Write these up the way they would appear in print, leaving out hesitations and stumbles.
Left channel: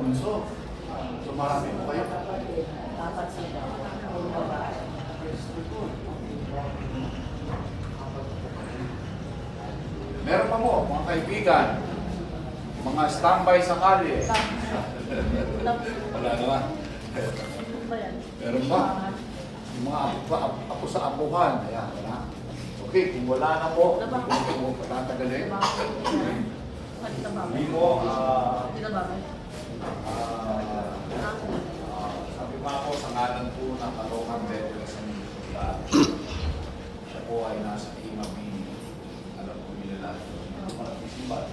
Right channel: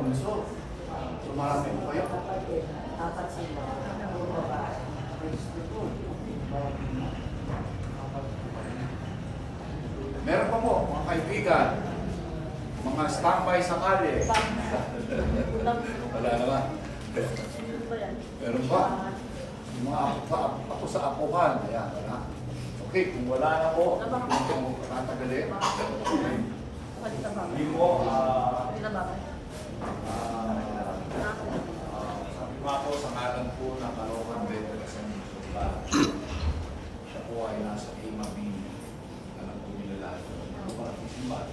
bunso. So marami po kayo. Apat sila. Ang babae. Meron pa mo, mga kaibigan, mga standby sa kalye. Wala naman. Meron ba? Yung mga apo sa apuhan. Ayan, wala. Okay, kung wala na po, hindi mo patatagalin. Hindi mo, sabi nga po sa ngalan po ng Kaloocan Bethel sa Minnesota, siya po ay nasa Imabini. Alam po nila lahat. Ano pa ang isimbat?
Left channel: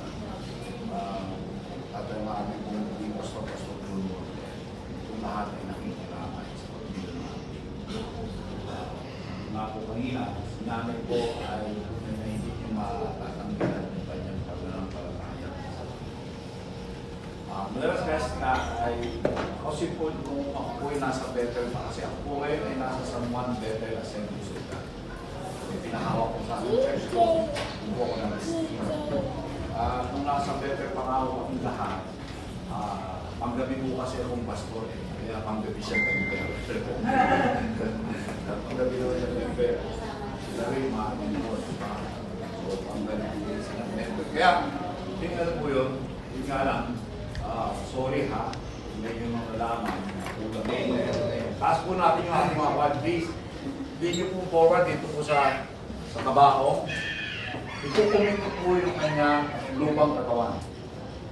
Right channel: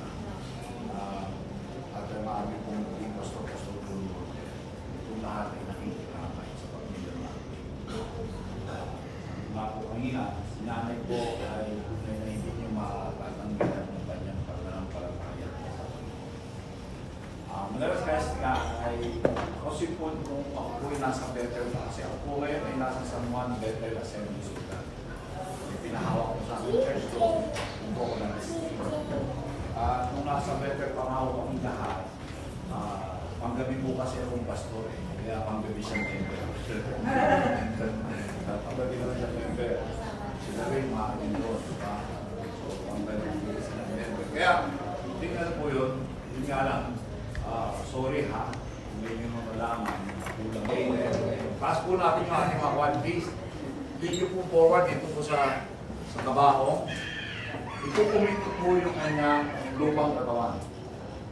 At ang aming pong maging pastor-pastor Bruno, itong lahat ay nakikinamay sa pagbilang namin. Nga po kanina, sinamin po ay hindi niyo matatanggalan ng kanyang pananampalataya. Madalas kasi nga ay kasi po nung ako po ay nasa Bethel pa kasi ako po ngayon ay nasa San Juan Bethel Assembly Sudan. May pinahawak ko sa aking church ko, kung po ako na-receive. Nung nasa Bethel pangawa kami lahat, panggabi po kasi akong pastor eh, kaya panggabi siya member. Panggabi naman siya member. Sila rin maamin doon, diba? So panggabi sila member. Kaya, tingnan po yun nga lang, sorry ha, kung medyo nung nalaman, pass po natin mga one piece. Hindi nyo po forward dito po sa kabaho. Ikukumit ko po yung kanyang lupang katawan.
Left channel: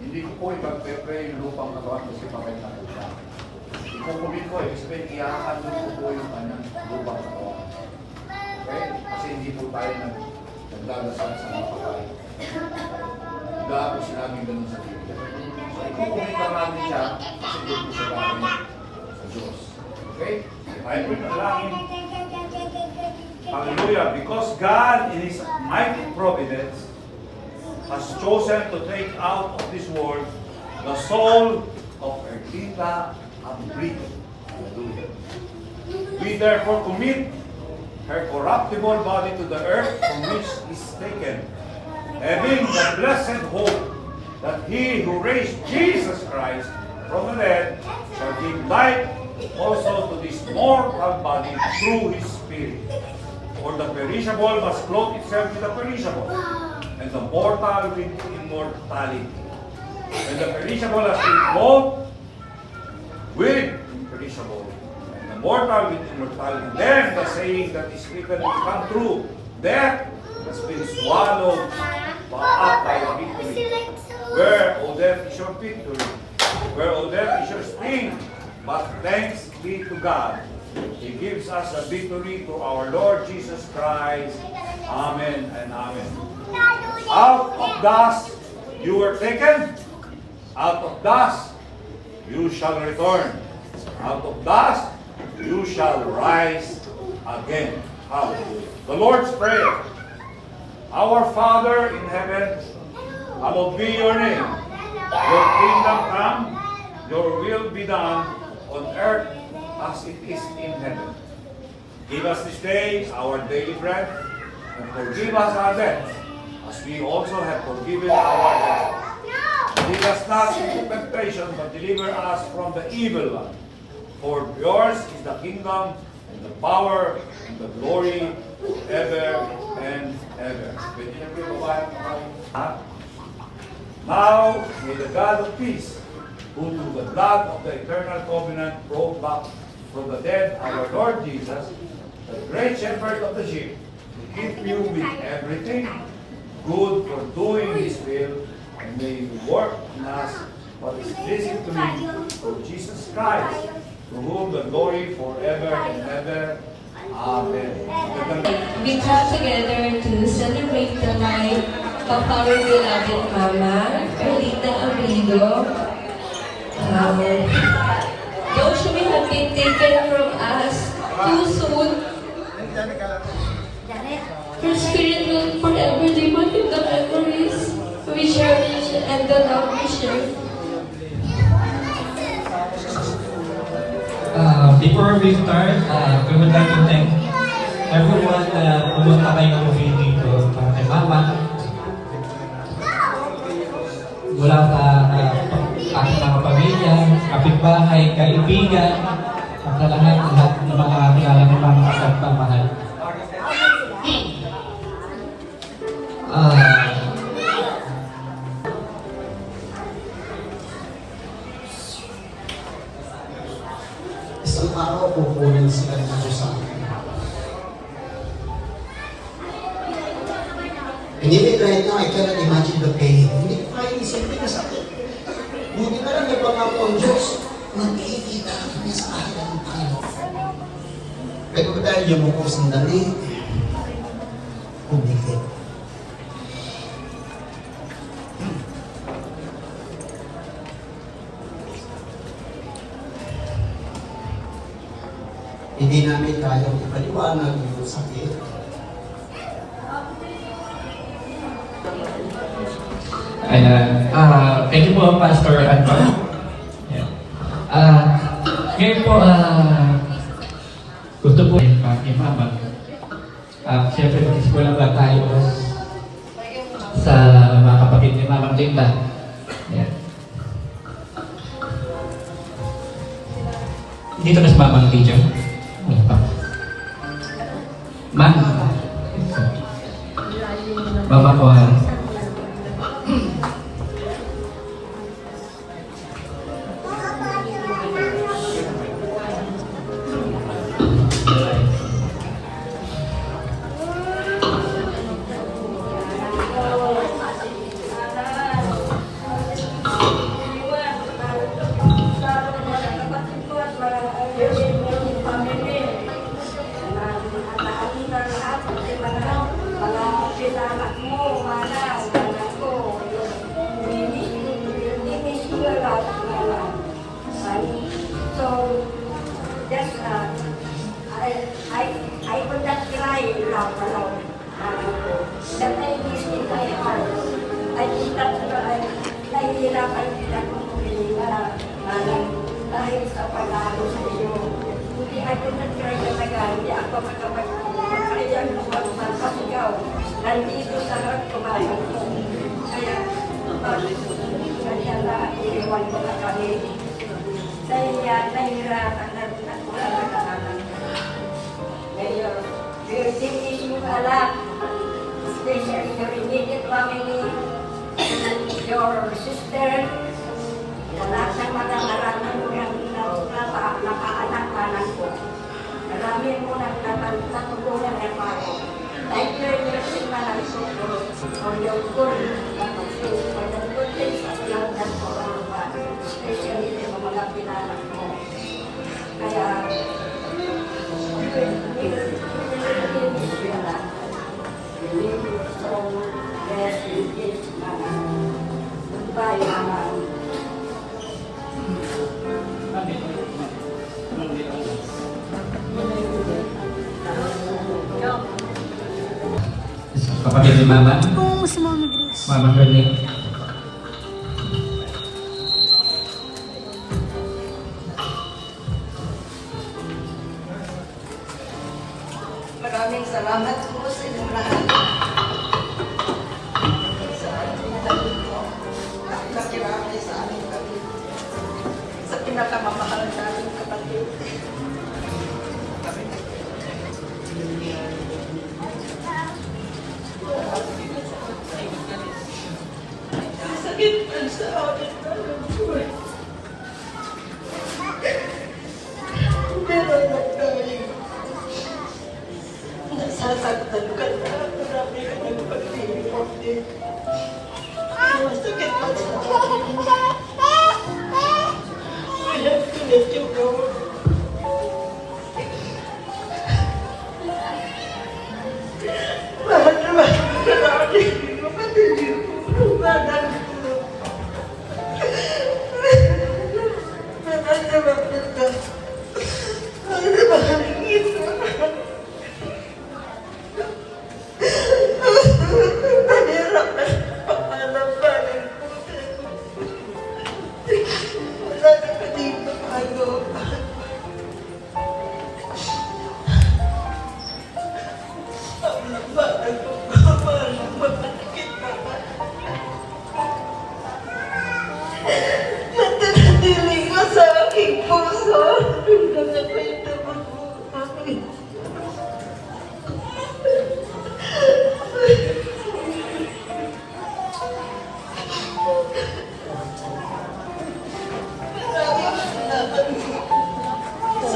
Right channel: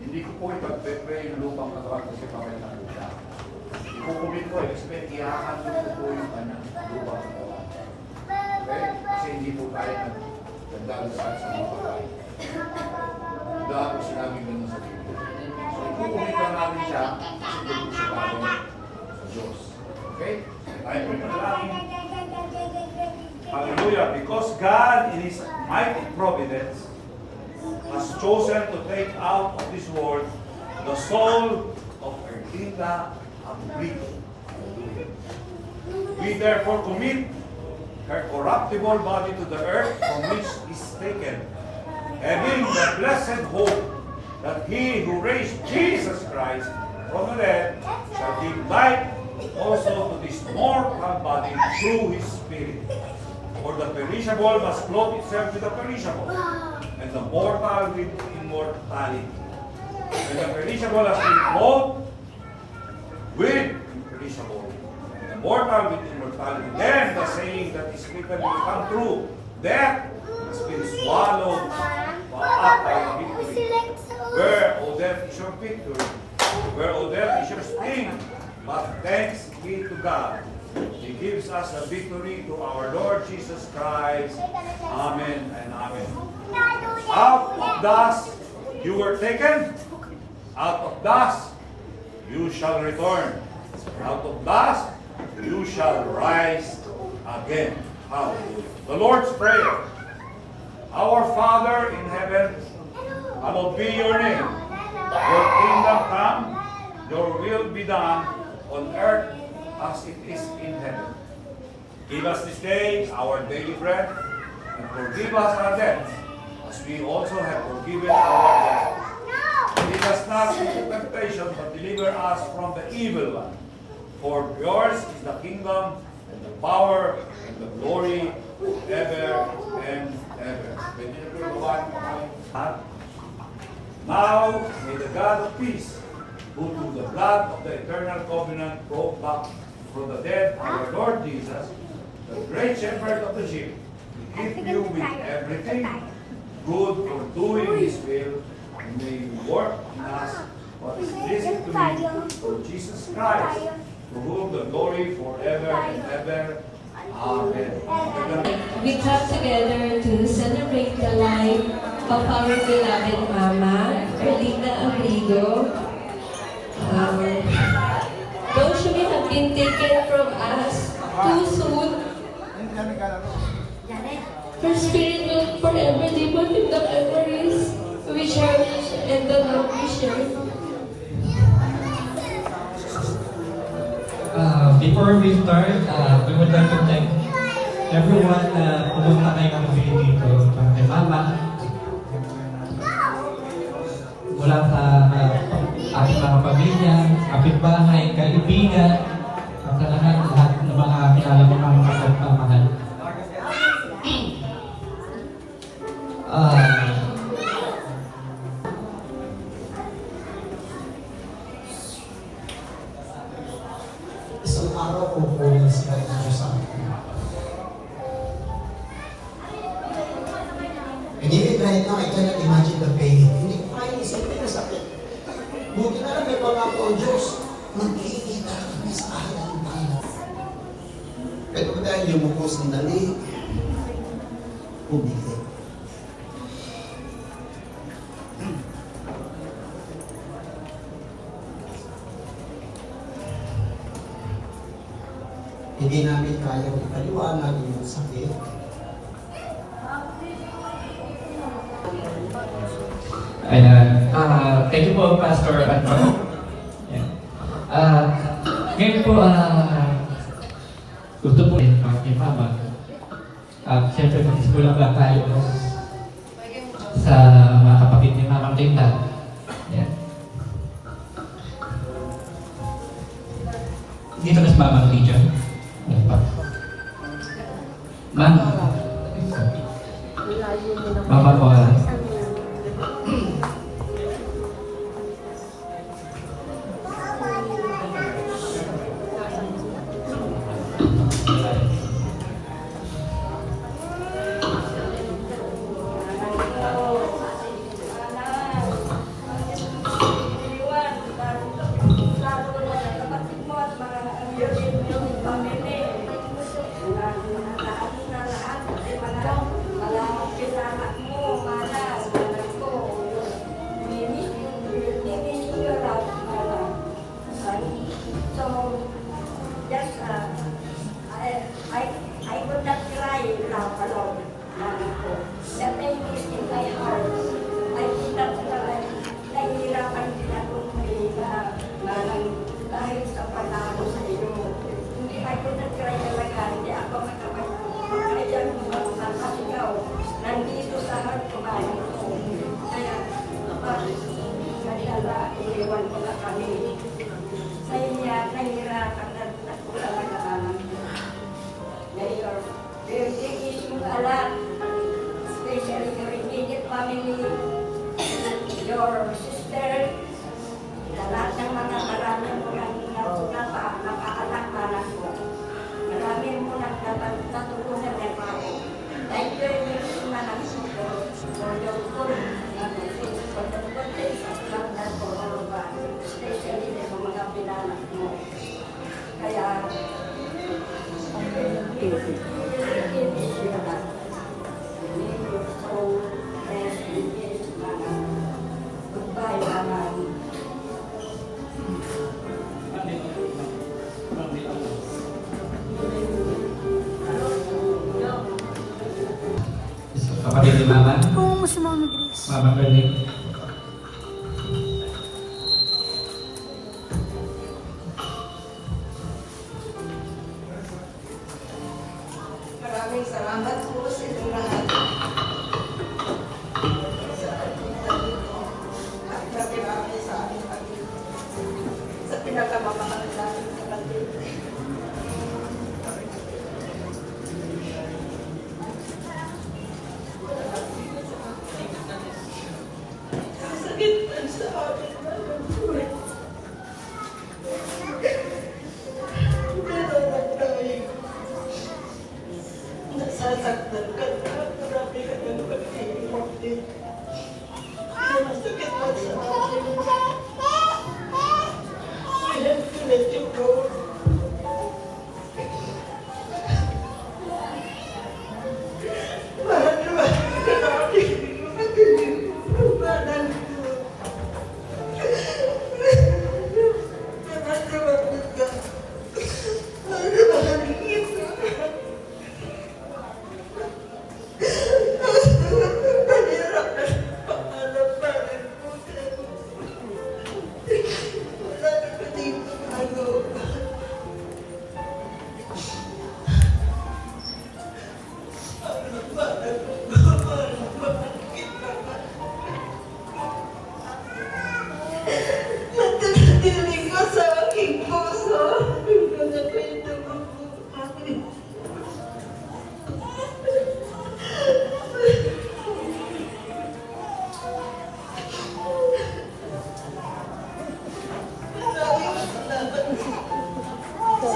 Hindi ko po ipag-pray yung lupang katawan kasi pamit na po siya. Ikukumit ko, expect iyakan ko po yung kanyang lupang katawan. Okay? Kasi hindi po tayo nagdadasal sa mga pagkain. Wala po sinabing ganun sa Biblia. So, ikukumit lang natin siya kasi doon po siya bagay sa Diyos. Okay? Tayo po ipaglangin. Hallelujah. Because God in His mighty providence has chosen to take out of this world the soul of Erlinda Abrito. Hallelujah. We therefore commit her corruptible body to the earth from which is taken, having the blessed hope that He who raised Jesus Christ from the dead shall give life also to this mortal body through His Spirit. For the perishable must clothe itself with the perishable, and the mortal with immortality. And the perishable has been clothed with imperishable, and the mortal with immortality. Then the saying that is written will come true: death has been swallowed up by the victory. Where, O death, is your victory? Where, O death, is your sting? But thanks be to God. He gives us a victory to our Lord Jesus Christ. Amen and amen. Out of dust you were taken. Out of dust you shall return. Out of dust you shall rise again. Hallelujah. The Lord's Prayer. Our Father in heaven, hallowed be your name. Your kingdom come, your will be done on earth as it is in heaven. Give us this day our daily bread, and forgive us our debts, as we also have forgiven our debtors. Lead us not into temptation, but deliver us from the evil one. For yours is the kingdom, and the power, and the glory, ever and ever. Now, may the God of peace, who through the blood of the eternal covenant brought back from the dead our Lord Jesus, the great shepherd of the sheep, to keep you with everything good for doing His will, and may you work in us what is pleasing to Him, through Jesus Christ, to whom the glory forever and ever. Amen. We come together to celebrate the life of our beloved Mama, Erlinda Abrito. Those who have been taken from us too soon, her spirit will forever live on in the memories we cherish and the love we share. Before we start, we would like to thank everyone na pumunta kayong movie dito. Kay Mama, mula sa ating mga pamilya, kapitbahay, kaibigan, at lahat ng mga kilala mo mga kapagmamahal. Isang araw pupunin sila dito sa akin. And even right now, I cannot imagine the pain. Hindi ko kaya isipin na sa akin. Buti na lang may pangako ang Diyos. Magkikita kami sa akin ang tayo. Pero dahil yung mga sandali, umikit. Hindi namin kayang ipaliwanag yung sakit. Ayan. Thank you po, Pastor Anton. Ngayon po, gusto po kay Mama. Siyempre, mag-isip lang tayo sa mga kapatid ni Mama Linda. Ayan. Dito na sa Mama Lydia. Ano pa? Mama. Mama ko I would not cry laugh alone. The pain is in my heart. I did not cry. Nahihirapan din akong humihinga dahil sa pag-alo sa iyo. Hindi ako nag-cry talaga. Hindi ako makakayang magpapasigaw. Nandito sa harap ko ba? Kaya, kaya na iiwan ko na kami. Sa iya, nahihirapan na wala na kasalanan. Mayor, we're taking you a lot, especially your immediate family, your sister, lahat ng maraming mo ng napaanak-anak ko. Marami mo ng natulungan ng paro. Thank you, Yesus, na nagsusunod for your good, for the good things that you have done for all of us, especially sa mga pinanak mo. Kaya, goodbye, Mama. kapatid ni Mama. Oo, si Mama Grace. Mama Grace. Maraming salamat po sa inyong lahat. Sa ating sabi ko, nakikirami sa aming kapatid. Sa pinakamamahal namin kapatid. Sakit man sa amin. Pero nagtayo. Nasasaktan ka na, marami ka ng pag-iinit. Masakit pa sa akin. Kaya pinatyung ko. Mahal na mahal ka namin. Mapatilig ko. Lumanan ko. Mahal na mahal ka. Mahal na mahal kita. Mahirap na pangalapanin ko. Wala na pa dito bago. Pangalapanin ko. Pangalapanin naman. Natinatili ka sa Sa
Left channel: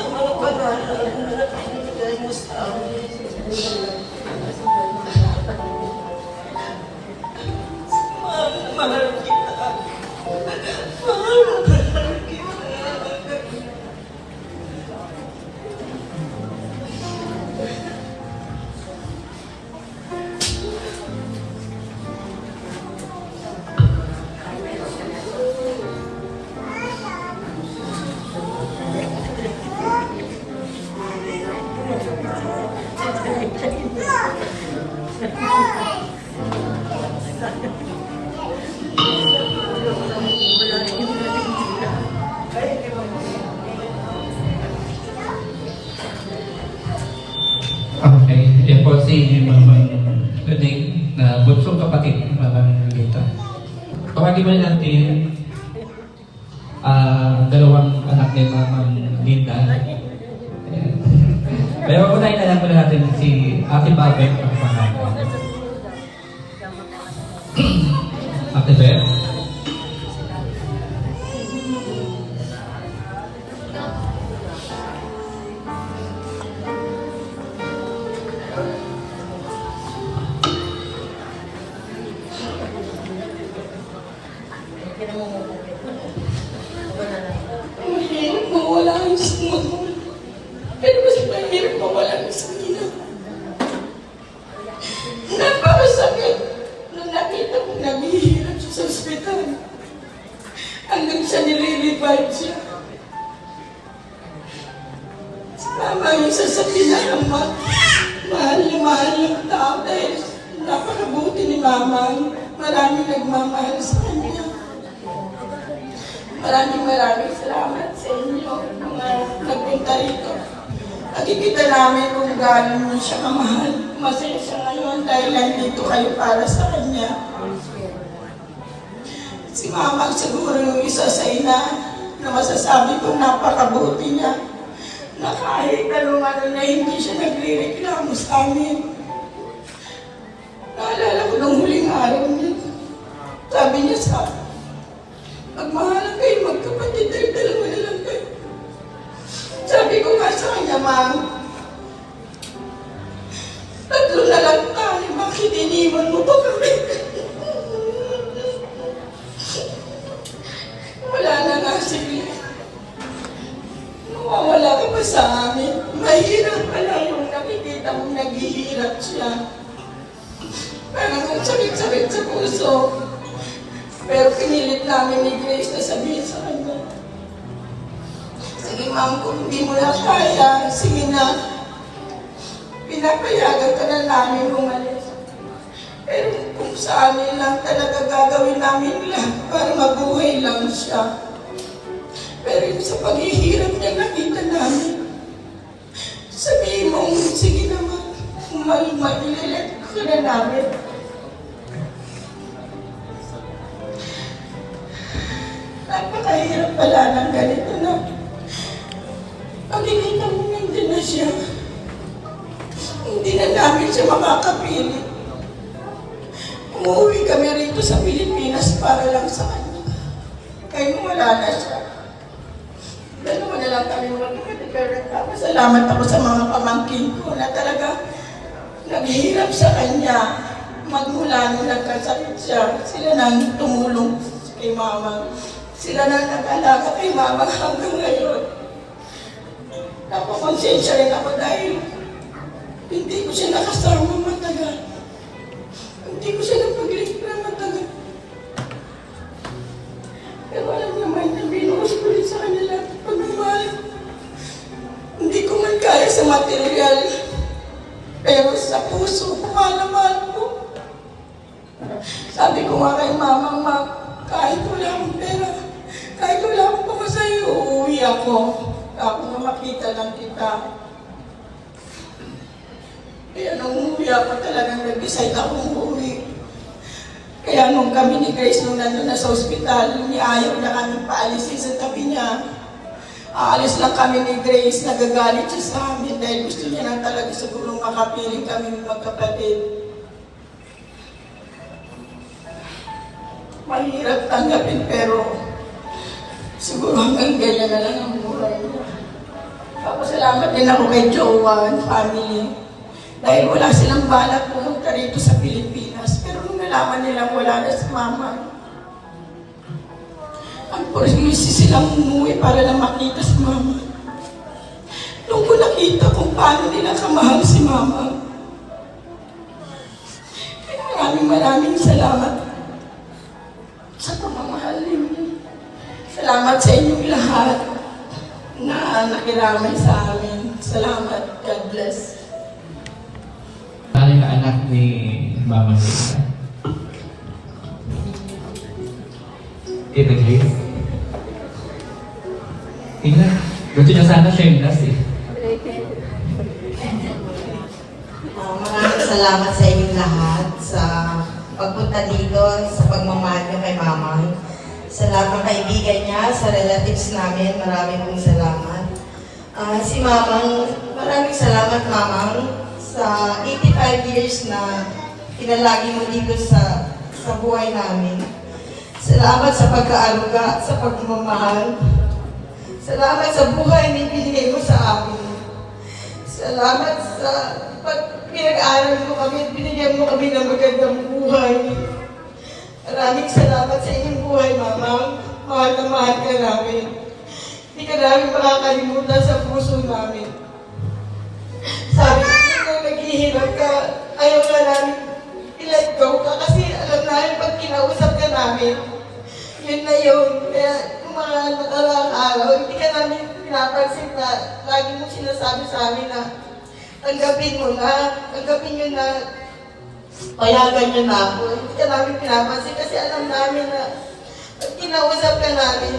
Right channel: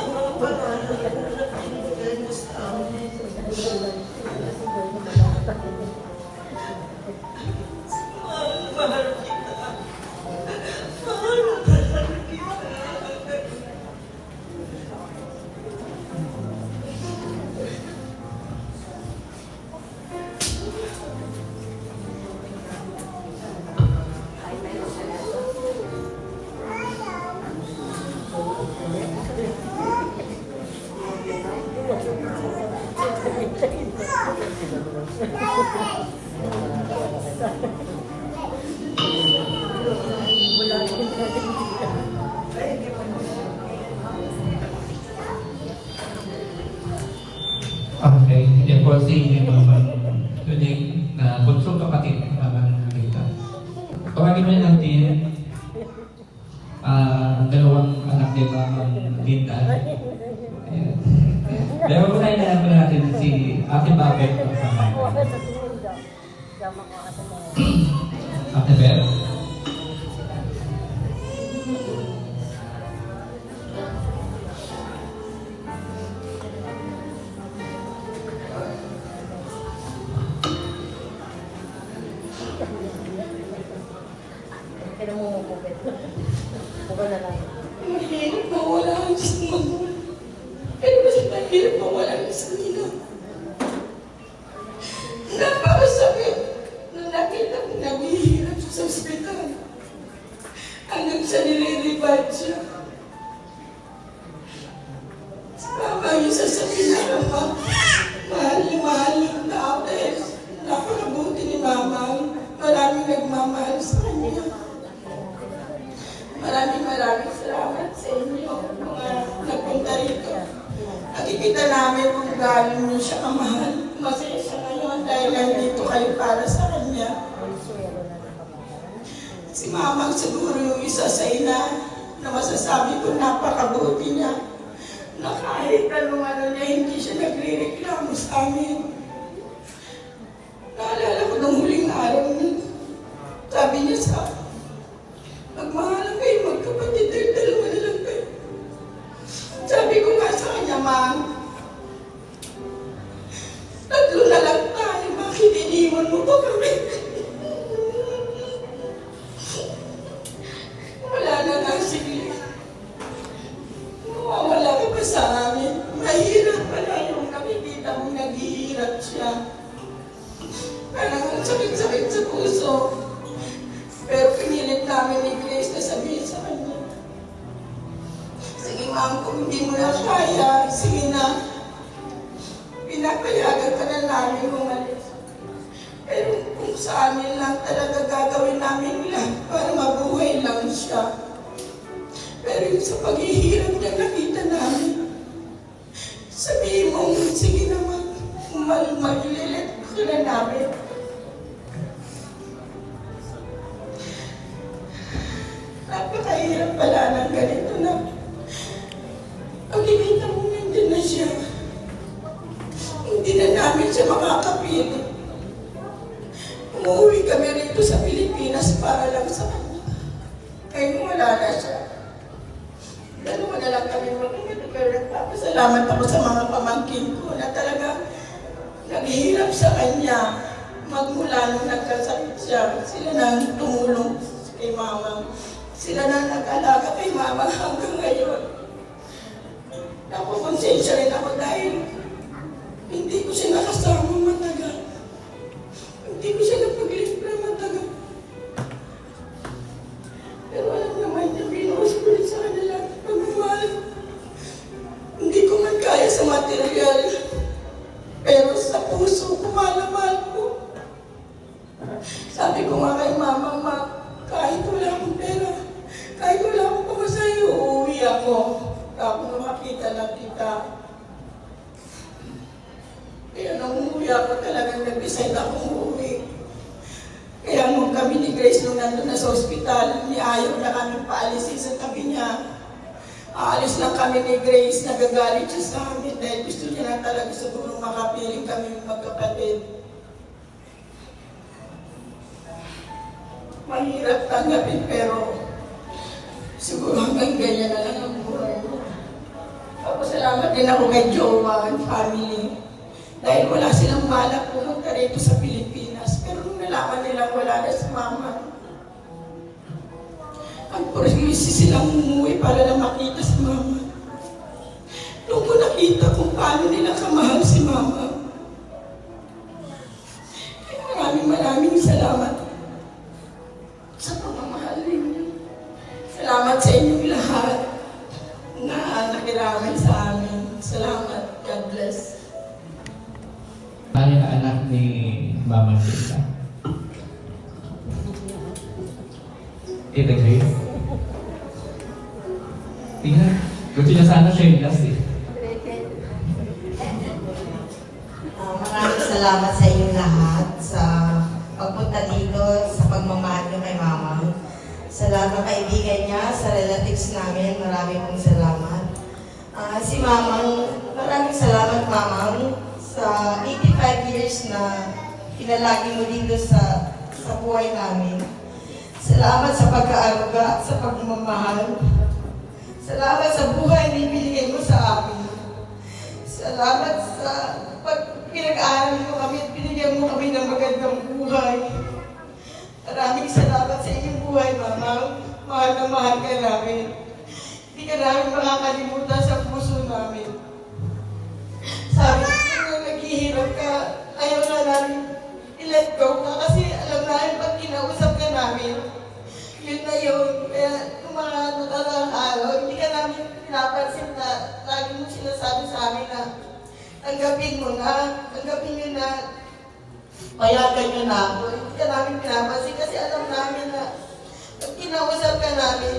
mga pag-aaral na pinibigay mo sa amin. Mahal kita. Mahal kita. Okay, yan po si Mama Lunig na bunsong kapatid ng Mama Lita. Tawagin mo natin dalawang anak ni Mama Lita. Ayan. Pero unahin na lang muna natin si Ate Babet ng pangalan. Ate Beth. Mahirap mawala ang Diyos mo. Pero mas mahirap mawala ang Diyos mo. Napakasakit na nakita ko naghihirap siya sa ospital. Hanggang siya nire-revive siya. Tama yung sasabihin na naman. Mahal ang tao dahil napakabuti ni Mama. Maraming nagmamahal sa kanya. Maraming salamat sa inyo mga nagpunta rito. Nakikita namin kung galing niyo siya kamahal. Masaya siya ngayon dahil nandito kayo para sa kanya. Si Mama siguro yung isa sa ina na masasabi kong napakabuti niya na kahit anong na hindi siya nagre-reklamo sa amin. Naalala ko nung huling araw niya. Sabi niya sa akin, magmahalan kayo, magkapatid, dalawa na lang kayo. Sabi ko nga sa kanya, Ma'am, tatlo na lang tayo, bakit iniwan mo ba kami? Wala na nga, sige. Mawawala ka pa sa amin. Mahirap pala yung nakikita mong naghihirap siya. Parang ang sakit-sakit sa puso. Pero pinilit namin ni Grace na sabihin sa kanya, sige ma'am, kung hindi mo na kaya, sige na. Pinapayagan ka na namin umalis. Pero kung sa amin lang talaga gagawin namin lahat para mabuhay lang siya. Pero yung sa paghihirap niya nakita namin, sabihin mo, sige naman, mag-lilet ka na namin. Napakahirap pala ng ganito na pagkikita mo hindi na siya. Hindi na namin siya makakapili. Umuwi kami rito sa Pilipinas para lang sa kanya. Ngayon wala na siya. Dalawa na lang kami magkakatikarang. Salamat ako sa mga pamangkin ko na talaga naghihirap sa kanya. Magmula nung nagkasakit siya, sila nang tumulong kay Mama. Sila nang nag-alaga kay Mama hanggang ngayon. Napakonsensya rin ako dahil hindi ko siya nakasama matagal. Hindi ko siya napag-replay matagal. Pero alam naman na binuhos ko rin sa kanila pagmamahal. Hindi ko man kaya sa material. Pero sa puso ko, mahal ko. Sabi ko nga kay Mama, kahit wala akong pera, kahit wala akong pamasahe, uuwi ako. Ako na makita lang kita. Kaya nung umuwi ako talagang nag-decide akong umuwi. Kaya nung kami ni Grace nung nandun na sa ospital, ayaw na kami paalisin sa tabi niya. Aalis lang kami ni Grace, nagagalit siya sa amin dahil gusto niya lang talaga siguro makapiling kami magkapatid. mahirap tanggapin pero siguro hanggang ganyan na lang ang buhay niya. Papasalamat din ako kay Jowa and family dahil wala silang balak pumunta rito sa Pilipinas. Pero nung nalaman nilang wala na si Mama, ang porsi silang umuwi para lang makita si Mama. Nung ko nakita kung paano nila kamahal si Mama, kaya maraming salamat sa pamamahal ninyo. Salamat sa inyong lahat na nakiramay sa amin. Salamat. God bless. Ano yung anak ni Mama Lita? Ibigay? Tingnan. Gusto niya sana shameless eh. Maraming salamat sa inyong lahat sa pagpunta dito, sa pagmamahal niyo kay Mama. Sa lahat ng kaibigan niya, sa relatives namin, maraming pong salamat. Si Mamang, maraming salamat Mamang sa 85 years na pinalagi mo dito sa buhay namin. Salamat sa pagkaaruga, sa pagmamahal. Salamat sa buhay na ibinigay mo sa amin. Salamat sa pinag-aaral mo kami at binigyan mo kami ng magandang buhay. Maraming salamat sa inyong buhay, Mama. Mahal na mahal ka namin. Hindi ka namin makakalimutan sa puso namin. Sabi ko, nung naghihirap ka, ayaw ka namin i-let go ka kasi alam namin pag kinausap ka namin, yun na yun. Kaya nung mga nakaraang araw, hindi ka namin pinapansin na lagi mo sinasabi sa amin na tanggapin mo na, tanggapin nyo na, payagan nyo na ako. Hindi ka namin pinapansin kasi alam namin na pag kinausap ka namin,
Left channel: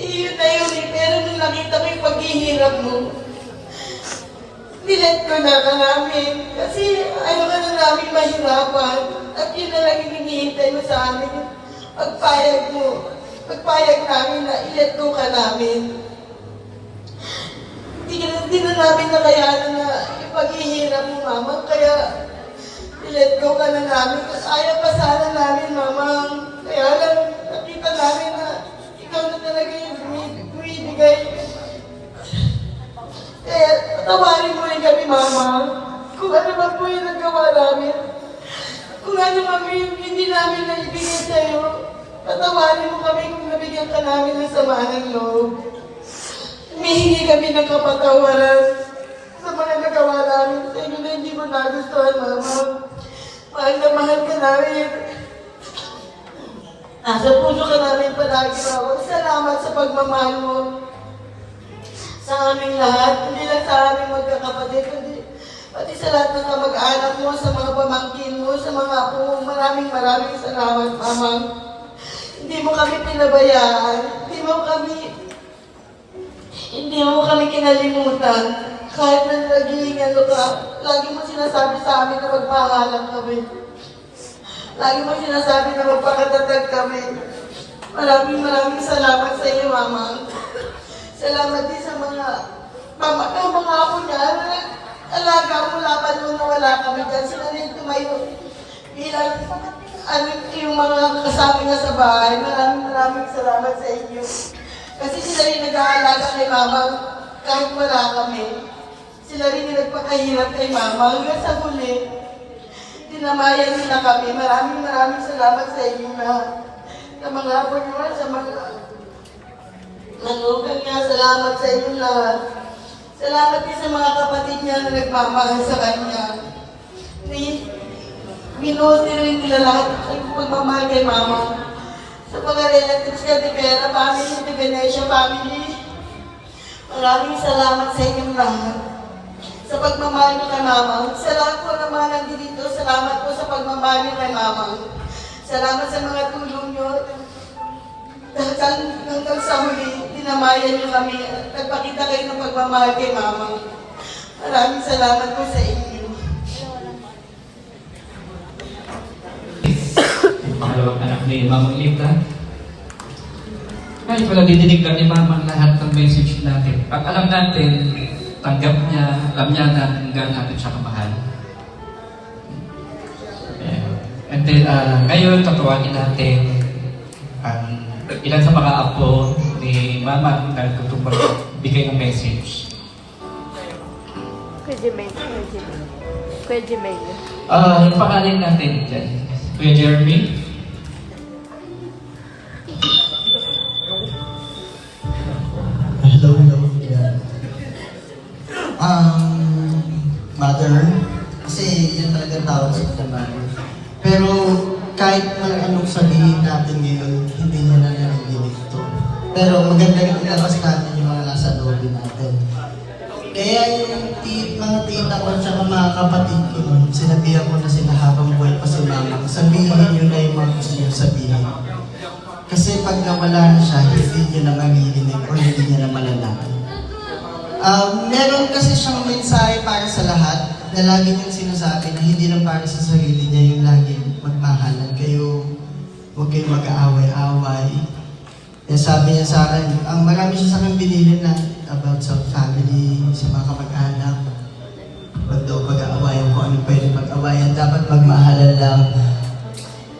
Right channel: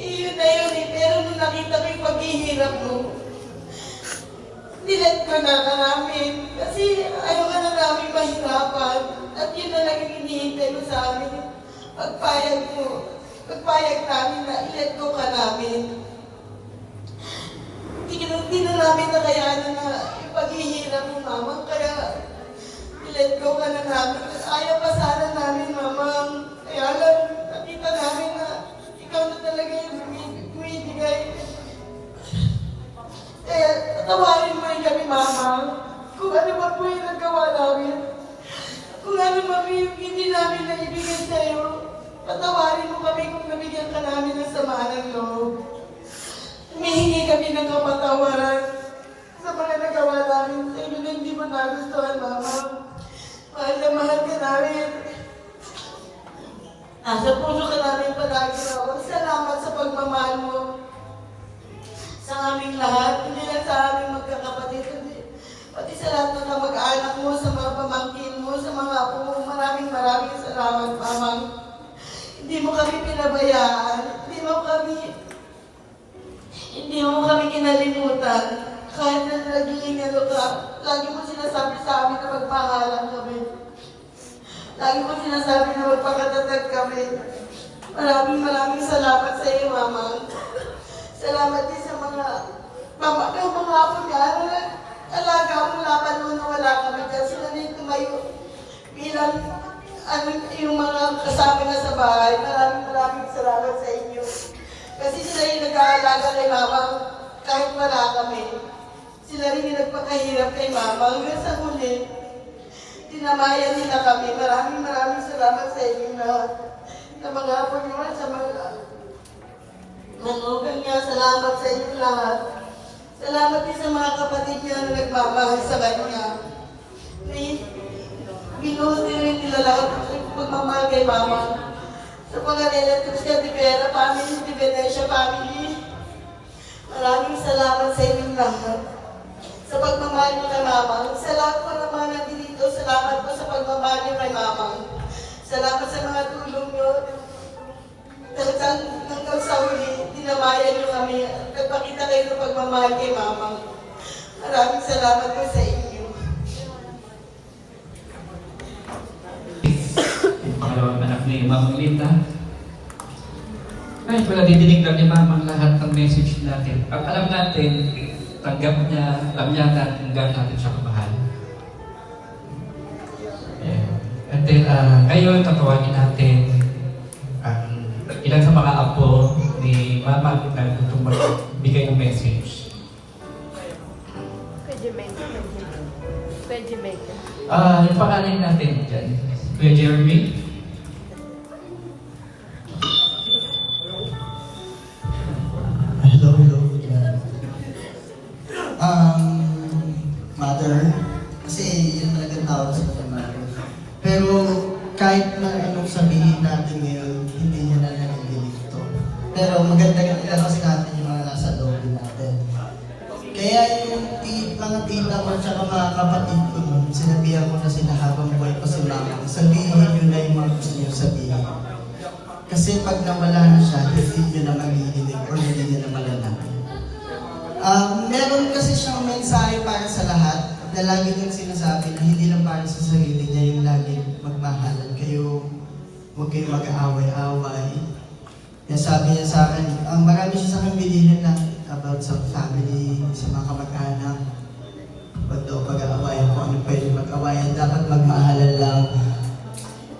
yun na yun eh. Pero nung nakita ko yung paghihirap mo, nilet ko na ka namin. Kasi ayaw ka na namin mahirapan. At yun na lang yung hinihintay mo sa amin. Pagpayag mo, pagpayag namin na ilet ko ka namin. Hindi na namin nakayanan na yung paghihirap ni Mama, kaya i-let go ka na namin. Ayaw pa sana namin, Mama. Kaya lang, nakita namin na ikaw na talaga yung bumibigay. Kaya, tatawarin mo rin kami, Mama. Kung ano ba po yung nagawa namin. Kung ano ba yung hindi namin naibigay sa'yo. Tatawarin mo kami kung nabigyan ka namin ng sama ng loob. Humihingi kami ng kapatawaran sa mga nagawa namin sa inyo na hindi mo nagustuhan, Mama. Mahal na mahal ka namin. Nasa puso ka namin palagi, Mama. Salamat sa pagmamahal mo sa aming lahat. Hindi lang sa aming magkakapatid, kundi pati sa lahat ng kamag-anak mo, sa mga pamangkin mo, sa mga apo mo. Maraming salamat, Mama. Hindi mo kami pinabayaan. Hindi mo kami kinalimutan. Kahit na naging ka, lagi mo sinasabi sa amin na magpahalang kami. Lagi mo sinasabi na magpakatatag kami. Maraming salamat sa iyo, Mama. Salamat din sa mga apo niya. Alaga mo laban mo na wala kami dyan. Sila rin tumayo bilang yung mga kasama nga sa bahay. Maraming salamat sa inyo. Kasi sila rin nag-aalaga kay Mama kahit wala kami. Sila rin yung nagpakahirap kay Mama. Hanggang sa huli, dinamayan nila kami. Maraming salamat sa inyo lahat. Sa mga apo nyo, sa mga manugan niya, salamat sa inyo lahat. Salamat din sa mga kapatid niya na nagmamahal sa kanya. Minuti rin nila lahat ang pagmamahal kay Mama. Sa mga relatives niya, di Vera family, di Venetia family. Maraming salamat sa inyong lahat. Sa pagmamahal niyo kay Mama. Sa lahat po naman nandito, salamat po sa pagmamahal niyo kay Mama. Salamat sa mga tulong niyo. Hanggang sa huli, dinamayan niyo kami. Nagpakita kayo ng pagmamahal kay Mama. Maraming salamat po sa inyo. Pangalawang anak ni Mama Lita. Kahit wala didinig lang ni Mama lahat ng message natin. Pag alam natin, tanggap niya, alam niya na hanggang natin siya kamahal. And then, ngayon, tatawagin natin mahal mo tayo itong magbigay ng message. Yung pangalan natin dyan, Kuya Jeremy. Hello. Yeah. Mother, kasi yun talaga tawag sa mother. Pero kahit anong sabihin natin ngayon, hindi mo na narinig ito. Pero maganda yung ilabas natin yung mga nasa loob natin. Kaya yung mga tita ko at saka mga kapatid ko nun, sinabihan ko na sila habang buhay pa si mama, sabihin nyo na yung mga gusto nyo sabihin. Kasi pag nawala na siya, hindi nyo na mamilinig o hindi nyo na malalaman. Meron kasi siyang mensahe para sa lahat na lagi niyang sinasabi na hindi lang para sa sarili niya yung laging magmahalan kayo, huwag kayong mag-aaway-aaway. Sabi niya sa akin, ang marami siya sa akin binilin na about sa family, sa mga kamag-anak. Huwag daw pag-aawayan kung ano pwede mag-awayan, dapat magmahalan lang.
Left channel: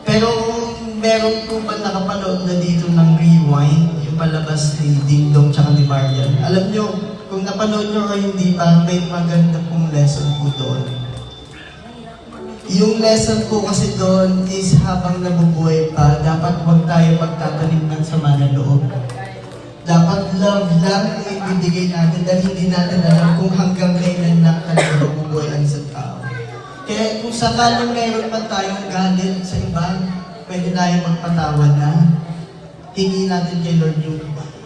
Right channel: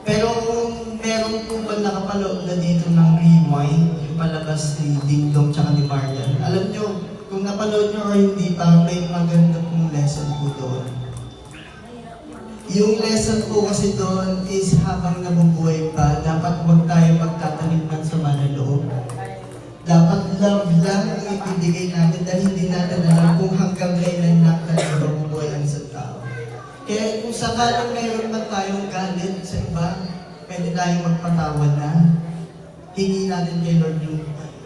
Pero kung meron po ba nakapanood na dito ng Rewind, yung palabas ni Ding Dong tsaka ni Marian, alam niyo, kung napanood nyo or hindi, parang may maganda pong lesson po doon. Yung lesson po kasi doon is habang nabubuhay pa, dapat huwag tayo magtatanim ng sama ng loob. Dapat love lang ang ibibigay natin dahil hindi natin alam kung hanggang kailan lang tayo mabubuhay ang isang tao. Kaya kung sakaling mayroon man tayong galit sa iba, pwede tayo magpatawad na. Hingi natin kay Lord yung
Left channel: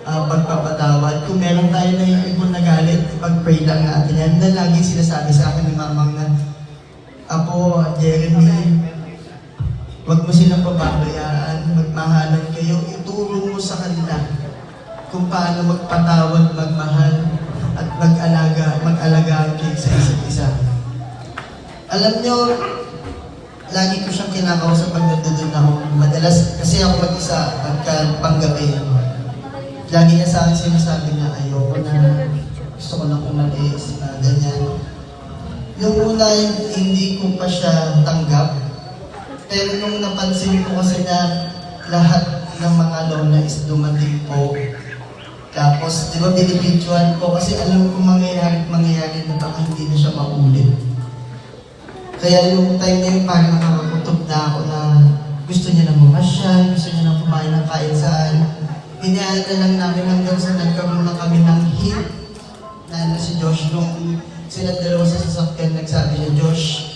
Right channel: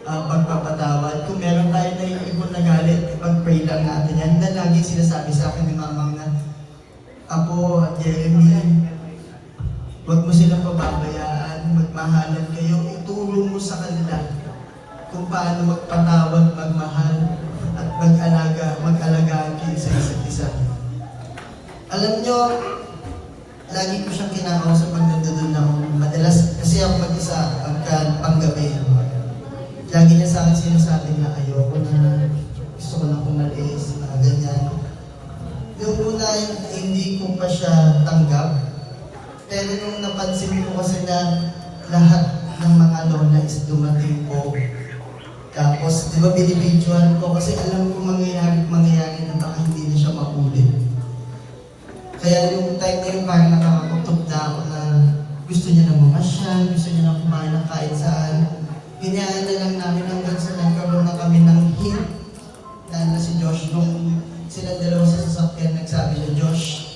pagpapatawad. Kung meron tayo na yung ibon na galit, ipag-pray lang natin yan. Na lagi sinasabi sa akin ni mamang na, Apo, Jeremy, huwag mo silang pababayaan, magmahalan kayo, ituro mo sa kanila kung paano magpatawad, magmahal, at mag-alaga kayo sa isa't isa. Alam nyo, lagi ko siyang kinakausap pag nandun ako. Madalas, kasi ako mag-isa, panggabi. Lagi niya sa akin sinasabi na ayoko na, gusto ko lang umalis, ganyan. Yung una, hindi ko pa siya tanggap. Pero nung napansin ko kasi na lahat ng mga lola is dumating po. Tapos, di ba binibidyoan ko kasi alam ko mangyayari na baka hindi na siya maulit. Kaya yung time na yun, parang nakakakutob na ako na gusto niya na mamasyal, gusto niya na kumain ng kahit saan. Hinayaan na lang namin hanggang sa nagkaroon na kami ng hint na si Josh nung sila dalawa sa sasakyan nagsabi niya, Josh,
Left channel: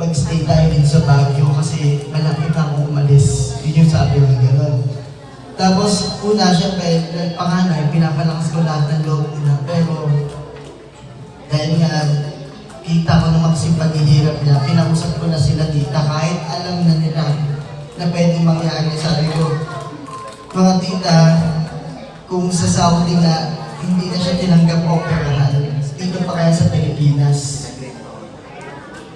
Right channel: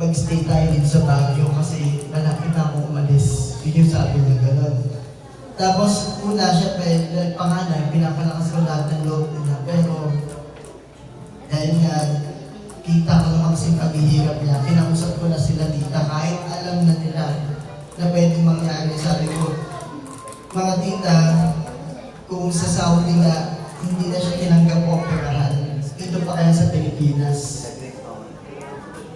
mag-stay tayo dito sa Baguio kasi malapit na akong umalis. Yun yung sabi niya gano'n. Tapos una siya kay panganay, pinapalakas ko lahat ng loob nila. Pero dahil nga kita ko naman kasi paghihirap niya, kinausap ko na sila tita kahit alam na nila na pwedeng mangyari. Sabi ko, mga tita, kung sa Saudi na hindi na siya tinanggap o operahan, dito pa kaya sa Pilipinas.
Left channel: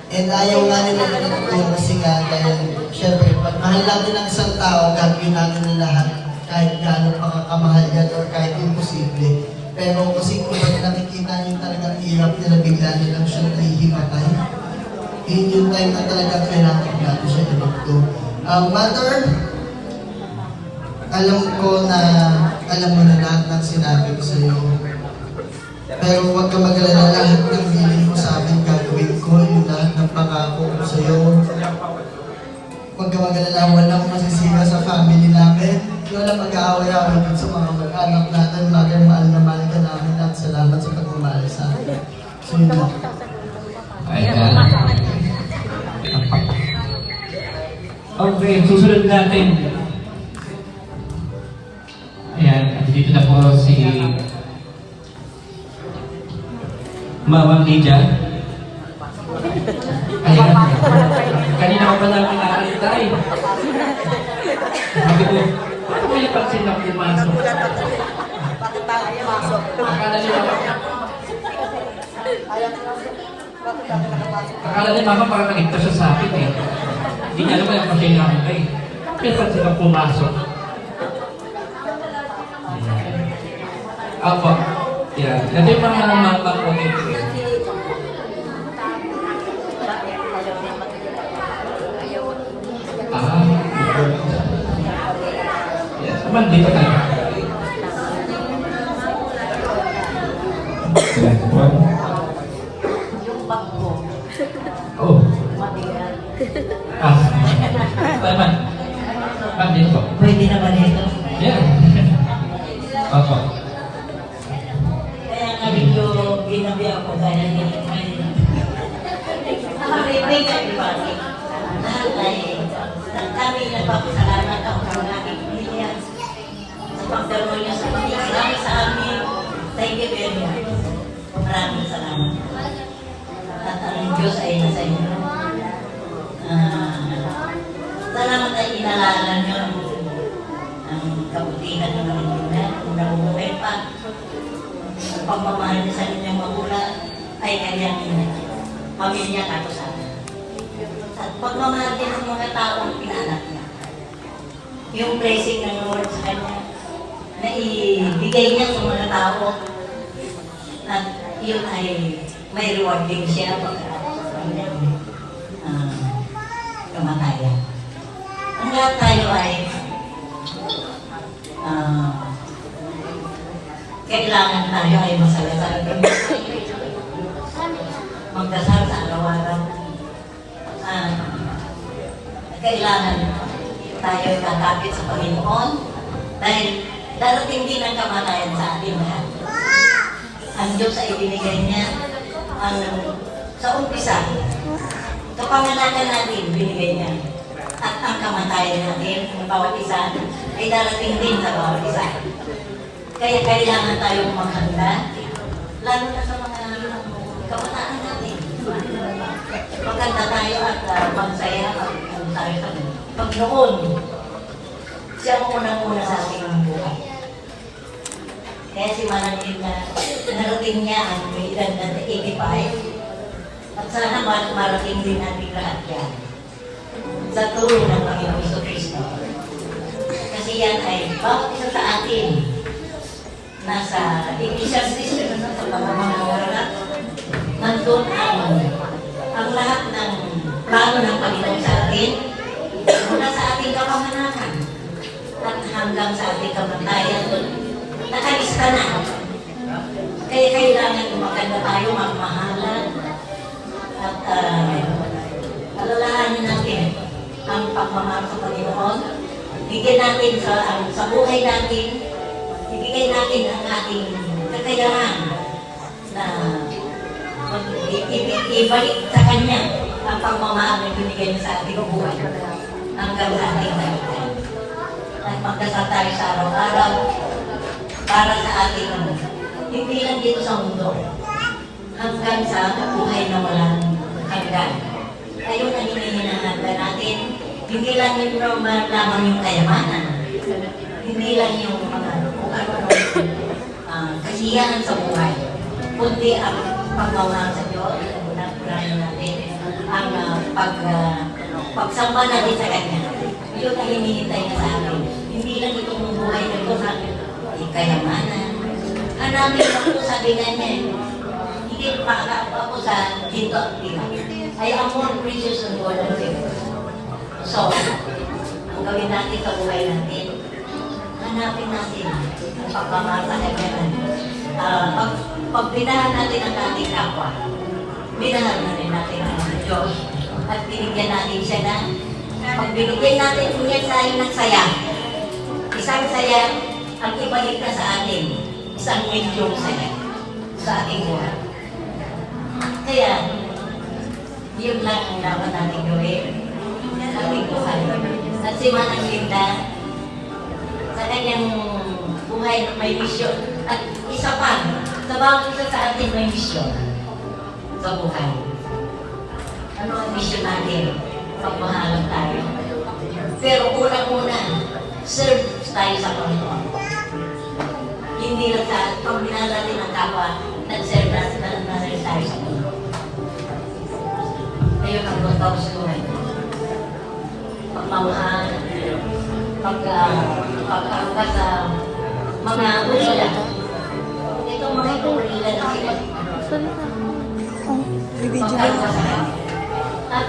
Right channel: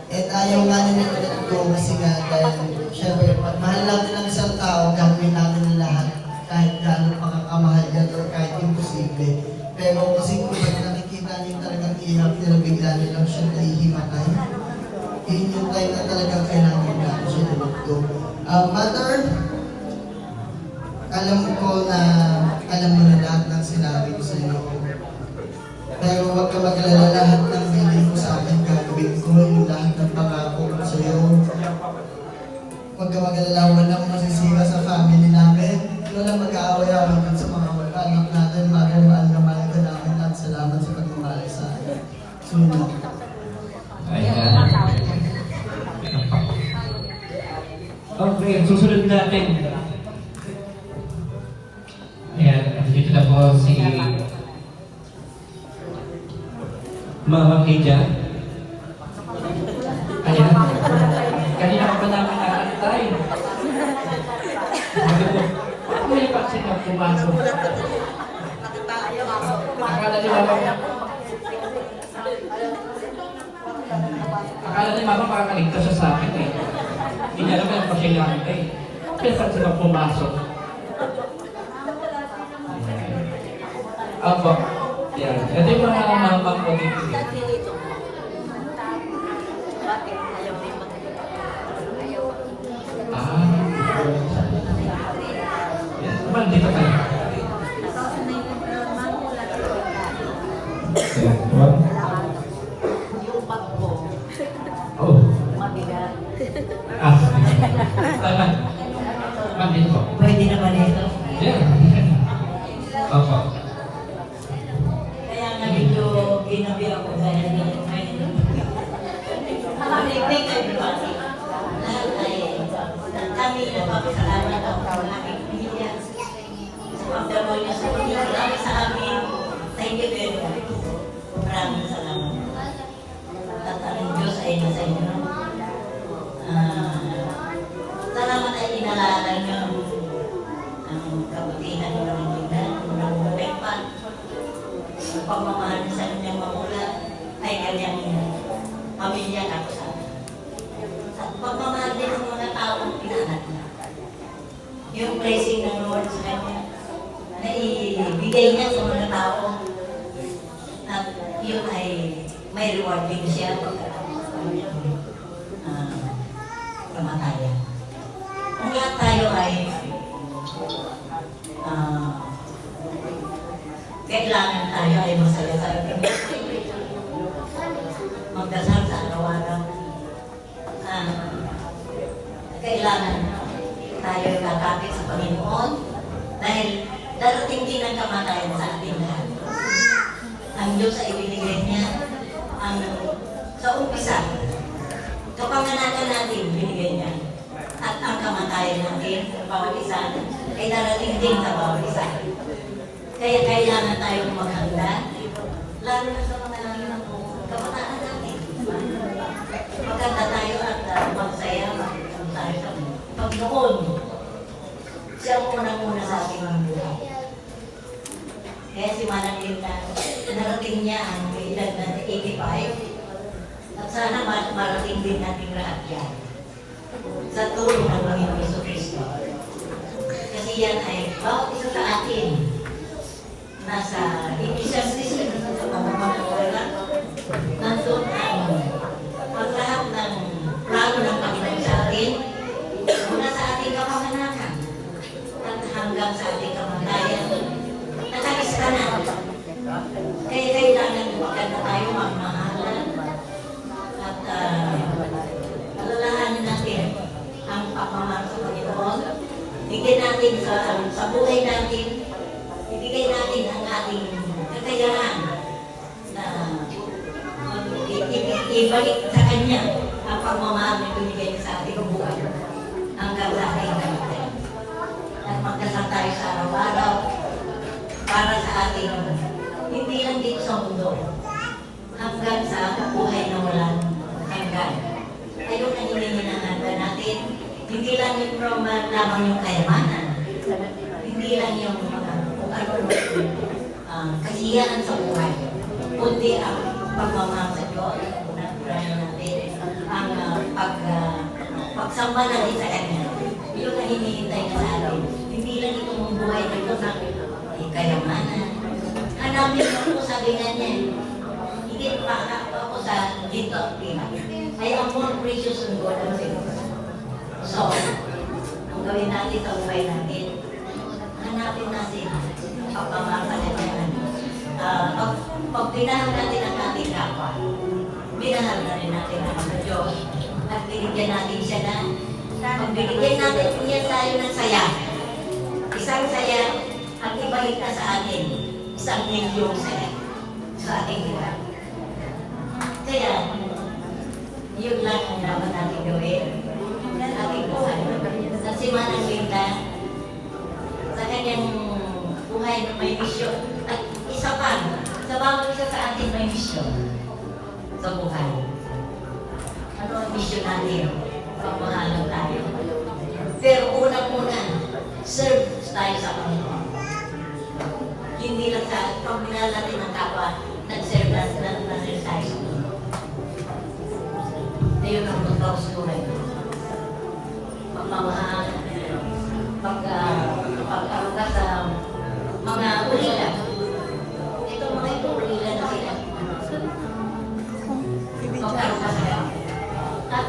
And ayaw nga nila ito kasi nga dahil syempre, pag mahal natin ang isang tao, gagawin natin ang lahat kahit gano'n pa kakamahal yan or kahit imposible. Pero kasi kung nakikita niyo talagang hirap nila, bigla nilang siya nahihimatay. Yun yung time na talagang kailangan natin siya ilugto. Mother, alam ko na alam mo na lahat ng sinabi ko sa iyo. Pero huwag ka mag-alala, lahat ng bilin mo sa akin gagawin ko, yung lahat ng pangako ko sa iyo. Huwag ka mag-alala, walang masisira sa family namin. Walang mag-aaway-aaway din sa mga mag-anak natin. Mother, mahal na mahal ka namin at salamat sa pagmamahal sa akin. So yun lang. Ayan. Okay, susunod natin. Ayan, at dito na po si Mama Lydia. Ayan. Kanina ka pa namin nakalitay. Sabi ko, bakit may vaksin na pumasok? Akala ni Mama parang nakita siya sa akin eh. Hindi niya alam na siya nakitay. Kaya vaksin na pumasok. Apo. Yan. Ito yung mga mama ko dito. Yes, naman dito tayo. Pwede naman ito. Yeah. Opo. Kaya nga medyo ginabi ako dahil may may everybody. Lahat ay kami nagpapasalamat ako sa ating pamilya sa pagdaroon niya sa pamilya sa amin. Thank you very much. Maraming salamat. At ang Diyos ay nasa inyo. Salamat ay inalala niyo ang kabutihan ng mga nila, ang nabubuhay pa. Ang pagmamahal niya sa inyong magulang ay kanyang pamilya ako sa akin. At pagmamahal din ng mga taong pinanak niya. Yung blessing ng Lord sa kanya na ibigay niya sa mga tao at yun ay may reward din siya pagkatapos sa kanyang kamatayan. Ang lahat tayo ay kailangan tayo ay masaya sa ating magdasal sa araw-araw. Kailangan tayo ay tatapit sa Panginoon dahil darating din ang kamatayan sa ating lahat. Ang Diyos ay binigay niya sa umpisa. Kapanganakan natin, binigay niya. At ang kamatayan natin, ng bawat isa, ay darating din sa bawat isa. Kaya kailangan tayong maghanda, lalo na sa mga kabataan natin. Maganda tayo at magsaya, tayo sa Pagnoon. Siya ang unang-una sa ating buhay. Kaya si Manang Linda, narating niya ang may edad na 85. At sana marating din natin lahat yan. Sa tulong ng Panginoong Jesucristo. Kasi yan ay bawat isa sa atin. Nasa Ecclesiastes sa pamamahala. Nandun ang lahat ng plano ng Panginoon sa atin. Mula sa ating kapanganakan. At hanggang sa ating kamatayan. Nakalista na. Kaya kailangan maganda tayo, magmahalan. At alalahanin natin ang pagmamahal sa Panginoon. Bigyan natin sa buhay natin, ibigay natin ang ating kakayahan na ibalik sa Kanya ang pagmamahal na binigay niya sa ating buhay hanggang sa ating kamatayan. At magdasal tayo sa araw-araw para sa ating hindi lang dito sa mundo hanggang sa buhay na walang hanggan. Ayun ang hinihinahanda natin. Hindi lang yung lamang yung kayamanan. Hindi lang yung mga kung ano kasiyahan sa buhay. Kundi ang pagmamahal sa Diyos. Unahin natin ang pagsamba natin sa Kanya. Yun ang hinihintay niya sa atin. Hindi lang itong buhay na ito sa kayamanan. Hanapin mo sabi nga niya, hindi makakapa ko sa dito at pila. Ay ang more precious and more than silver. So, ang gawin natin sa buhay natin, hanapin natin ang pagmamahal sa kailangan. Pag binahan natin ang ating kapwa, binahan na rin natin ang Diyos. At binigyan natin siya na, pag binigyan natin niya tayo ng saya, isang saya, ang ibalik ka sa atin, isang milyong saya sa ating buhay. Kaya, yun lang ang dapat natin gawin sa ating buhay. At si Manang Linda, sa kanyang buhay na may misyon, at isa pa, sa bawat isa sa atin may misyon sa buhay. Ano ang misyon natin? Pagmahalang tayo. Pero unang-una, serve tayo sa Panginoon. Hindi lang sa pagminahal natin ng kapwa, nag-serve natin na rin tayo sa mundo. Ayun ang gusto ko siguro. Pagmamahal, pagkakaroon sa mga ulila. Itong mga itong ulila na sila. Pagkakaroon sa kanya. At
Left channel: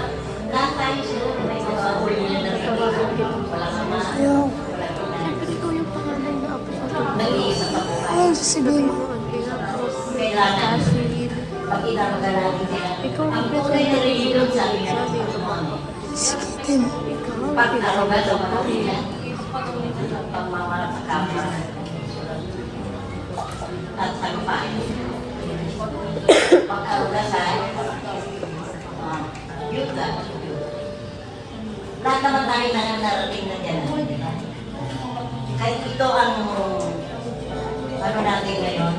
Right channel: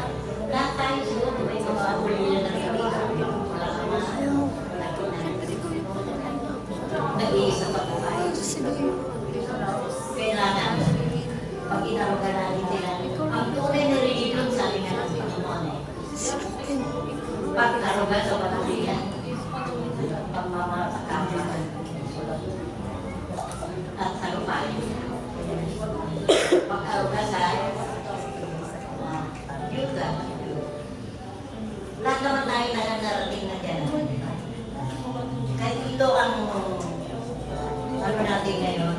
lahat tayo siguro may mga ulila na sila. Walang ama, walang tunay. Nag-iisa pa po tayo. Kailangan, pag inamagalahin sila, ang tunay na religion, sabi nga ng Panginoon, pag-arugan sa pamilya, marami na nga narating na dyan. Kahit ito ang ano natin ngayon,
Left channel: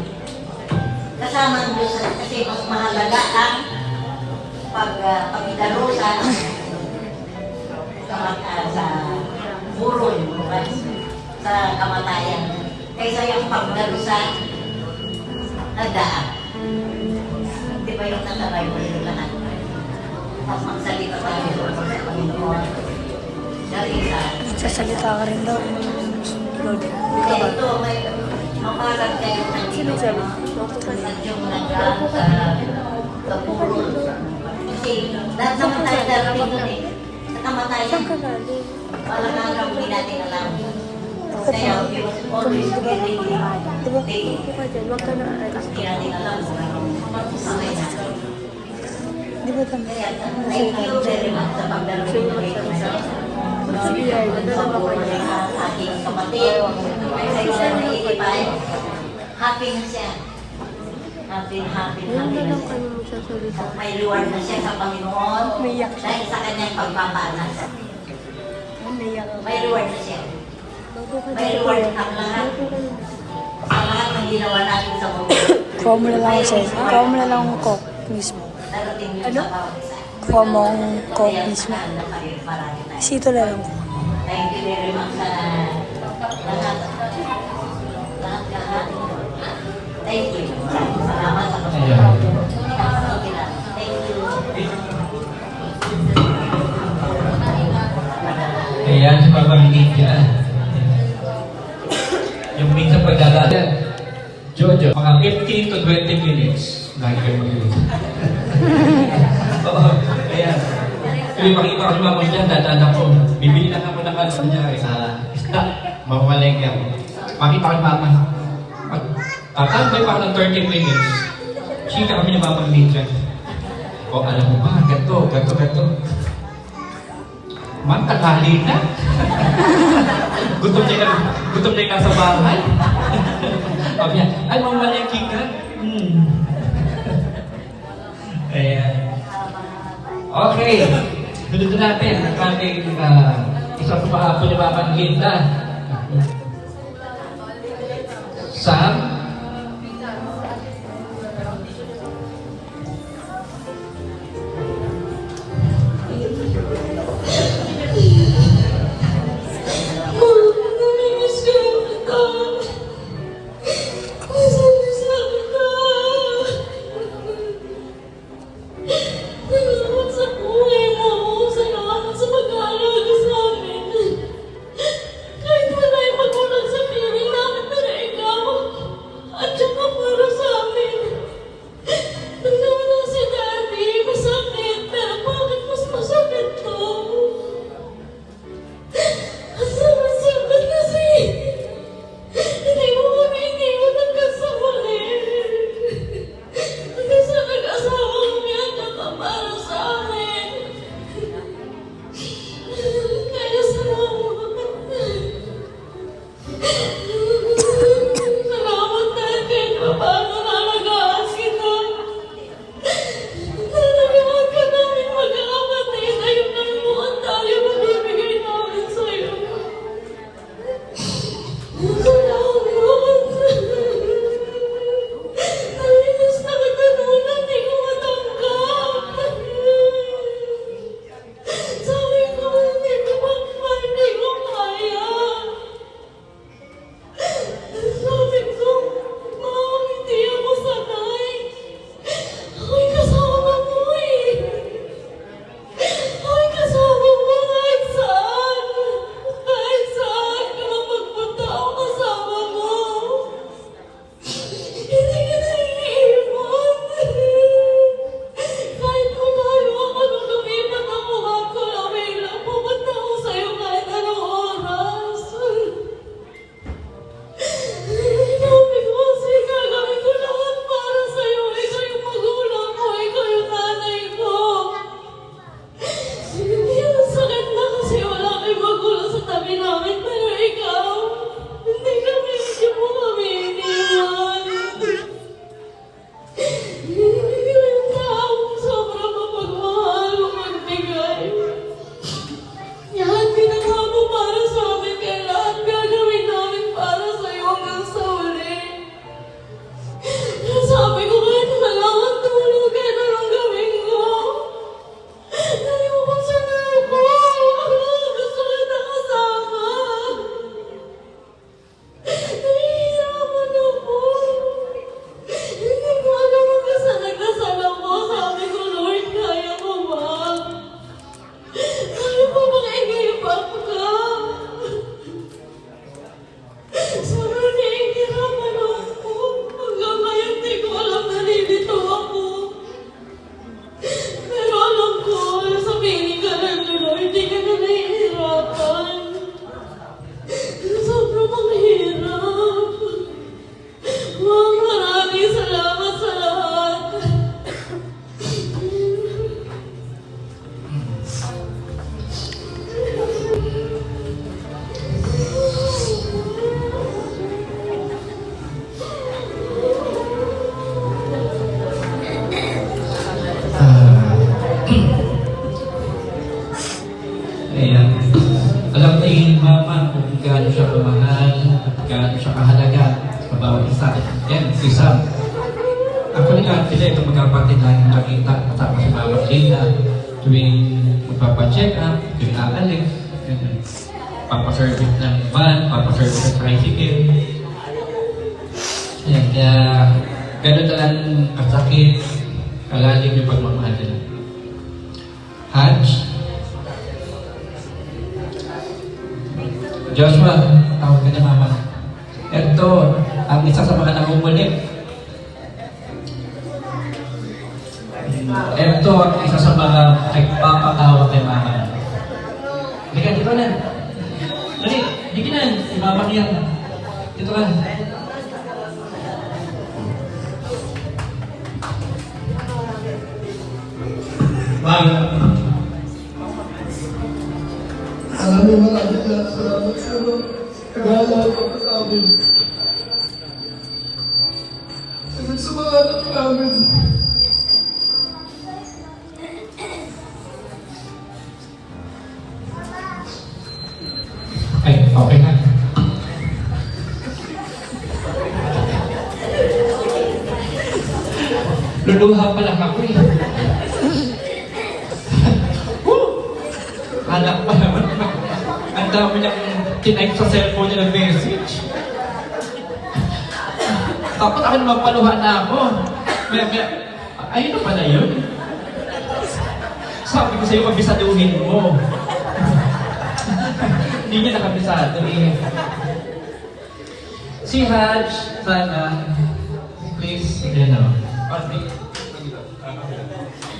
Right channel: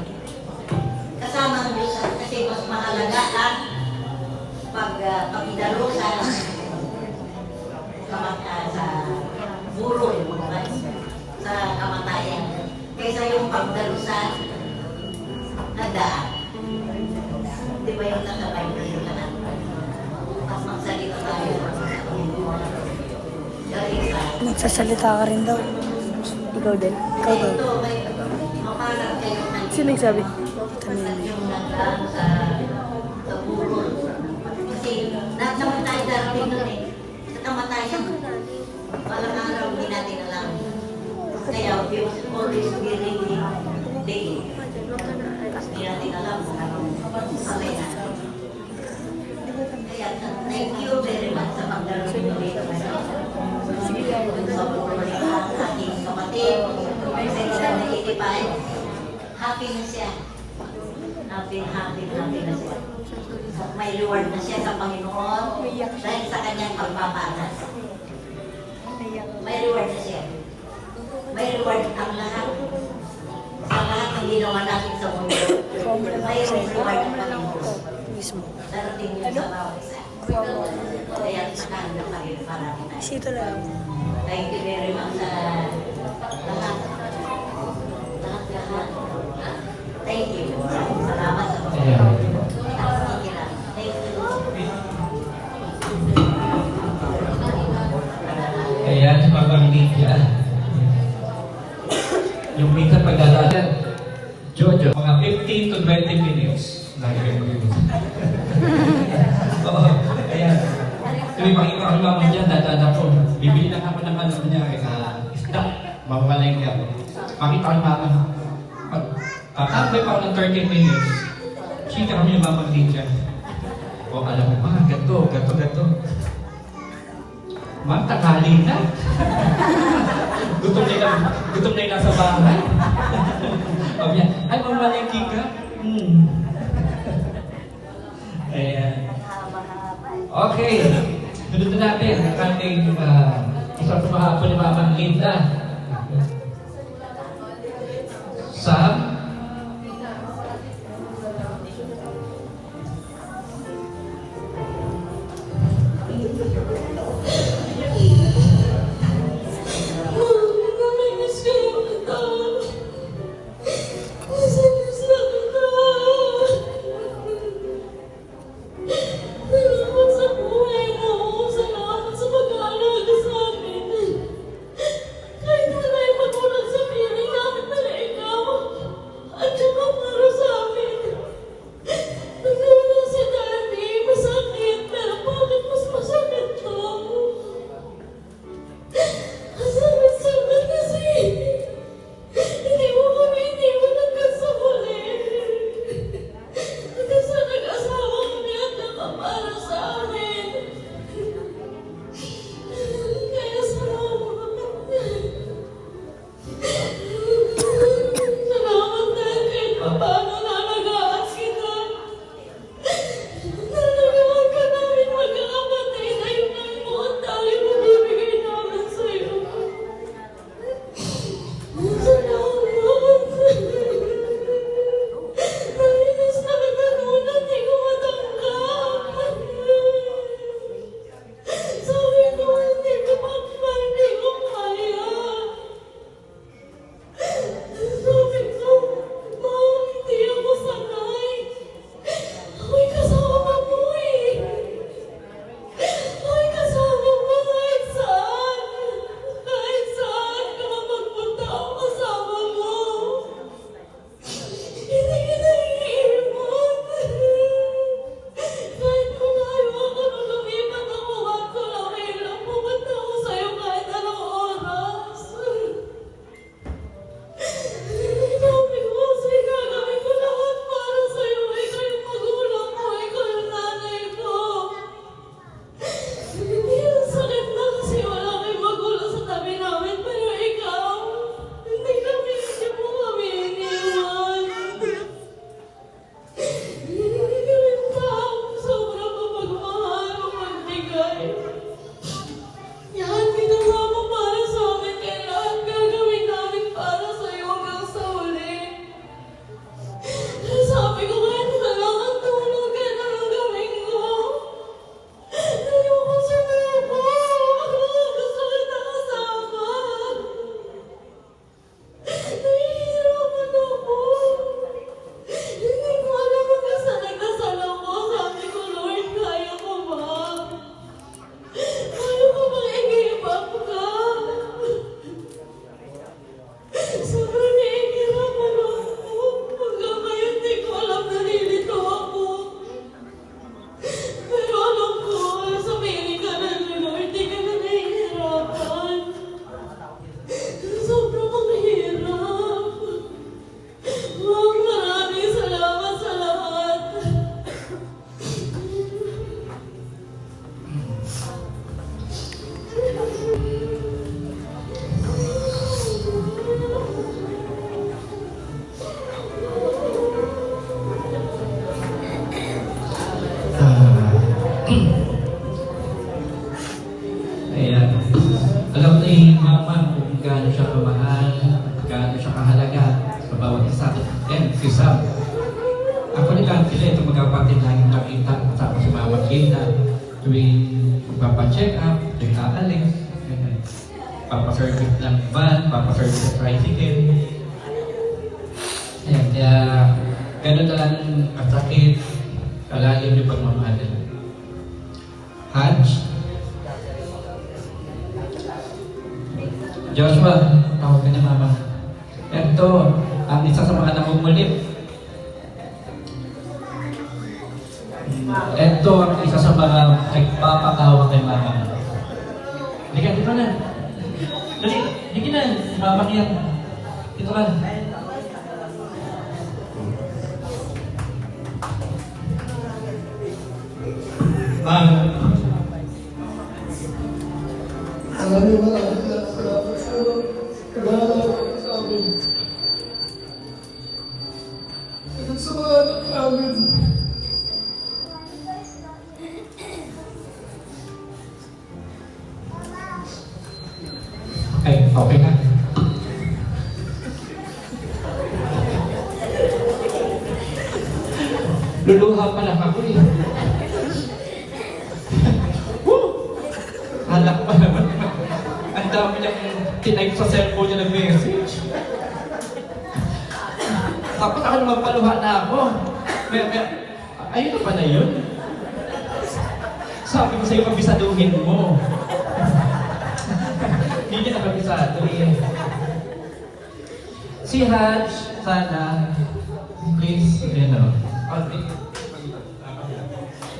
kasama ang Diyos kasi mas mahalaga ang pagdalo sa burol, sa kamatayan, kaysa yung pagdalo sa nagdaan. Di ba yung nasabay mo yung lahat? Tapos magsalita tayo sa Panginoon. Dahil sa... Magsasalita ka rin daw. Ikaw din. Ikaw ba? Ito, may mamalag kayo ng... Sino nagsabi? At yung nagdaan sa burol. Kasi lahat naman tayo darating nun eh. Sa kamatayan. Walang araw hindi natin alam. Kaya we must always be ready. Hindi natin alam kung anong mamay natin. Kaya thank you very much sa pagdating mo dito ngayon. Sa buhay ng aking kapatid, sa isa na 85, happy na siya. Happy na siya. May reward na siya sa Panginoon dahil sa kanyang pagpapaanak. May reward na siya. May reward ang lahat. Sa lahat ng ginawa natin sa mundo. Kuha mo na lang siya. Kuha mo na lang ang coke mismo. Darating yun sa bawat isa. Kuha mo ang coke Kaya mismo. mahal na tayo parang tayo. Sito na lang. Thank you very much sa lahat. Thank you. Maraming salamat sa Ayan. Thank you. Ayan, sa pamamigit dyan. Yung minsan pagdadaan, Jojo, mga 15 to 20 minutes. Lagi kayo mag-iwit. Oo, ayan. Kaya makita ko si mama dyan, dadaan ako. Bibili lang ako ng ano niya, isda. Mamamalengke ako. Makita ko si mama. Tatambay pa ako ng 30 minutes. Chika kami ni mama dyan. O, alam mo ba, gato. Ma'am, tanghali na. Gutom niya nasa bahay. Sabi niya, ay, mamalengke ka? Ayan. Okay. Sunod natin ang ating isang pahapon ni Mama Linda. Sam? Kahit wala yung gaano siya kamahal, gaano siya kahalaga sa bawat isa. Yan, si Sam. Actually, lahat sila ito magkapatid na yung nakita kasama si Mama Gina tuwing magpapacheck up, tuwing aalis, papaservice ng van, papaservice ng tricycle. Yan, gano'n na lang kasakit, kalalim yung pagmamahal nila. Haj, Joshua, tawag ka niya mama. Ito, ang isa sa mga nakumulit. Ito ang isa sa mga nagpapatawa kay mama. Halika, dito na. Dali, halika na. Si mama yan. Dito ka. Ma'am, alam niyo maraming salamat sa nag-aalala ko sa amin. Sa mga anak namin. Ay, okay na. Luluha pa lang ako eh. Anak pa naman. Ang dami niyang tinype sa cellphone niya ng message. Tapos ako naman paluha na ako. Ayun na pala yun. Sabi ko sa'yo, kabisaduhin mo. Hindi niya nakabisado eh. Si Haj, sana, please, you know, si Haj,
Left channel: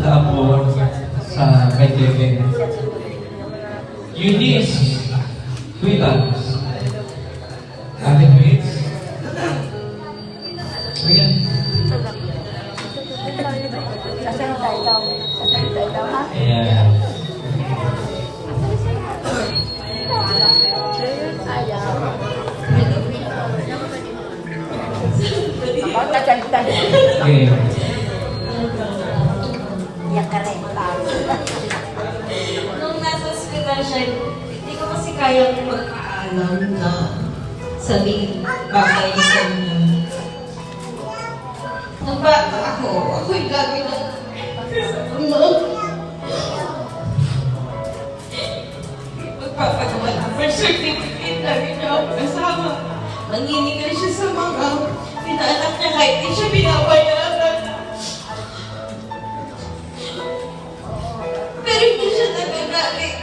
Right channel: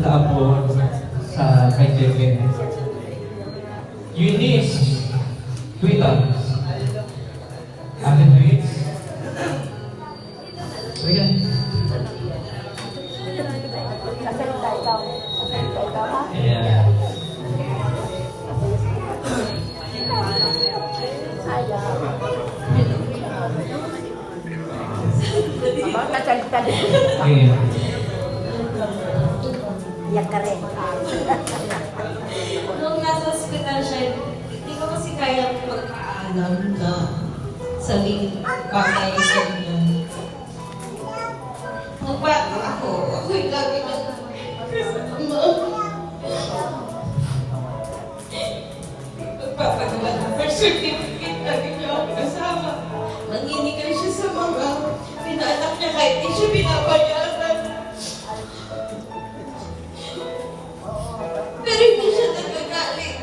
tapos sa kaibigan. Eunice, with us. Ate Eunice. Ayan. Sasalita ikaw. Sasalita ikaw, ha? Ayan. Ayaw. Magkasalita. Ayan. Iyak ka rin. Nung nasa ospital siya, hindi ko kasi kaya magpaalam na sabihin bagay sa niya. Nung bata ako'y lagi na magpapagawa ng birth certificate, lagi niya ako kasama. Nanginigil siya sa mga pinaanak niya kahit di siya binabayaran. Pero hindi siya nagagalit.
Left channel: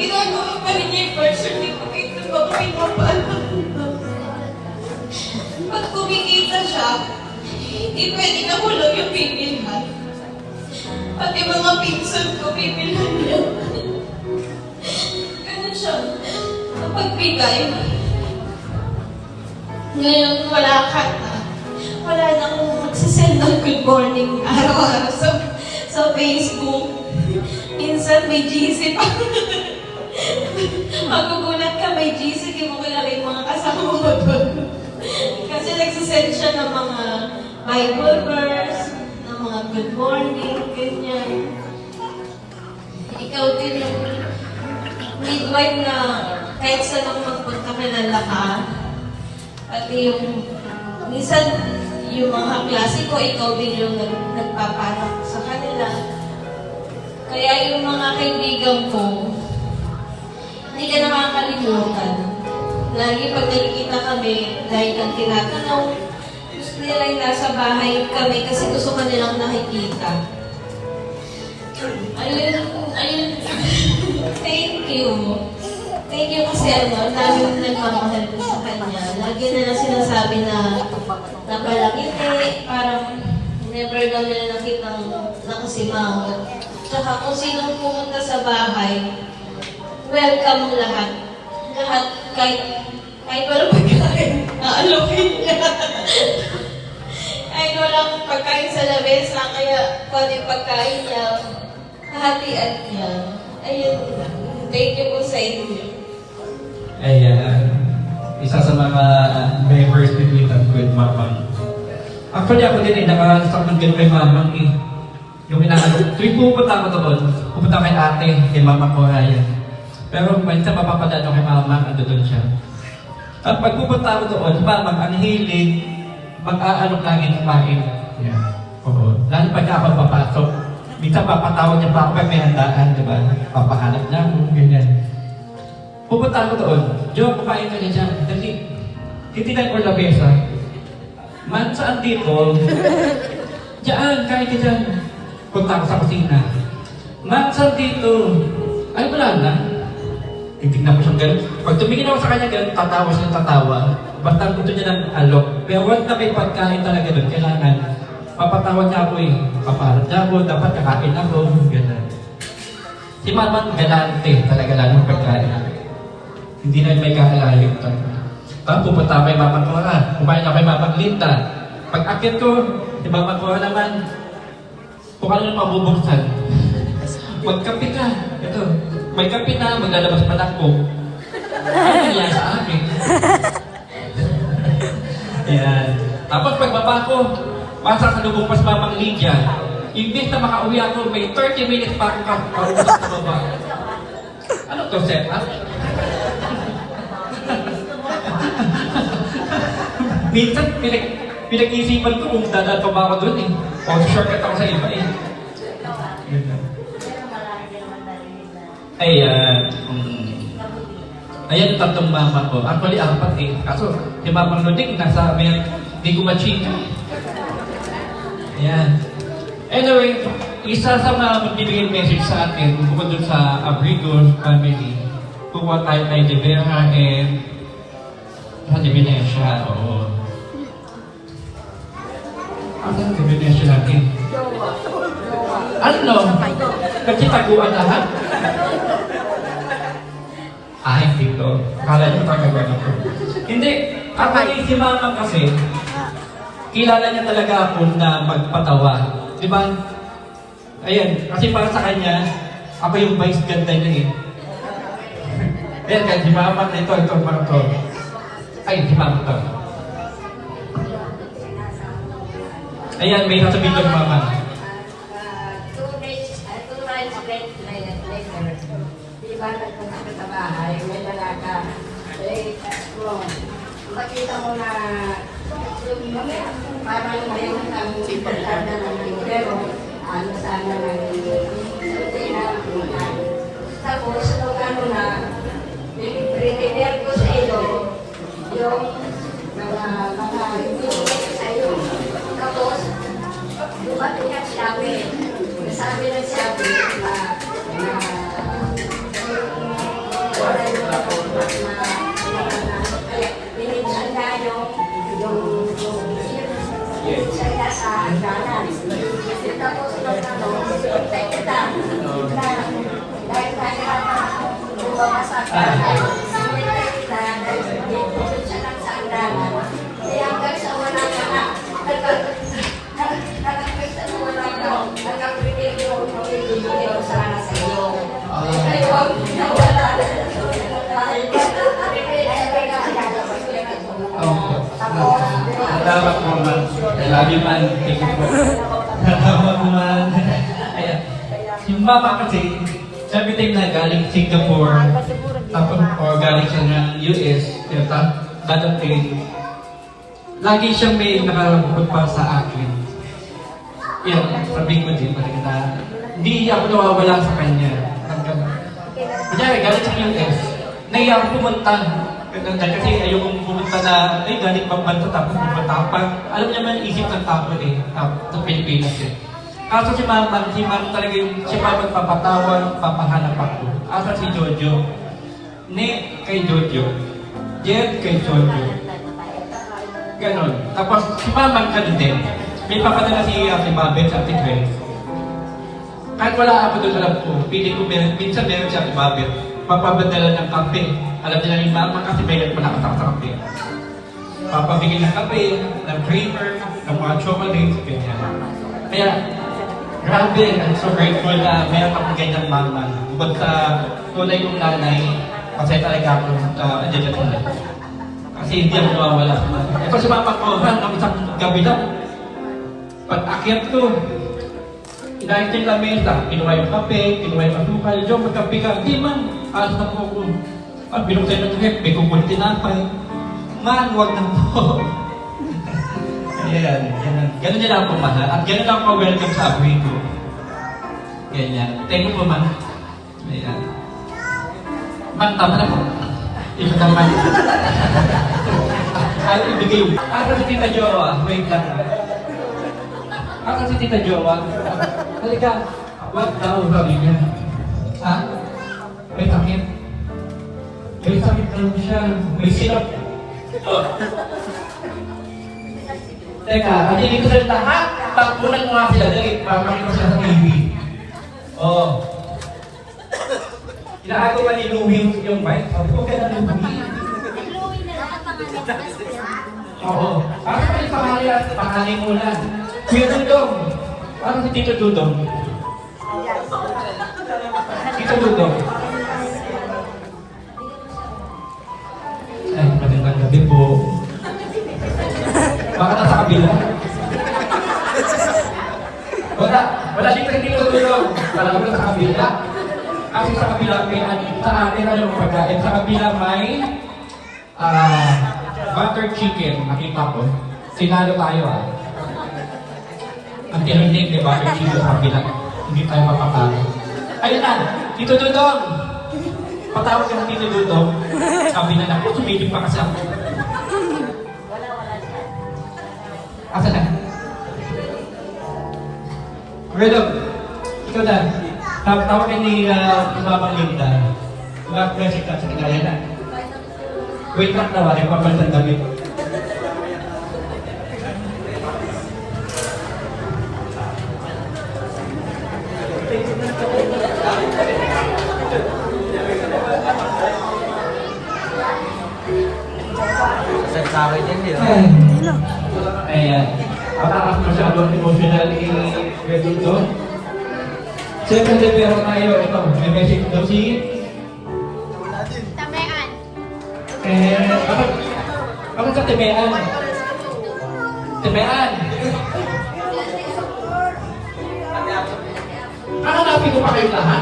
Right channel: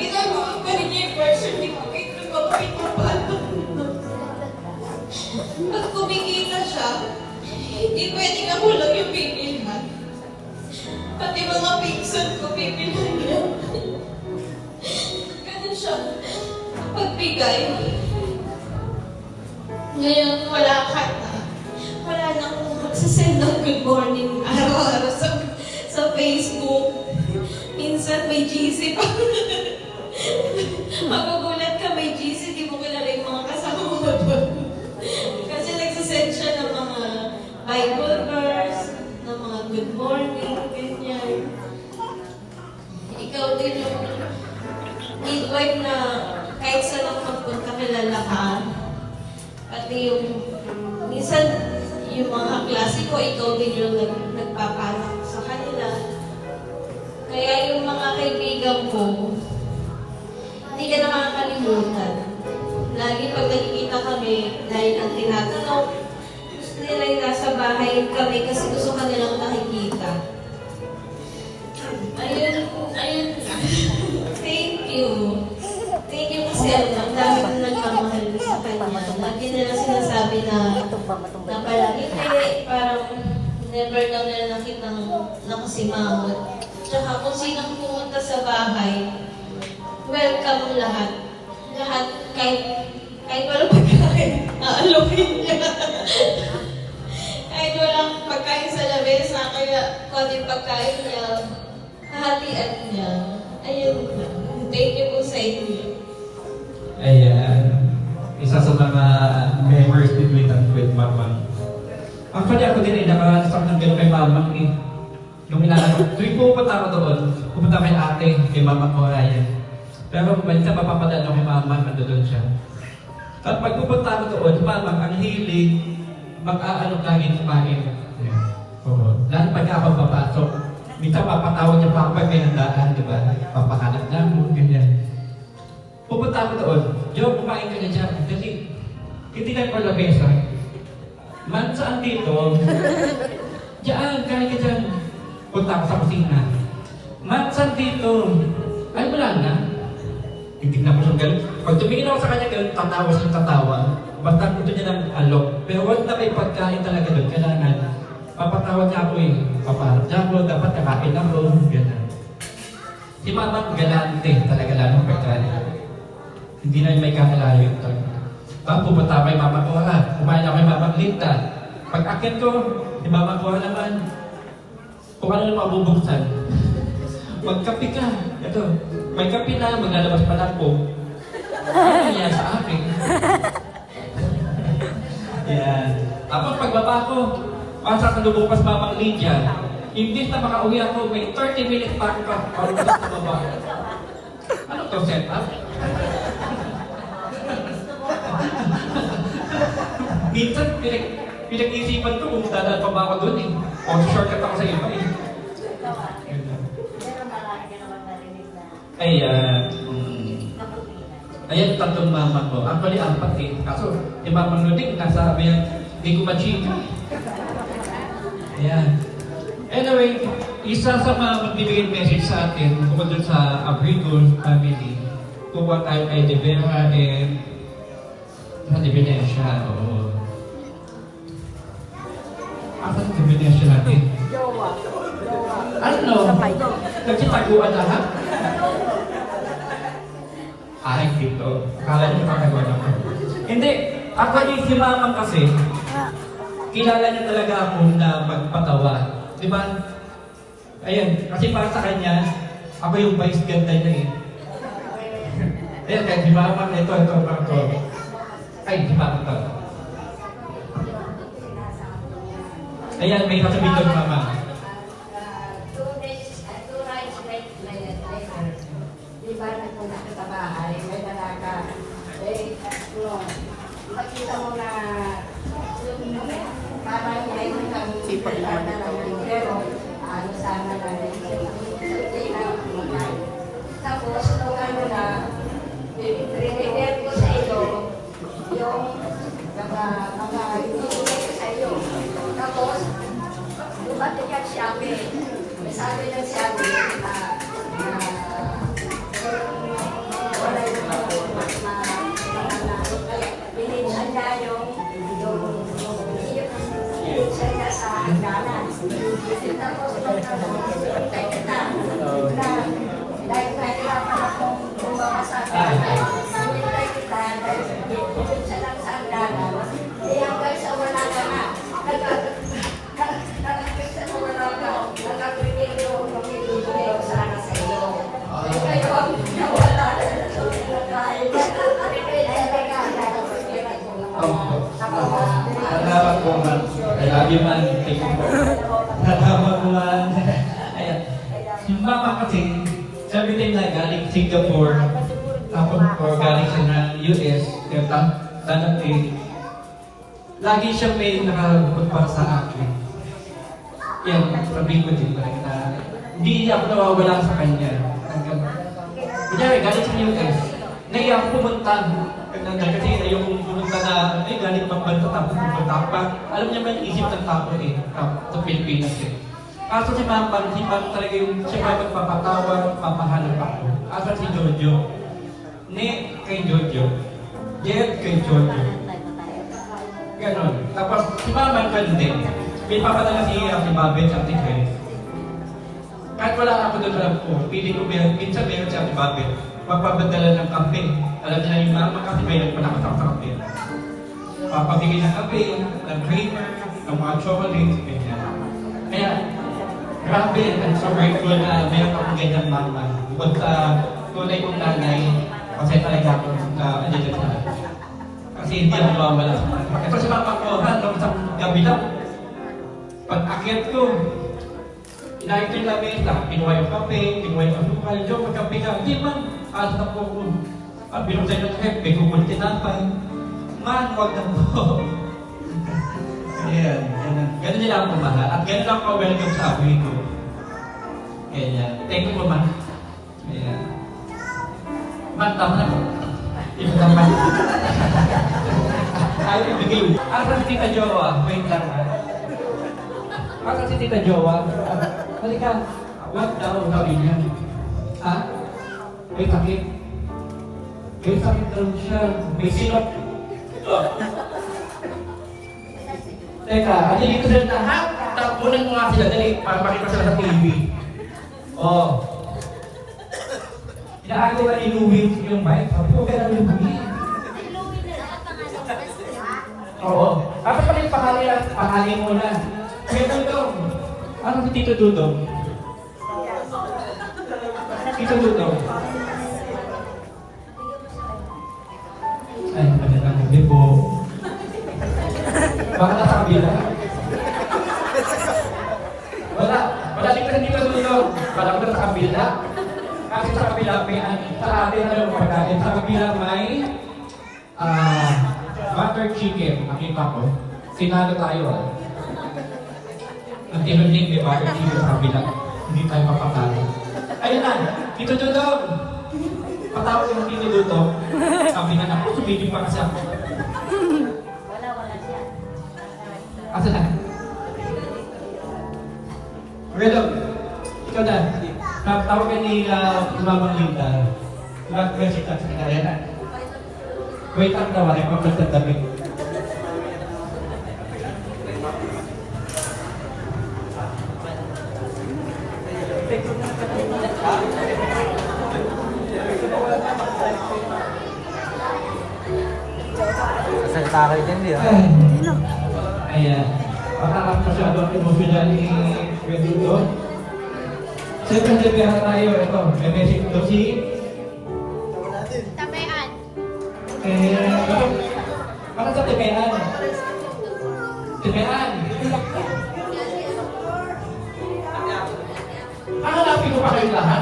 Ginagawa papalit niya yung birth certificate ng babae papaalam. Pag kumikita siya, hindi pwede nahulog yung bibilhan. Pati mga pinsan ko bibilhan niya. Ganun siya mapagbigay. Ngayon wala ka na. Wala na akong magsasend ng good morning araw-araw sa Facebook. Minsan may GC pa. Magugulat ka, may GC, di mo kilala yung mga kasama mo doon. Kasi nagsisend siya ng mga Bible verse, ng mga good morning, ganyan. Ikaw din yung midwife na kahit saan ako magpunta kilala ka. At yung minsan yung mga klase ko, ikaw din yung nagpaparak sa kanila. Kaya yung mga kaibigan ko, hindi ka nakakalimutan. Lagi pag nakikita kami, dahil ang tinatanong, gusto nila yung nasa bahay kami kasi gusto ka nilang nakikita. Ayun, thank you. Thank you kasi ang dami nagmamahal sa kanya. Lagi nila sinasabi na napalaki niya, parang never daw nila nakitang nakasimangot. Tsaka kung sinong pumunta sa bahay, welcome lahat. Lahat, kahit walang pagkain, aalokin niya. Kahit walang pagkain sa labesa, kaya kung yung pagkain niya, hahatian niya. Ayun, thank you po sa inyo. Ayan. Isa sa mga members between us with Mamang. Actually, ako din ay nakasakot din kay Mamang eh. Yung inaano, tuwing pupunta ako doon, pupunta kay ate, kay Mama ko, ayan. Pero minsan mapapadaan ako kay Mamang, ando doon siya. At pag pupunta ako doon, Mamang, ang hilig, mag-aalok lagi kumain. Yeah. Oo. Lalo pagka ako papasok, minsan papatawag niya pa ako pag may handaan, diba? Papahanap niya ako, ganyan. Pupunta ako doon, Joe, kumain ka niya dyan, dali. Titinan ko labesa. Man, saan dito? Diyan, kain ka dyan. Punta ako sa kusina. Man, saan dito? Ay, wala na. Titignan ko siyang gano'n. Pag tumingin ako sa kanya gano'n, tatawa siya ng tatawa. Basta gusto niya ng alok. Pero wag na may pagkain talaga doon. Kailangan, papatawad niya ako eh. Papaharap niya ako, dapat kakain ako. Gano'n. Si Mama, galante talaga lang ng pagkain. Hindi na may kakalalim talaga. Tapos pupunta kay Mama Cora. Kumain ako kay Mama Linda. Pag akyat ko, si Mama Cora naman, kung ano mabubuksan. Magkape ka. Ito, may kape na, maglalabas pa na ako. Ano niya sa akin? Ayan. Tapos pagbaba ko, masasalubong pa sa Mamang Lydia. Imbis na makauwi ako, may 30 minutes pa ako kakauwi sa baba. Ano to, set up? Minsan, pinag-isipan ko kung dadal pa ba ako doon eh. O shortcut ako sa iba eh. Ay, ayan yung tatlong mama ko. Actually, apat eh. Kaso, si Mamang Nudik, nasa hindi ko machika. Ayan. Anyway, isa sa mga magbibigay message sa atin, bukod dun sa Abrigo family, kukuha tayo kay De Vera and sa De Venecia, oo. Ano ang De Venecia natin? Ano? Kasi taguan lahat? Ay, dito. Akala niyo taguan ako. Hindi. Actually, si Mama kasi, kilala niya talaga ako na magpatawa. Diba? Ayan, kasi para sa kanya, ako yung vice ganda niya eh. Ayan, kaya si Mama, ito, parang to. Ay, si Mama to. Ayan, may nasabihin doon, Mama. 2 nights later, di ba nagpunta ka sa bahay, may lalaka. Makita mo na parang mayroon kang intercard na lang pero ano sana na hindi na tapos nung ano na prepare ko sa ilo yung mga sa ilo tapos dumating at sabi ng sabi sa hangganan. Tapos hintay kita na dahil nahirapan ako lumabas sa hangganan. Hintay kita dahil dito siya lang sa hangganan. Kaya hanggang sa wala ka na, hanggang sa wala ka, nagkaprepare ko, magbibigay ko sana sa iyo. Kayo ang nawala na dahil Salamat po, man. I love you, man. Thank you po. Salamat po, man. Ayan. Si mama kasi, sabi tayo na galing Singapore, tapos or galing siya ng US, yung dadating. Lagi siya may nakarampot pa sa akin. Yan, sabi ko din, parang na, hindi ako nawawala sa kanya. Kunyari, galing sa US, naiya ako pumunta. Kasi ayokong pumunta na, ay galing pang banta tapos pumunta ako. Parang, alam niya man, isip ng tao sa Pilipinas eh. Kaso si Mama talaga yung, si Mama papatawa, papahanap ako. Asa si Jojo, kay Jojo, Jet kay Jojo. Ganon. Tapos si Mama ganun din. May papadala si Babet sa Ate Grace. Kahit wala ako doon sa lab ko, pili ko minsan meron si Ate Babet. Papapadala ng kape. Alam niya yung Mama kasi may malakatak sa kape. Papabigay ng kape, ng creamer, ng mga chocolates, ganyan. Kaya, grabe, I'm so grateful na meron akong ganyang mama. Bukod sa tunay kong nanay, kasi talaga ako andyan sa tunay. Kasi hindi ako mawawala. Ito si Mama ko, hanggang isang gabi lang. Pag-akyat ko, inayos yung lamesa, kinuha yung kape, kinuha yung asukal, yung magkape ka, di man, alas na po ko. Binuksan yung sakit, may kukunti tinapay. Man, wag na po. Ayan, ganun nila ako mahal. At ganun ako welcome sa abuhay ko. Ganyan. Thank you po, man. Ayan. Man, tama na po. Ito naman. Ayaw ibigay yung... Asa si Tita Jowa? Wait lang. Asa si Tita Jowa? Halika. Wag tao sabi niya. Ha? May sakit. May sakit lang siya. May sinap. Teka, kanilin ko sa lahat. Tapunan mo nga sila. Dali, pamakita ko sa TV. Oo. Inaagawa ni Louie yung bike. Sabi ko, kaya Louie. Oo. Ako pa yung pangalan mo lang. Kuya Dudong. Ano si Tito Dudong? Tito Dudong. Ay, magandang gabi po. Baka nasa kabila. Wala din ka Tito Dudong. Wala ko na sa kabila. Kasi sa kabila, sa atin na yung pagkain. Sa kabila may butter chicken. Nakita ko. Sinalo tayo Ang tininig ni butter chicken sa kabila. Hindi tayo mapapalo. Ayun na! Tito Dudong! Patawag yung Tito Dudong. Sabi na ako, sumiling pa kasi ako. Wala siya. Asa na? Redog! Ikaw na. Tawag ni Mamang Linda. Mag-pressure ka sa kanya na. Wait lang daw, nagpapalitan damit. Ayan. Patakas masyadong emotional ni Reduto. Siyempre, pero tayo, ito, may message daw si Tamean. bakit sa Temean? Temean! Hanapin ko pa kayo lahat.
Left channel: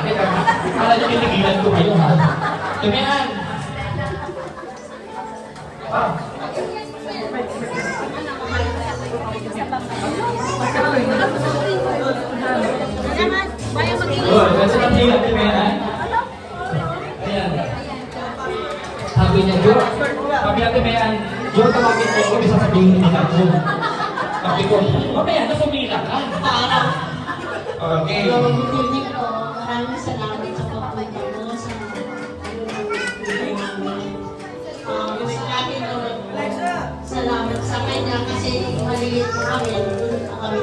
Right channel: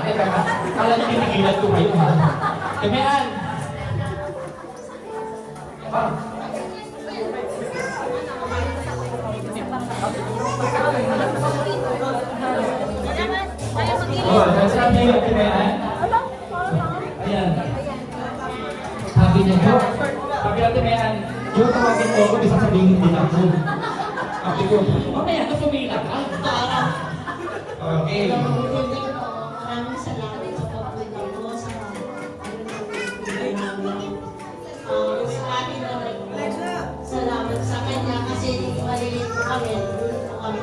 Kala niyo tinigilan ko kayo, ha? Temean! Nasa kami yung Temean? Ayan. Sabi niya, Jo, sabi natin may Jo, tawagin ko, kung sasabihin din ako. Sabi ko, mamaya, napumila ka. Okay. Maraming salamat sa pagpunta mo sa salamat sa kanya kasi maliit po kami, doon po kami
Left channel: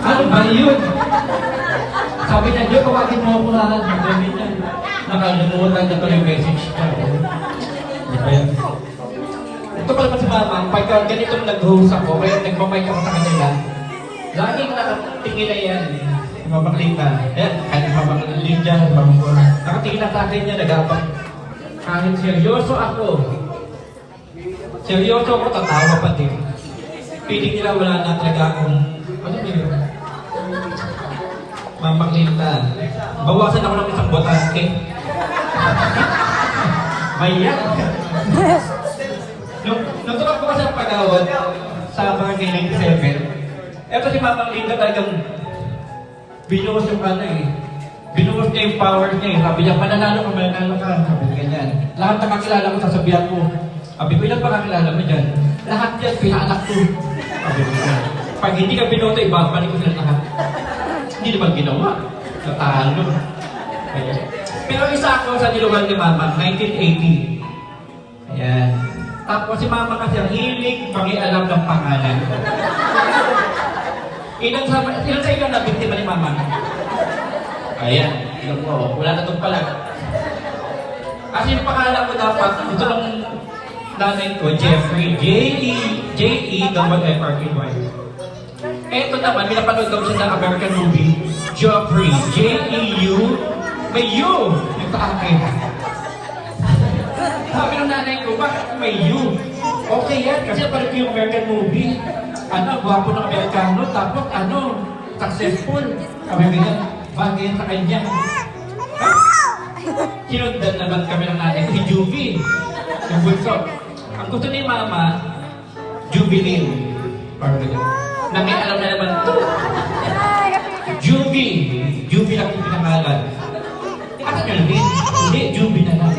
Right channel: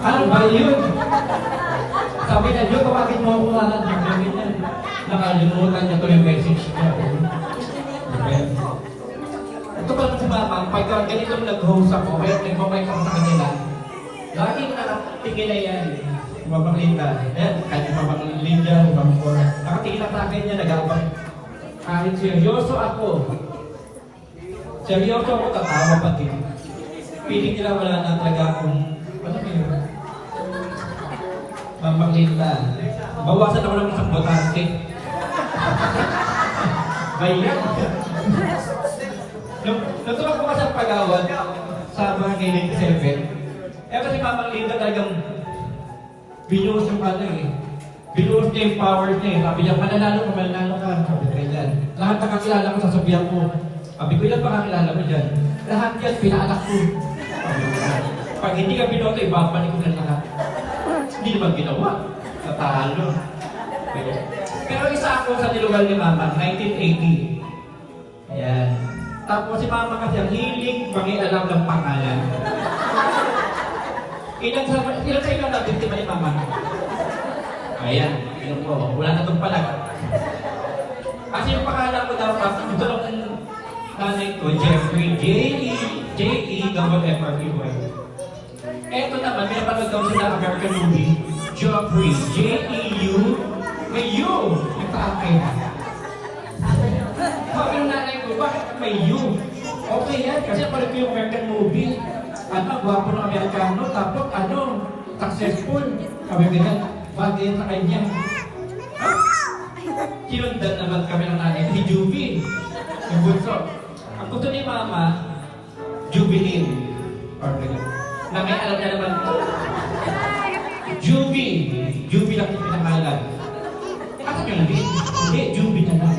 Ano ba yun? Sabi na, Diyo, kawagin mo ako lahat. Sabi niya, nakalimutan niya ko yung message ko. Di ba yan? Ito pala si Mama, pagka ganito nag-host ako, kaya nagmamay ako sa kanila, laging nakatingin na yan. Mapaklita. Eh, kahit mapaklita dyan, nakatingin na sa akin niya, nag-abang. Kahit seryoso ako, tatawa pa din. Piling nila wala na talaga akong, ano yun? Mapaklita. Bawasan ako ng isang botante. Mayan. Nung tumakbo kasi ang pagawad sa mga kiling 7, eto si Mama Linda talagang binuhos yung ano eh. Binuhos niya yung powers niya eh. Sabi niya, mananalo ka. Sabi niya ganyan. Lahat na kakilala ko, sasabihan ko. Sabi ko, yan pa kakilala mo dyan. Lahat yan, pinaanak ko. Sabi ko yan. Pag hindi ka binoto, ibabalik ko sila lahat. Hindi naman ginawa. Natalo. Kaya. Pero isa ako sa niluwag ni Mama, 1980. Ayan. Tapos si Mama kasi ang hiling pangialam ng pangalan. Ilan sa inyo na biktima ni Mama? Ayan, yun po. Wala na itong pala. Kasi yung pangalan ko dapat, ito lang nanay ko, Jeffrey, J-E-F-R-E-Y. Eto naman, pinapanood daw siya ng American movie, Joffrey, J-E-U, may U, yung kaangkin. Sabi ng nanay ko, bakit may U? Okay yan, kasi parang yung American movie. Ano, gwapo ng Amerikano, tapos ano, successful. Sabi niya, bagay yan sa kanya. Ha? Kinundan naman kami ng nanay ko, si Juby. Yung bunso. Ang gusto ni Mama, Jubilin. Parang ganyan. Na may alam na naman ito. Juby. Juby lang yung pinangalan. Ano yun, Lin? Hindi, Juby na lang.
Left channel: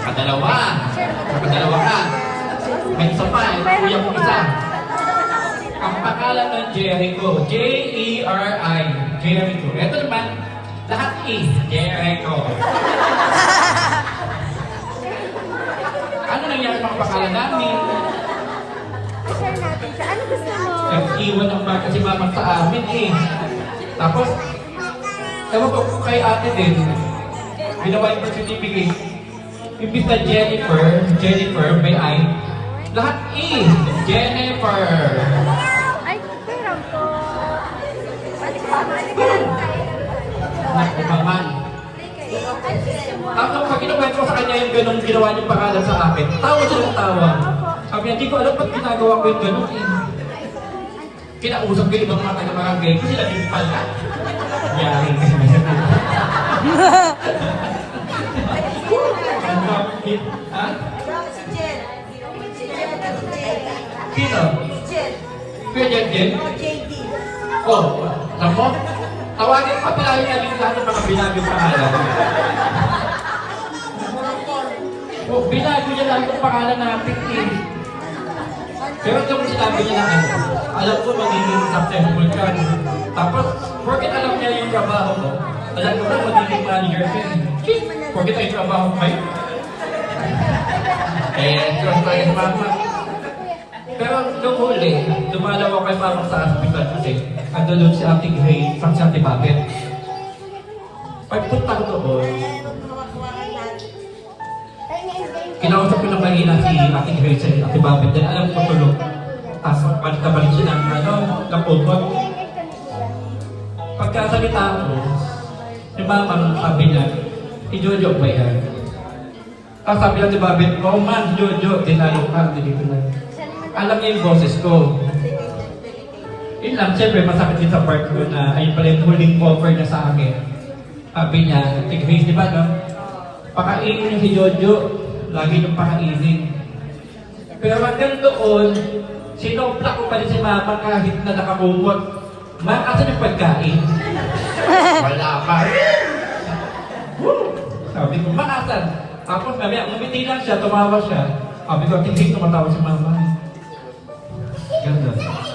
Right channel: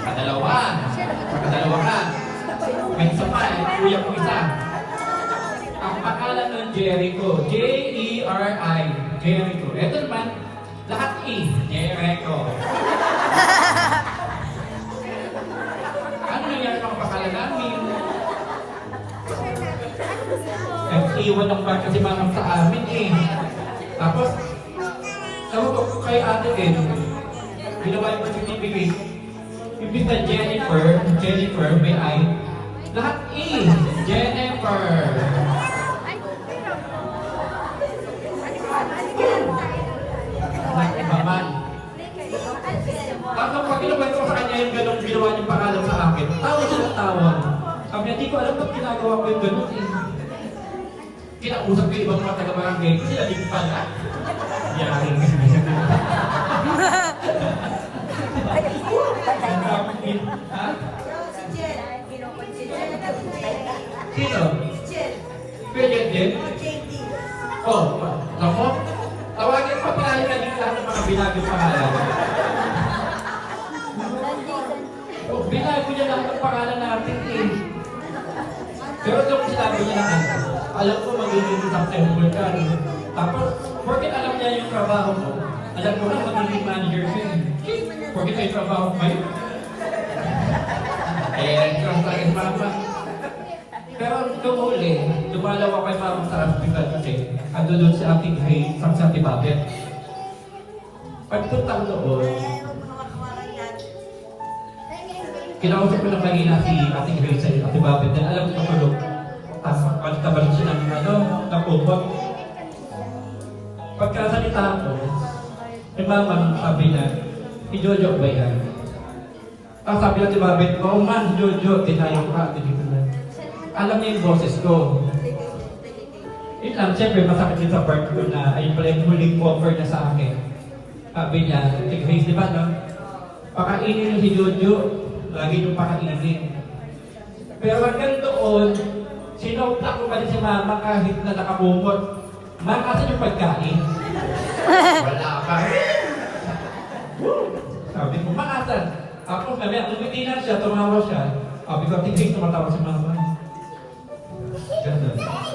Kadalawa ka. May isa pa, kuya ko isa. Ang pangalan ng Jericho, J-E-R-I, Jericho. Ito naman, lahat E, Jericho. Ano nangyari sa pangalan namin? Iwan ng bag kasi Mama sa amin eh. Tapos, ewan ko kay ate din, binawa yung birth certificate. Ibig na Jennifer, may I. Lahat E, Jennifer. Nakimaman. Tapos pag kinukwento ko sa kanya yung ganong ginawa niyong pangalan sa akin, tawa silang tawa. Sabi niya, di ko alam ba't ginagawa ko yung ganon eh. Kinausap ko yung ibang mga taga-barangay ko, sila din pala. Yaring kasi may ha? Sino? Kuya Jen? Oh, alam mo? Tawagin pa pala yung lahat ng mga binagong pangalan. Oh, binago niya lang yung pangalan natin eh. Pero yung sinabi niya na ano, alam ko magiging successful ka. Tapos, porket alam niya yung trabaho mo, alam ko na magiging manager siya. Porket ay trabaho kayo. Trust tayo sa Mama. Pero nung huli, dumalaw ako kay Mama sa hospital kasi ando doon si Ating Hay, sa Ate Bakit. Pagpuntang doon, kinausap ko ng kanina si Ating Hay sa Ate Bakit. Then alam ko tulog. Tapos balik siya ng kaputot. Pagkasalita ko, si Mama sabi niya, si Jojo ba yan? Sabi natin Babet, oh man, Jojo, tinalo ka, dito na. Alam niya yung boses ko. Yun lang, siyempre, masakit din sa part ko na ayun pala yung huling offer na sa akin. Sabi niya, Tig-Grace, di ba, no? Pakainin niyo si Jojo, lagi niyong pakainin. Pero hanggang doon, sinopla ko pa rin si Mama kahit na nakapumot. Makasan yung pagkain. Wala pa rin. Sabi ko, makasan. Tapos mamaya, umiti lang siya, tumawa siya. Sabi ko, tingin tumatawa si Mama. Ganda.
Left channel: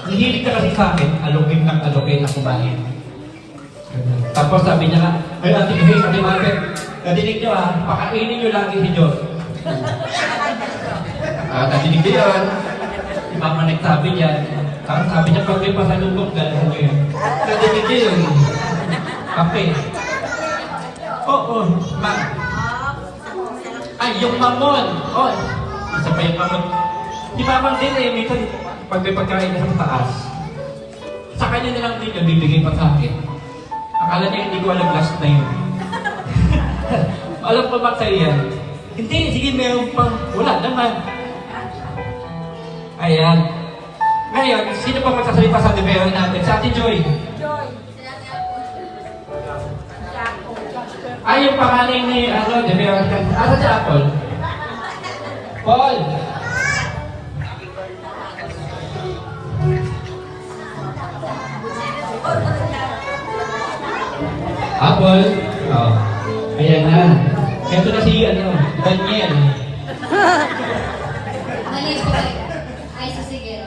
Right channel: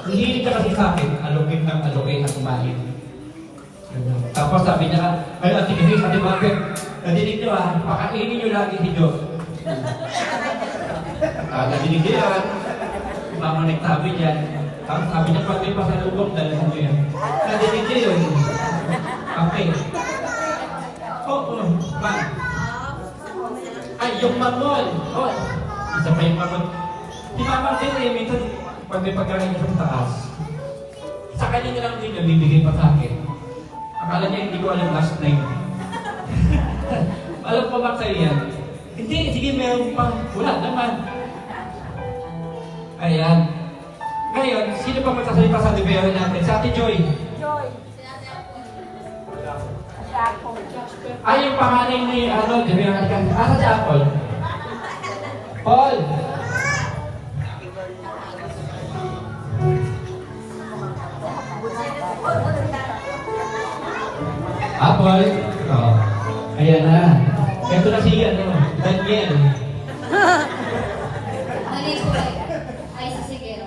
Hihilig ka kasi sa akin, alugin ng alugin na kumain. Tapos sabi niya nga, ay Ate Grace, Ate Bakit, nadinig niyo pakainin niyo lagi si Diyos. Nadinig niyo yun. Si Mama nagsabi niyan, Tapos sabi niya, pag may pasalubong, dalhan mo yun. Nadinig niya yun. Kape. Oo, ma. Ay, yung mamon. Oh, isa pa yung mamon. Si mamon din eh, minsan, pag may pagkain na sa taas, sa kanya na lang din yung bibigay pa sa akin. Akala niya hindi ko alam last na yun. Alam pa ba sa'yo yan? Hindi, sige, meron pa. Wala naman. Ayan. Ngayon, sino pa magsasalita sa Devero natin? Sa Ate Joy. Ay, yung panganay ni Devero. Asa si Apple? Paul. Apple. Oh. Ayan na. Ito na si Daniel. Mali po kayo. Ay, sa Sigero.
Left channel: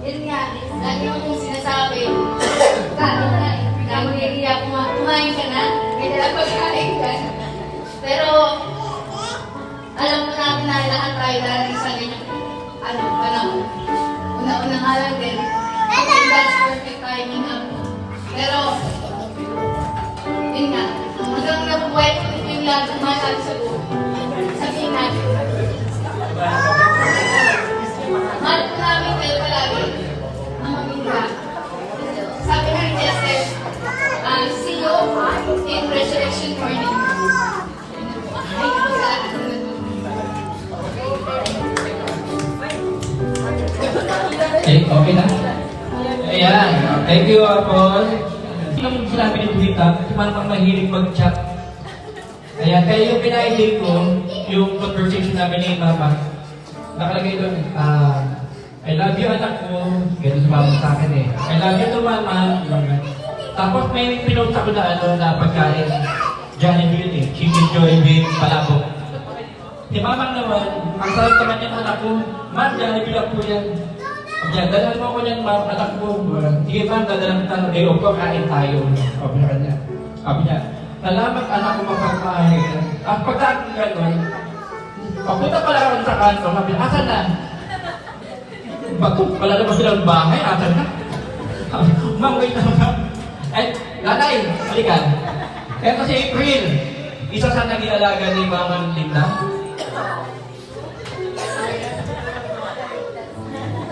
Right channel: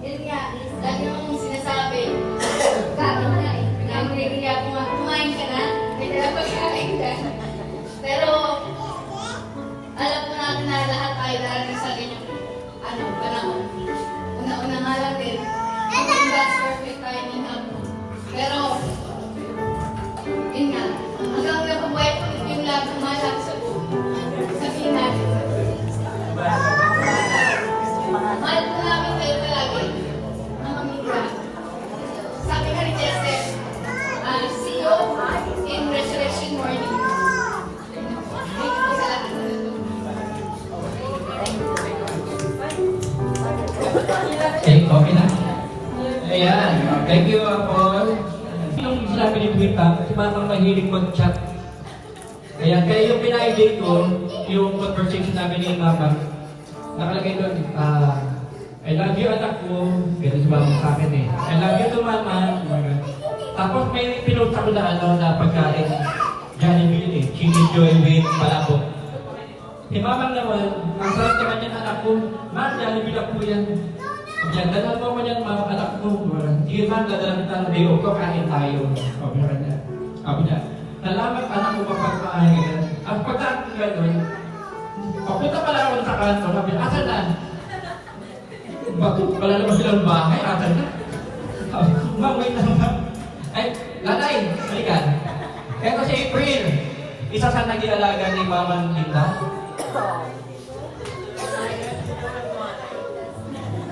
Yun nga, lagi mo kong sinasabi, parang na eh, nag-iiyak mo, kumain ka na, may dalang pagkain ka. Pero, alam ko natin na lahat tayo darating sa ganyang, panahon. Una-una nga lang din, in God's perfect timing nga. Pero, yun nga, hanggang nabubuhay ko yung lahat ng mga sa buhay. Sabihin natin, mahal po namin kayo palagi, ang mamingga. Sabi nga ni Chester, see you in resurrection morning. Okay na? Ayan. Thank you, Apple. Yung sinabi ni Twitter, si Mamang mahilig mag-chat. Ayan. Kaya yung pina-idea ko, yung conversation namin ni Mama, nakalagay doon, I love you, anak ko. Ganun si Mama sa akin eh. I love you to Mama. Tapos may pinost ako na pagkain. Jollibee eh. Chicken Jollibee, palabok. Si Mama naman, ang sarap naman yan, anak ko. Ma'am, Jollibee lang po yan. Diyan, dalan mo ko yan, ma'am, anak mo. Sige ma'am, dadalan kita ng day off ko, kain tayo. Sabi na kanya. Sabi niya, salamat anak ko magpapakain. At pagkain ka nun, papunta pala ako sa kanto, sabi niya, asan na? Bato, wala naman silang bahay, asan na? Ma'am, wait na ma'am. Eh, nanay, balikan. Ito si April, isa sa naging alaga ni Mama Linda.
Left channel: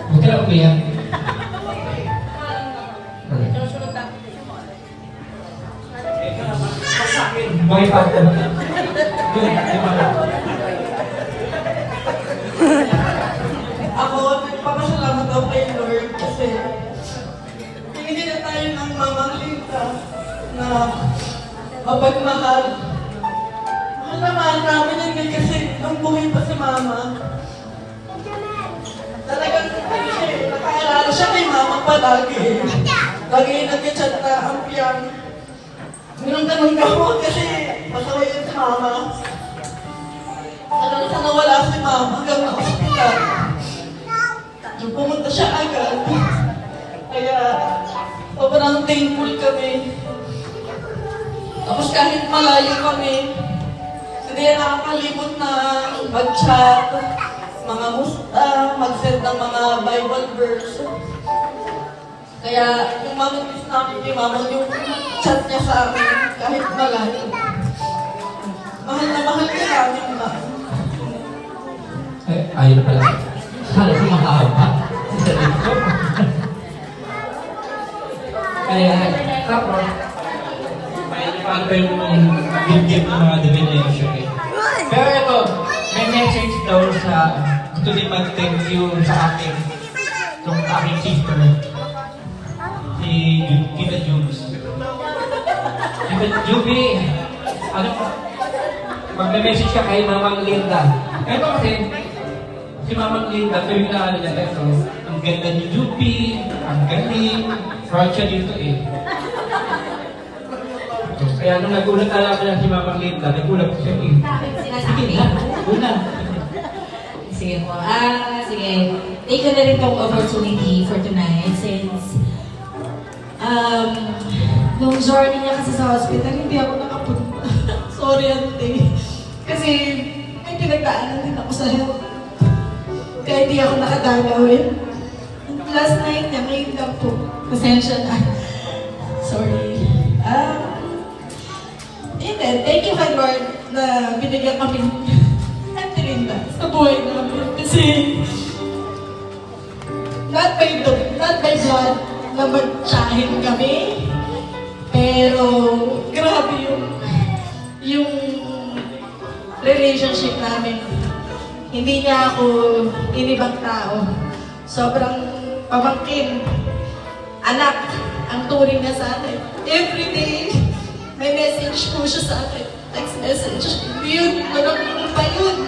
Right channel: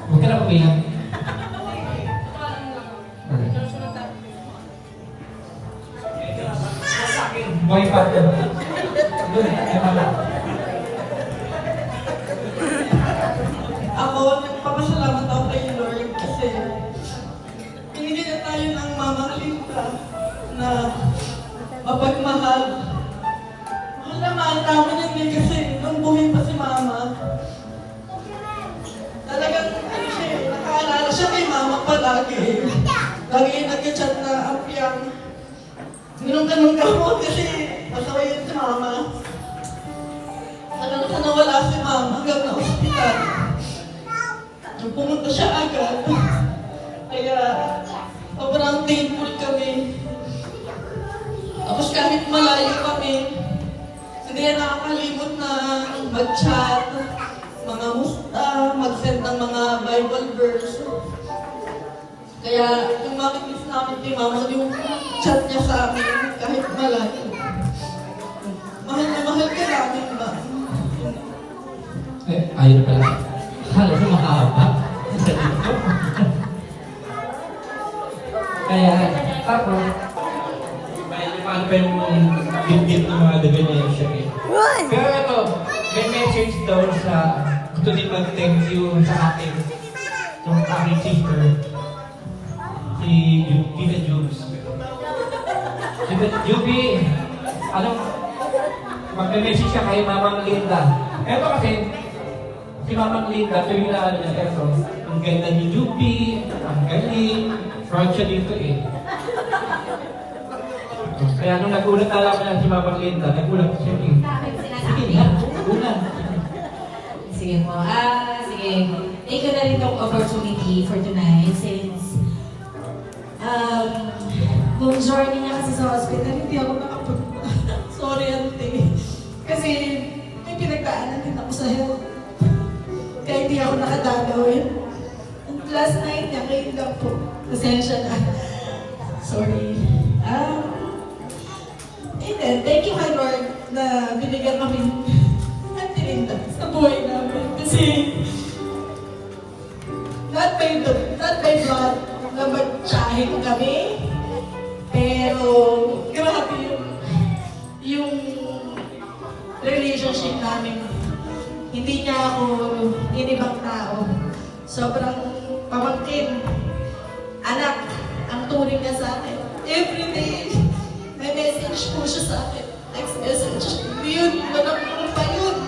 Huwag ka lang umiyak. Buhay pa ako. Doon, ay Mama. Ako, nagpapasalamat ako kay Lord kasi hindi na tayo ng Mamang Linda na mapagmahal. Mahal naman namin yun din kasi nung buhay pa si Mama. Talagang nakaalala siya kay Mama palagi. Lagi nag-chat na apyang. Tanong ka mo kasi masaway yun si Mama. Hanggang sa nawala si Mama hanggang na ospital. Pumunta siya agad. Kaya sobrang thankful kami. Tapos kahit malayo kami, hindi na nakakalimot na mag-chat, mga musta, mag-send ng mga Bible verse. Kaya yung mamimiss namin kay Mama, yung chat niya sa amin kahit malayo. Mahal na mahal ka namin ba? Eh, ayun pala. Sana ko mahaba. Ayan. Tapos, paano pa yung bibig ng mga divination eh. Pero ito, may message daw sa gusto din mag-thank you sa akin. Itong aking sister. Si Tita Jubes. Tita Jubi, ano, mag-message ka kay Mamang Linda. Ito kasi, si Mamang Linda, sabi ko na niya, ito, ang ganda ni Jubi, ang galing, proud siya dito eh. Kaya nung nagulat na lang si Mamang Linda, nagulat siya eh. Sige na, una. Sige po. Sige. Take ko na rin tong opportunity for tonight since nung journey niya kasi sa hospital, hindi ako nakapunta. Sorry, ante. Kasi may pinagdaanan din ako sa health. Kaya hindi ako nakadalawin. Last night niya, ngayon lang po. Pasensya na. Sorry. And then, thank you kay Lord na binigyan kami ng tirinda sa buhay namin. Kasi, not by blood, na magtsahin kami. Pero, grabe yung relationship namin. Hindi niya ako inibang tao. Sobrang pamangkin. Anak, ang turing na sa akin. Every day, may message po siya sa akin. Text message. Yun, walang mupay yun.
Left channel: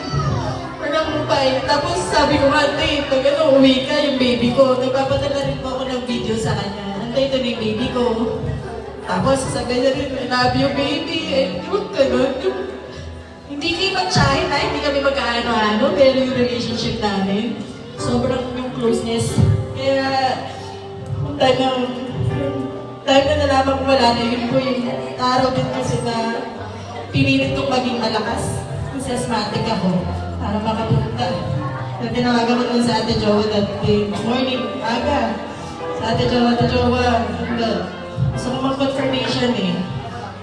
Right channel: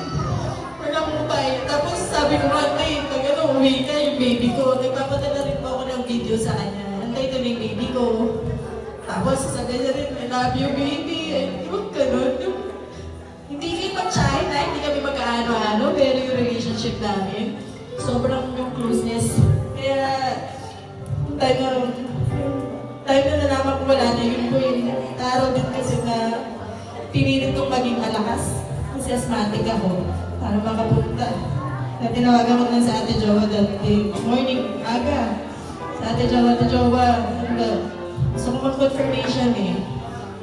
Walang mupay. Tapos sabi ko, ante, pag uwi ka, yung baby ko, nagpapadala rin po ako ng video sa kanya. Ante, ito yung baby ko. Tapos sabi niya rin, I love you, baby. Huwag ka nun. Hindi kayo mag-tsahin na, hindi kami magkaano-ano, pero yung relationship namin, sobrang yung closeness. Kaya, time na nalaman ko wala na yun po yung araw din kasi na pinilit kong maging malakas. Kasi asthmatic ako para makapunta. Na tinawagan ko lang sa Ate Jowa that day, morning, aga. Sa Ate Jowa, gusto ko mag-confirmation eh.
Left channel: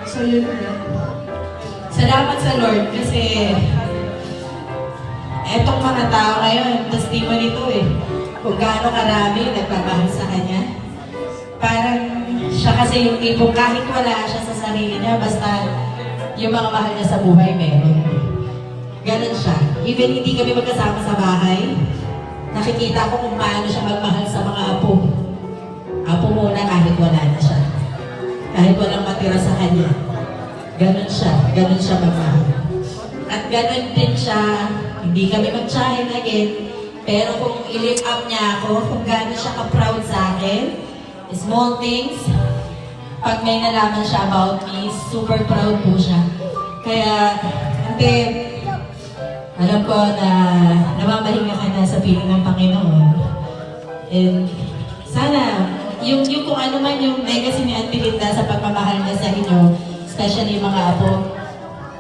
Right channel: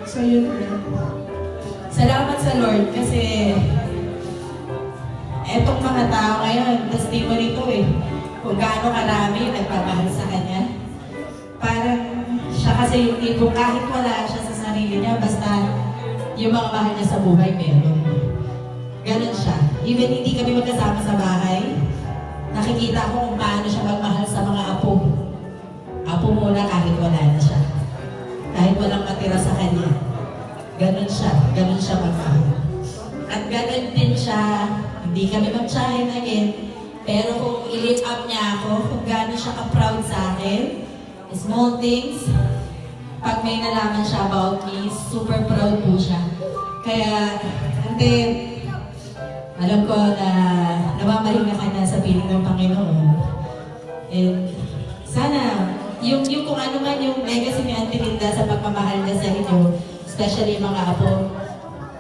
So yun na. Salamat sa Lord kasi etong mga tao ngayon, testimony nito eh. Kung gaano karami nagpapahal sa Kanya. Parang siya kasi yung tipong kahit wala siya sa sarili niya, basta yung mga mahal niya sa buhay meron. Ganon siya. Even hindi kami magkasama sa bahay, nakikita ko kung paano siya magmahal sa mga apo. Apo muna kahit wala na siya. Kahit walang matira sa kanya. Ganon siya magmahal. At ganon din siya, hindi kami mag-tsahin again, pero kung i-lift up niya ako, kung gaano siya ka-proud sa akin, small things, pag may nalaman siya about me, super proud po siya. Kaya, ante, alam ko na namamahinga ka na sa piling ng Panginoon. And sana, yung kung ano man yung legacy ni Auntie Linda sa pagmamahal niya sa inyo, especially yung mga apo,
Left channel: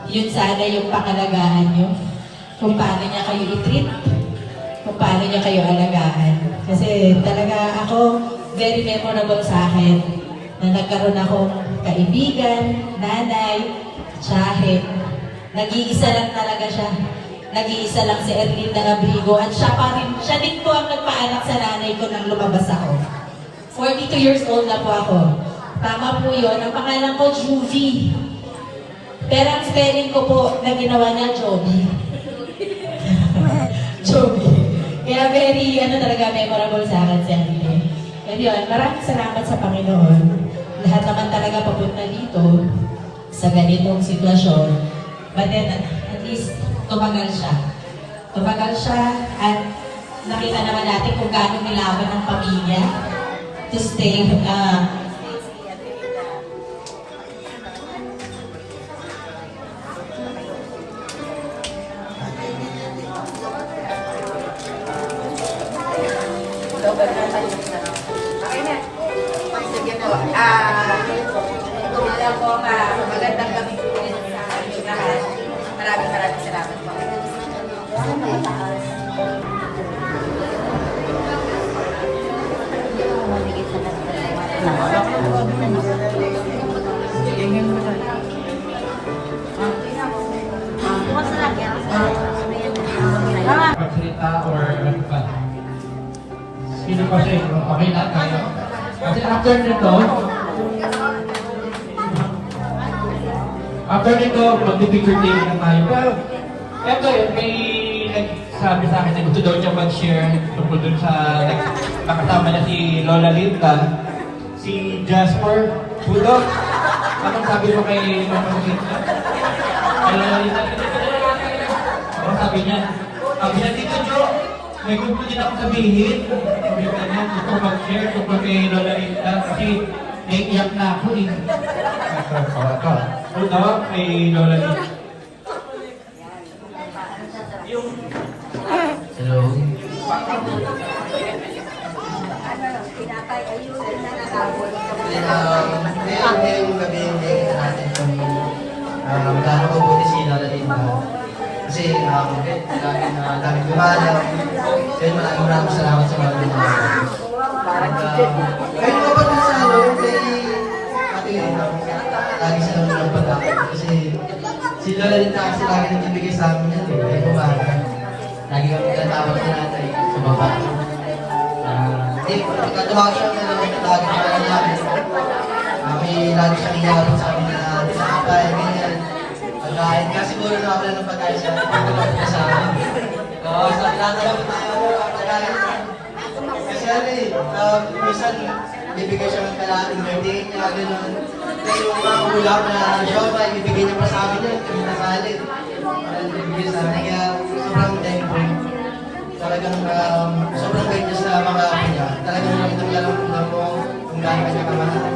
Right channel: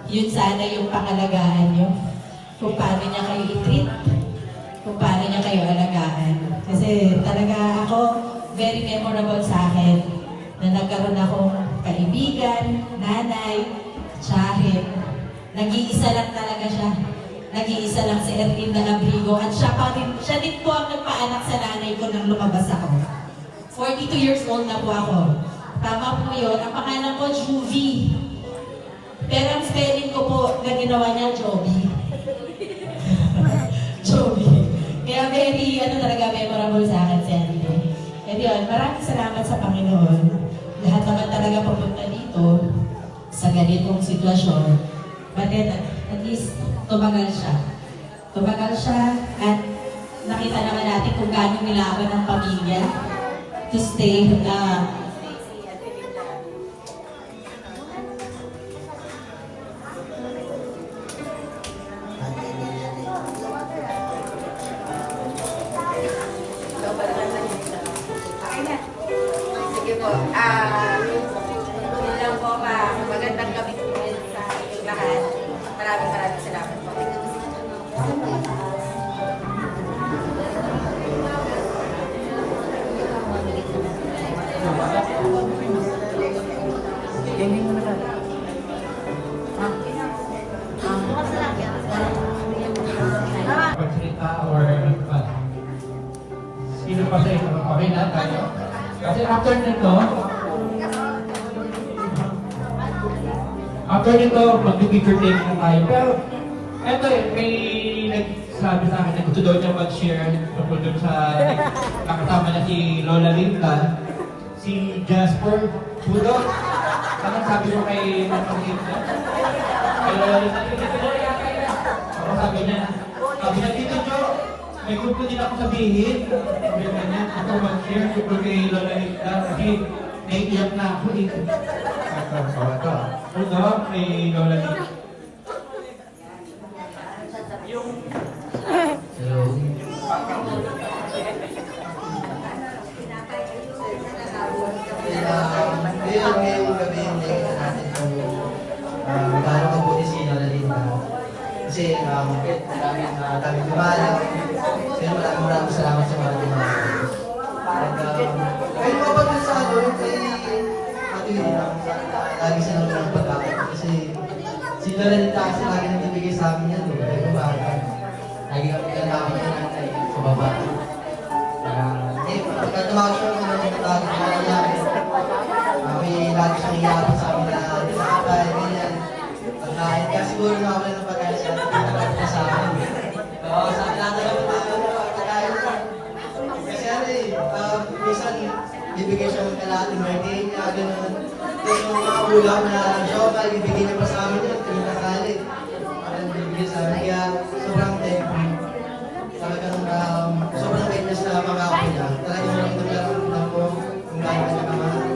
yun sana yung pangalagaan nyo. Kung paano niya kayo i-treat, kung paano niya kayo alagaan. Kasi talaga ako, very memorable sa akin na nagkaroon akong kaibigan, nanay, tsahin. Nag-iisa lang talaga siya. Nag-iisa lang si Erlinda Abrigo at siya din po ang nagpaanak sa nanay ko nang lumabas ako. 42 years old na po ako. Tama po yun. Ang pangalan ko, Juvie. Pero ang spelling ko po na ginawa niya, Joby. Joby. Kaya very, talaga memorable sa akin si Erlinda. Kaya yun, maraming salamat sa Panginoon. Lahat naman talaga papunta dito sa ganitong sitwasyon. But then, at least, tumagal siya. Tumagal siya at nakita naman natin kung gaano nilaban ng pamilya to stay Okay na. Sige po. Wala po magandang gabi po ulit sa lahat. Maraming salamat po. Pagsalita or ano ba? Sino pa siya? Okay na kayo? Kasi after nito, mag-picture tape na tayo. Pero, eto yun, may nagsabi sa akin na gusto daw niya mag-share tungkol dun sa nakasama niya si Lola Linda, si Jasper Budok. Anong sabi mo kay Lola Linda? Kay Lola Linda, anong sabi niya? Sabi na dito, Jo, may gusto din ako sabihin. Gusto mag-share tungkol kay Lola Linda kasi naiiyak na ako eh. Ito. Ito, kay Lola Linda. Hello. Pinapay ayun na nakabot. ngayong gabi hindi natin kung magkano mabuti si Lola Linda. Kasi dami gumana. Kaya maraming salamat sa Lola Linda. At ngayon mapagod sa kay Ate Linda, lagi sa naman ng pag-aakit. Kasi si Lola Linda kasi lagi nagbibigay sa amin yan eh. Kahit umaga. Lagi kami tinatawag ni nanay sa baba. Pagkatawag siya na lagi na namin. May lagi siyang iyapin sa amin na tinapay, ganyan. Pagkain. Kasi siguro nakawala ng pagkain siya. Pagkain sa amin. So, sa tinatawag na yung pagkain. Kasi minsan, ibigay siya ng kalating birthday niya, gano'n. Kaya yung mga ulam na joba, ibigay niya pa sa amin yun, kami nakalit. Ibigay sa amin, kaya sobrang thankful. Talagang sobrang bait niya sa mga akin niya. Talagang naglalang mo kung gano'n niya kamahal.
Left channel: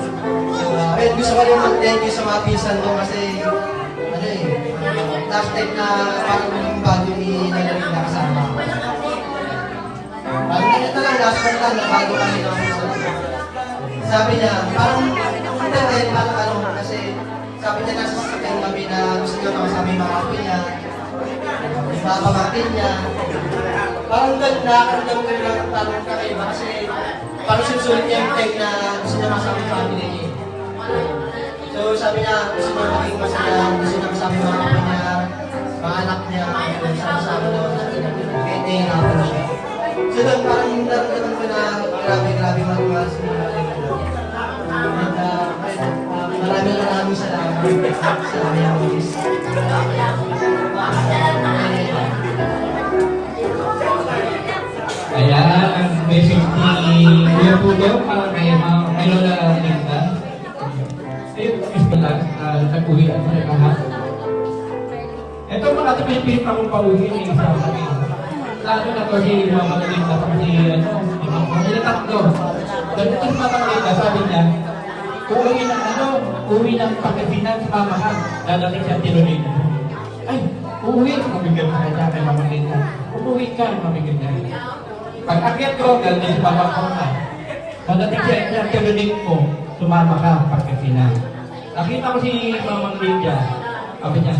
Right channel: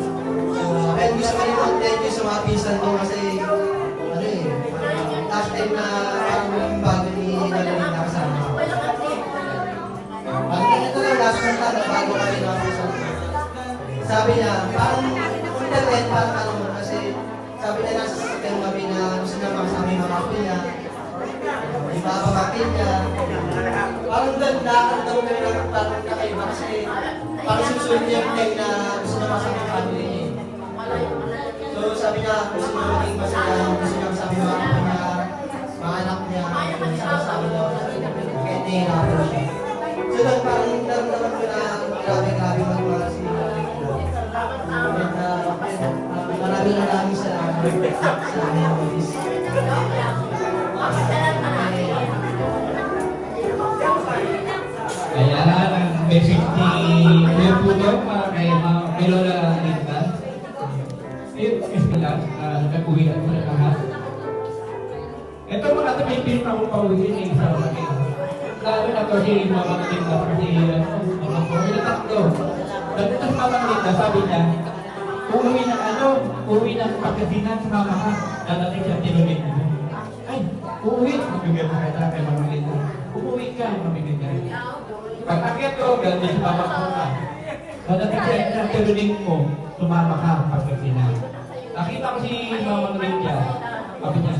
So, and gusto ko rin mag-thank you sa mga pisan mo kasi, last time na parang yung bago ni Lalamin na kasama. Ito lang, last time lang na bago kami na sabi niya, parang internet, parang kasi sabi niya nasa sasakyan kami na gusto niya makasama yung mga apo niya, ipapamakin niya. Parang nakakardam ko rin ang parang kakaiba kasi parang sinusulit niya yung time na gusto niya makasama yung family niya. So sabi niya, gusto niya maging masaya, gusto niya makasama yung mga apo niya, mga anak niya, sama-sama doon, kahit nahihirapan na siya. So lang parang yung daramdaman ko na grabe magmahal sa mga ito. Maraming salamat sa aming miss. Kaya, may 50 year po daw para kay Lola Linda. Ayun, pala, nag-uwi ako na lahat. Ito mga ito pinipilip ako pauwi ng isa sa akin. Lalo na to si Mama Linda kasi mga tatlo. Ganito si Mama Linda, sabi niya, uuwi ng Pagkasinan sa Mama ka. Dadating siya tinuloy. Ay, uuwi. Mabigyan sa kanya kay Mama Linda. Uuwi ka, mabigyan niya. Pag-akyat ko, ganda si Mama ko ka. Dadating siya tinuloy mo, sumama ka, Pagkasinan. Nakita ko si Mama Linda. Sabi niya,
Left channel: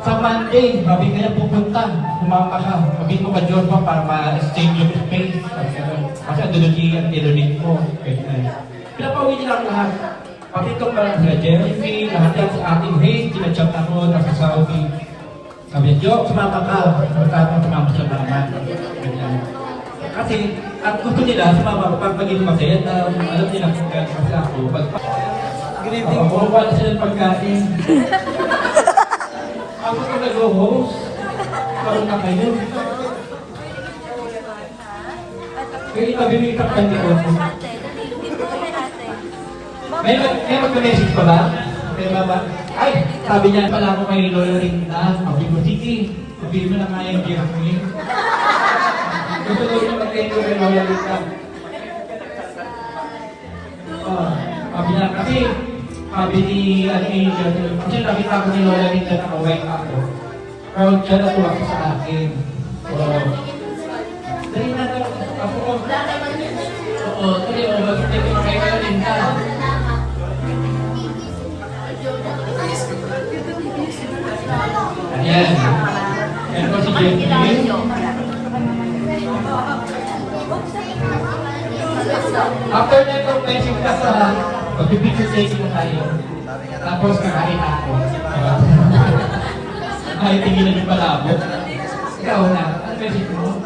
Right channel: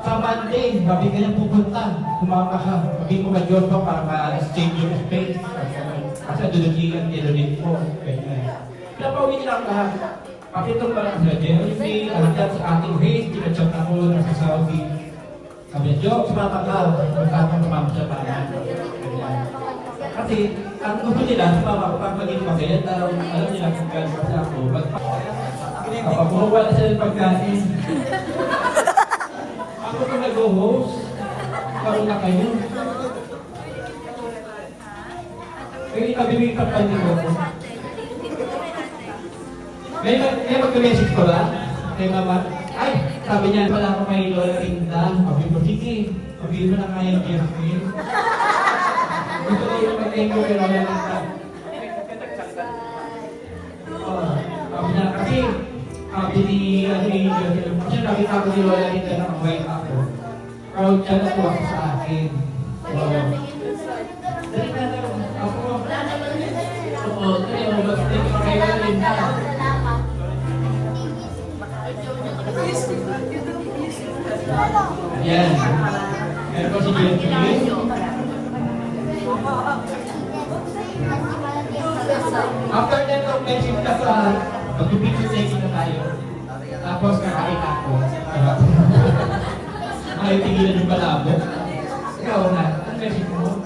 sa Monday, sabi kaya pupunta, sumama ka. Sabi mo ka Diyos mo para ma-exchange yung space. Kasi doon ang tinuloy mo. Pinapauwi nila ako lahat. Pakitong parang sila Jeremy, lahat yan sa ating race, ginachat ako, nasa Saudi. Sabi niya, Jo, sumama ka. Magkapang sumama sa bayan. Kasi, ang gusto nila, sumama ko pag maging masaya, alam nila kasi ako. Kumuha na sila ng pagkain. Ako kung nag-host, parang na kayo. Kaya ipabibig ka pa nito. May mag-message pa ba? Kay Mama? Ay, sabi niya, pala ako kay Lola Linda. Sabi ko, sige, sabi mo na nga yung Jeremy. Gusto ko yung mag-thank you kay Lola Linda. Sabi niya, kasi, sabi ni kasi nakita ko ni Lola Linda na kaway ako. Proud siya na tuwa sa akin. Dali na lang, ako ko. Oo, dali mo, mag-thank you kay Lola Linda. Ayan. Meron ko si Jeremy. After nito, may sigta sa pag-picture taking tayo. Tapos kakain ako. Ay, tigilan yung palabo. Ikaw na. Ano message mo?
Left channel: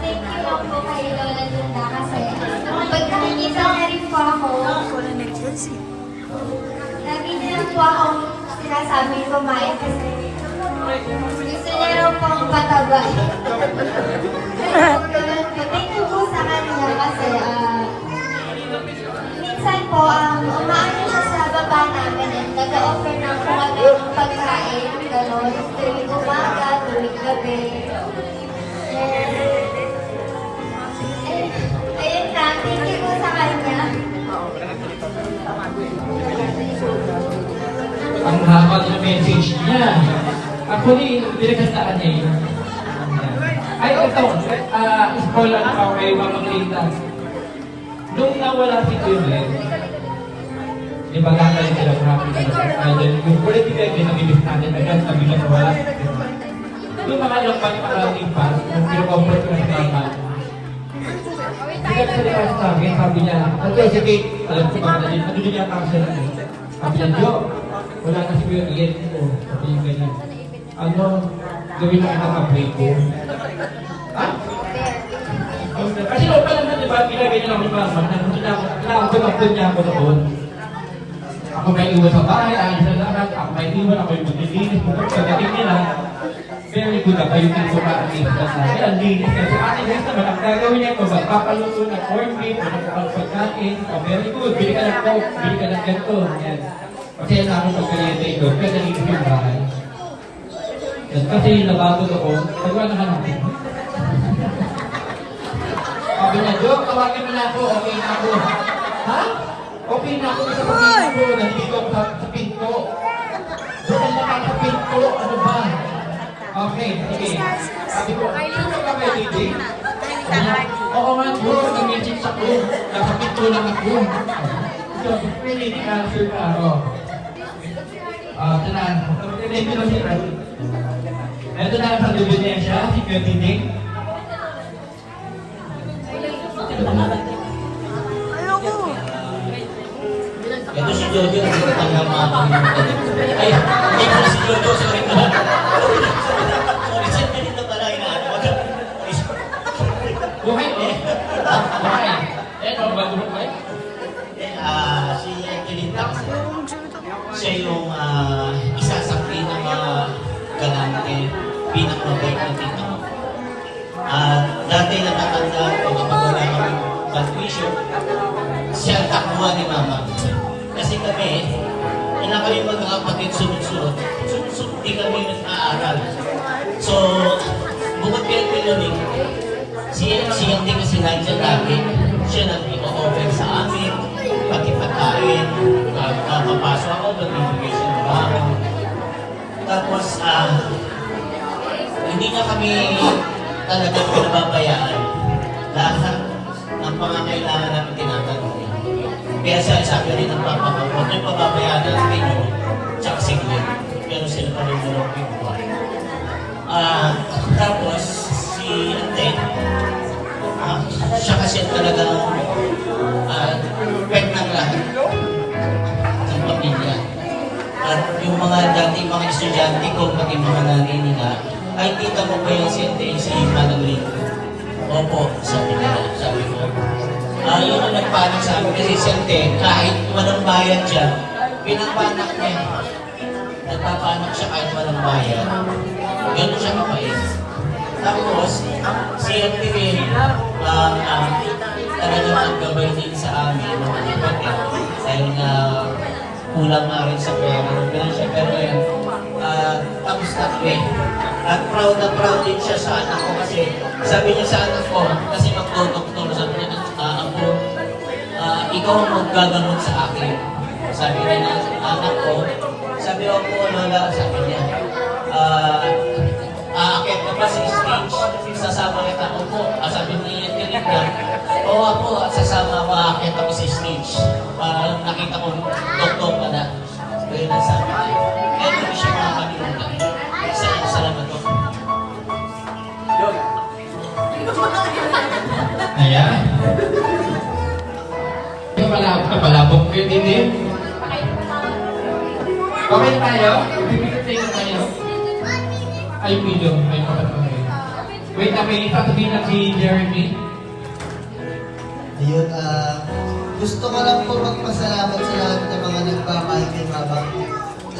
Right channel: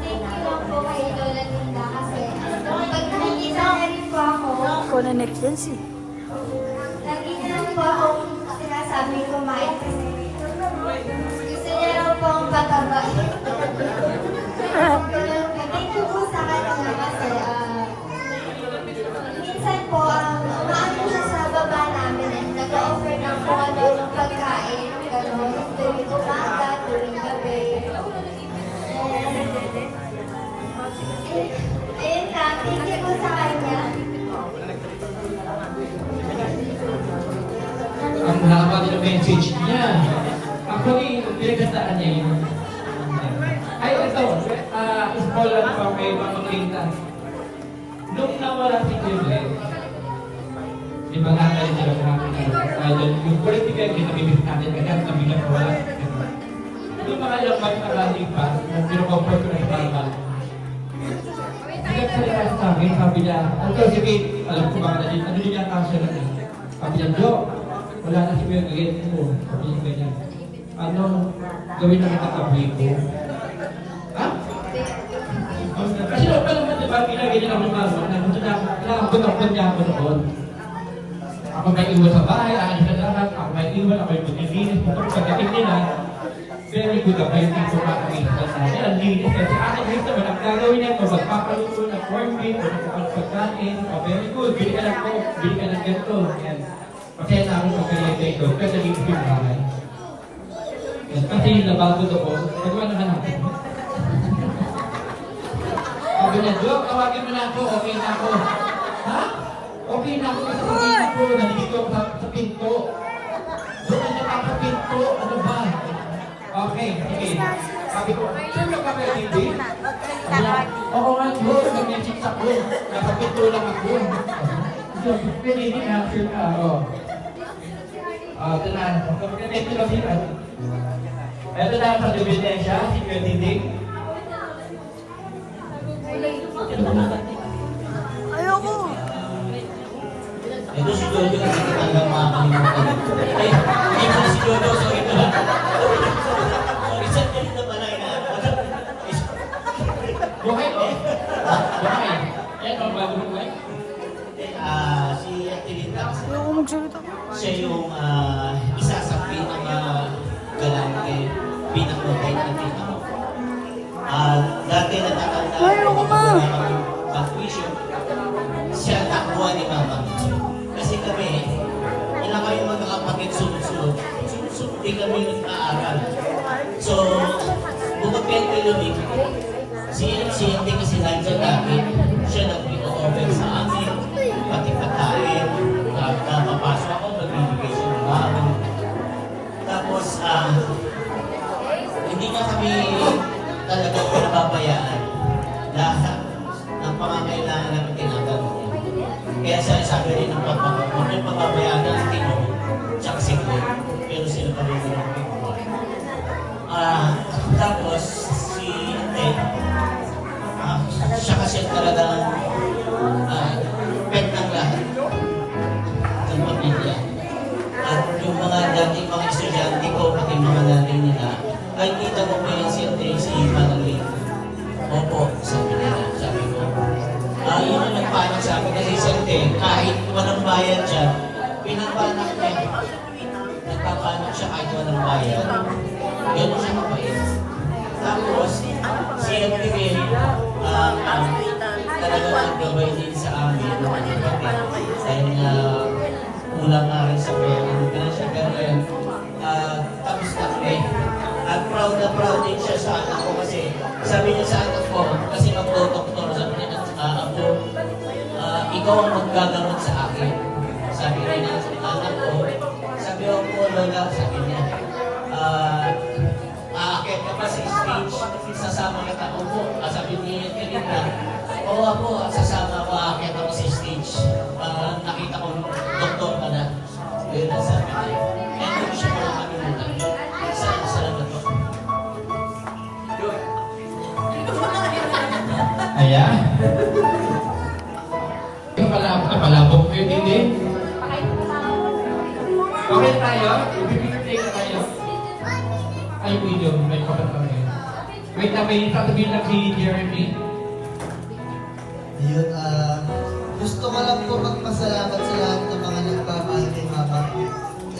Thank you lang po kay Lola Linda kasi pag nakikita na rin po ako, Kunin ni Chelsea. lagi niya lang po ako sinasabi kumain kasi gusto niya lang po ang pataba. Thank you po sa kanya kasi minsan po umaano siya sa baba namin at nag-offer ng kung ano pagkain, gano'n, tuwing umaga, tuwing gabi. Ayun na, thank you po sa kanya. Ang haba din ang message niya. Ako ni, pinagandaan niya yun. Ay, ito. Spoiler pa kay Mama Linda. Nung nawala si Kuya, di ba nga tayo sila kumapit ka ng island, yung political yung nag-ibig natin agad sabi na wala. Yung mga ilang pag-arating pa, nung pinukomfort ko ng mga Nagsalita sa akin, sabi niya, sige, alam ko ba na din, ano din yata siya lang. Sabi niya, Jo, wala na si Kuya Gigit ko. Sabi niya ganyan. Ano, gawin na kita kapay ko. Ha? Kasi noon pa naman, di ba, pinagay niya lang ng mama, nakakapagpapag niya ako noon. Ako may iwan sa bahay, ayos na lahat, ako may iwan, ako yung maglilinis, pagdating nila, very good ako yung tipo para sa sabi. Ang linis kasi atin guys naman, ang gagawin niya ito, magpapaluto ng corn beef, magpapalutong pagkain, very good, bili ka ng coke, bili ka ng ganito, yan. Kasi na ako pagkayete ito, kaya nalinis yung bahay. Yan, kasi nabagod ako, nagawa naman natin. Sabi niya, Jo, tawagan mo na ako, okay na ako. Ha? Okay na ako, kasi okay na ako, nandito ako sa pinto. Doon na sa pinto, ano ba? Okay, sige. Sabi ko, sino ka kay DJ? Oo nga, Jo, nag-message ako. Nasa pinto lang ako. Jo, pwede hindi answer ka, ano? Ito na, thank you kami. Ito na sa ebidensya, si Kuya Dinding. Ayoko. Ito si Jojo, nagtatanggal mga kalimutan. Ay, hindi ko si Jojo, sorry pala. Sorry, sir, ganito pala inaano. Buhay, oh. Buhay. Ito, bago buhay. Si Kilitax, Ayoko magsalita. siya yung isa sa pinaka-galante, pinaka-mabait na tita ko. Dati natatanda ko kapag wala kami bad-wisher, siya ang takbuha ni Mama. Kasi kami, ilang kami magkakapatid sunod-sunod, di kami nag-aaral. So, bukod kay Pilonik, siya hindi kasi nandiyan lagi. Siya nag-i-offer sa amin, pati pagkain, papasok ako, magbibigay siya ng bago. Tapos, hindi niya kami talagang pinababayaan. Lahat ng pangangailangan namin tinatanong. Kaya sabi rin ng papa ko, huwag niyo pababayaan ng tinyo, tsaka siglit. Pero sila pa rin yung buhay. Tapos, si Ate, siya kasi talagang pet ng lahat ng pamilya. At yung mga dati mga estudyante ko, pati mga nanay nila, ay tita mo ba yung si Manang Lito? Opo, sabi ko. Yung nagpanik sa amin kasi siyempre, kahit walang bayan siya, pinapanak niya. Nagpapanak siya kahit walang bayan. Ganun siya mabait. Tapos, si MTV, talagang naggabay din sa amin ng mga kapatid. Dahil nga, kulang nga rin sa pera ng pinansyal. Pero ngayon, tapos na kami. At proud din siya sa anak ko kasi sabi niya sa anak ko, kasi mag-doktor, sabi niya, ako, ikaw ang maggagamot sa akin. Sabi niya na anak ko, sabi ko, Lola, sabi niya, aakit ka pa sa stage, sasama kita ko po. Sabi niya, Kalinda, oo ako, sasama ako, aakit ako sa stage. Nakita ko, doktor pa na. Kaya sabi niya, kaya hindi siya makakalimutan. Salamat po. Ayan. Palabok kayo din. Okay na tayo? Ibibigay na tayo. Ay, video. May kapatid. Wait na, may sasabihin na si Jeremy. Ayun, gusto ko lang po magpasalamat sa lahat ng mga nagmamahal kay Mama.